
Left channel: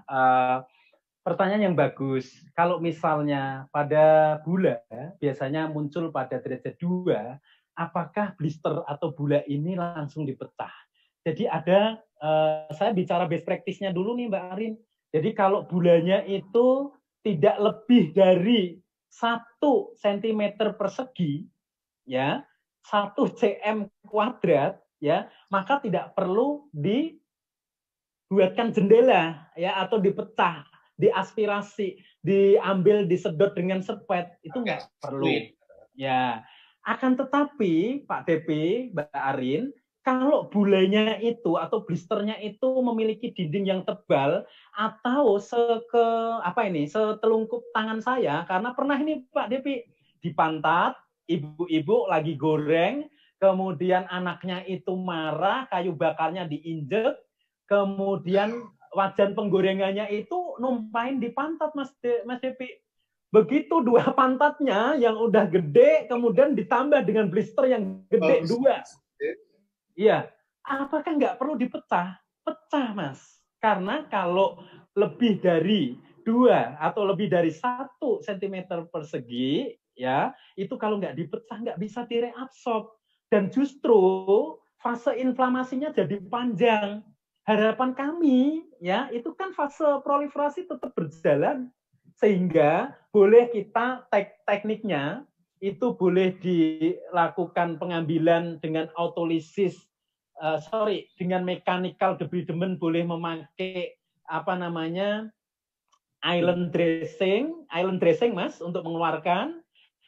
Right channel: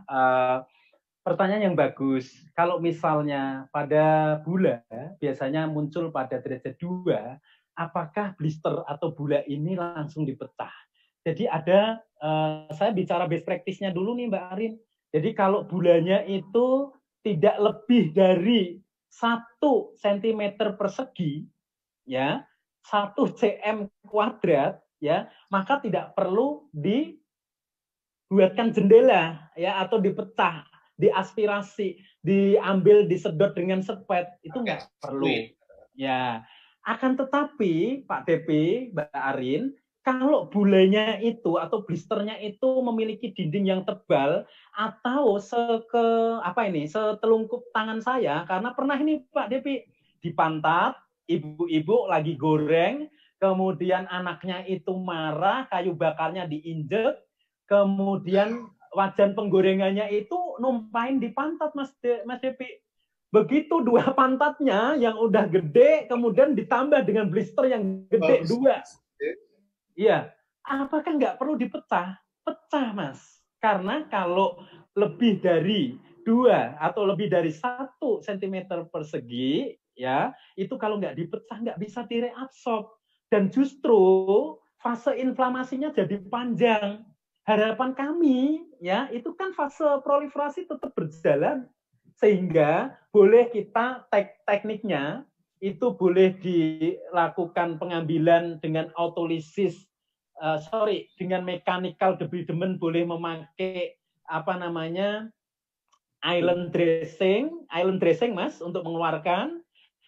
Pertanyaan yang bagus. Kalau misalnya pada bula biasanya muncul pada derajat 2, apakah blister atau bula ini langsung dipecah? Jadi ada, saya bicara best practice-nya dulu nih Mbak Arin. Jadi kalau bulanya itu tidak lebih dari 1 cm persegi, ya, 1 cm kuadrat, ya, maka tidak perlu dibuatkan jendela, ya, atau dipecah, diaspirasi, diambil, disedot dengan sepet, itu nggak perlu. Ya, akan tetapi Pak DP, Mbak Arin, kalau bulanya itu atau blisternya itu memiliki dinding yang tebal atau setelungkup tangan saya, karena pernah ini Pak Depi di pantat, ibu-ibu lagi goreng, kemudian anaknya itu marah, kayu bakarnya diinjek, kemudian wajan penggorengannya itu numpain di pantat Mas Depi. Begitu 2 pantatnya yang udah gede, kemudian ditambah dengan blister yang gede 2. Iya, apakah nggak perlu dipecah? Pecah, Mas. Karena kalau lebih dari 2 atau lebih dari 1 cm persegi, ya, itu kalau nggak dipecah nggak bisa direabsorb. Dan justru fase inflamasinya jadi panjang. Harapan kami, ya, itu kan fase proliferasi tetap berjalan. Sehingga boleh kita tekniknya, itu boleh dilakukan pengambilan dengan autolisis, dengan mechanical debridement, boleh memakai island dressing Mas untuk mengeluarkan,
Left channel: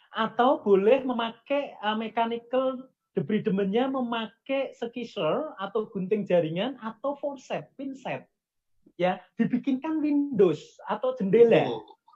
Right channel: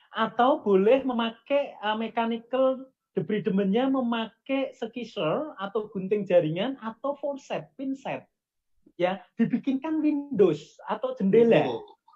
atau boleh memakai mechanical debridement-nya memakai skisser atau gunting jaringan atau forceps, pinset. Ya, dibikinkan windows atau jendela.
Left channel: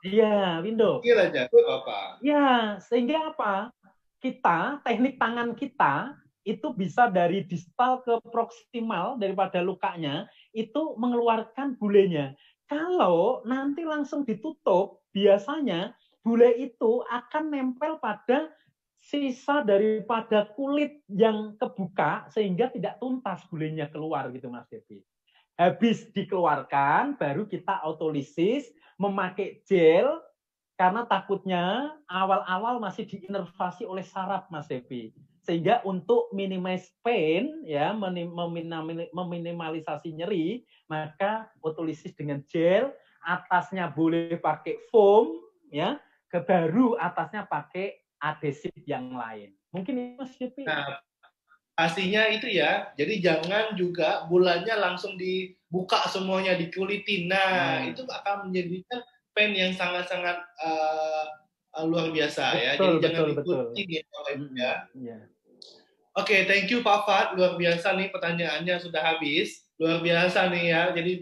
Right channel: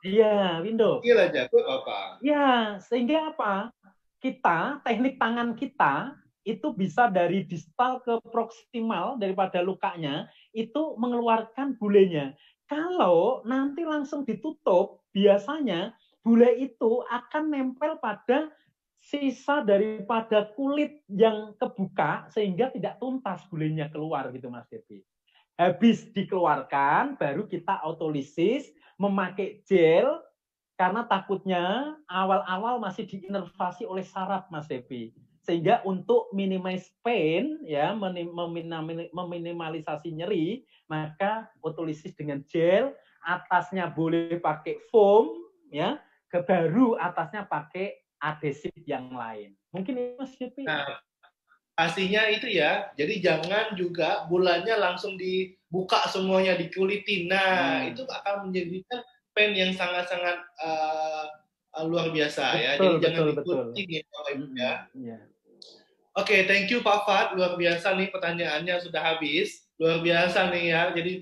Iya, window. Gila jago apa? Ya, sehingga apa? Kita, teknik tangan kita itu bisa dari distal ke proksimal daripada lukanya, itu mengeluarkan bulenya. Kalau nanti langsung ditutup, biasanya bule itu akan nempel pada sisa daripada kulit yang kebuka sehingga tidak tuntas bulenya keluar gitu Mas Devi. Habis dikeluarkan, baru kita autolisis memakai gel karena takutnya awal-awal masih diinervasi oleh saraf Mas Devi. Sehingga untuk minimize pain, ya, meminimalisasi nyeri, maka autolisis dengan gel, atasnya boleh pakai foam, ya, baru atasnya pakai adhesif yang lain. Mungkin itu Mas Devi. Nah, pastinya itu ya. Jadi jangan juga bulannya langsung dibuka semuanya, dikulitin. Nah, itu akan menjadikan pain yang sangat-sangat luar biasa ya. Jadi jangan dikulitin ya Bapak Ibu ya. Oke, thank you Pak Fat. Luar biasa nih pertanyaannya sudah habis. Luar biasa nih ya. Jadi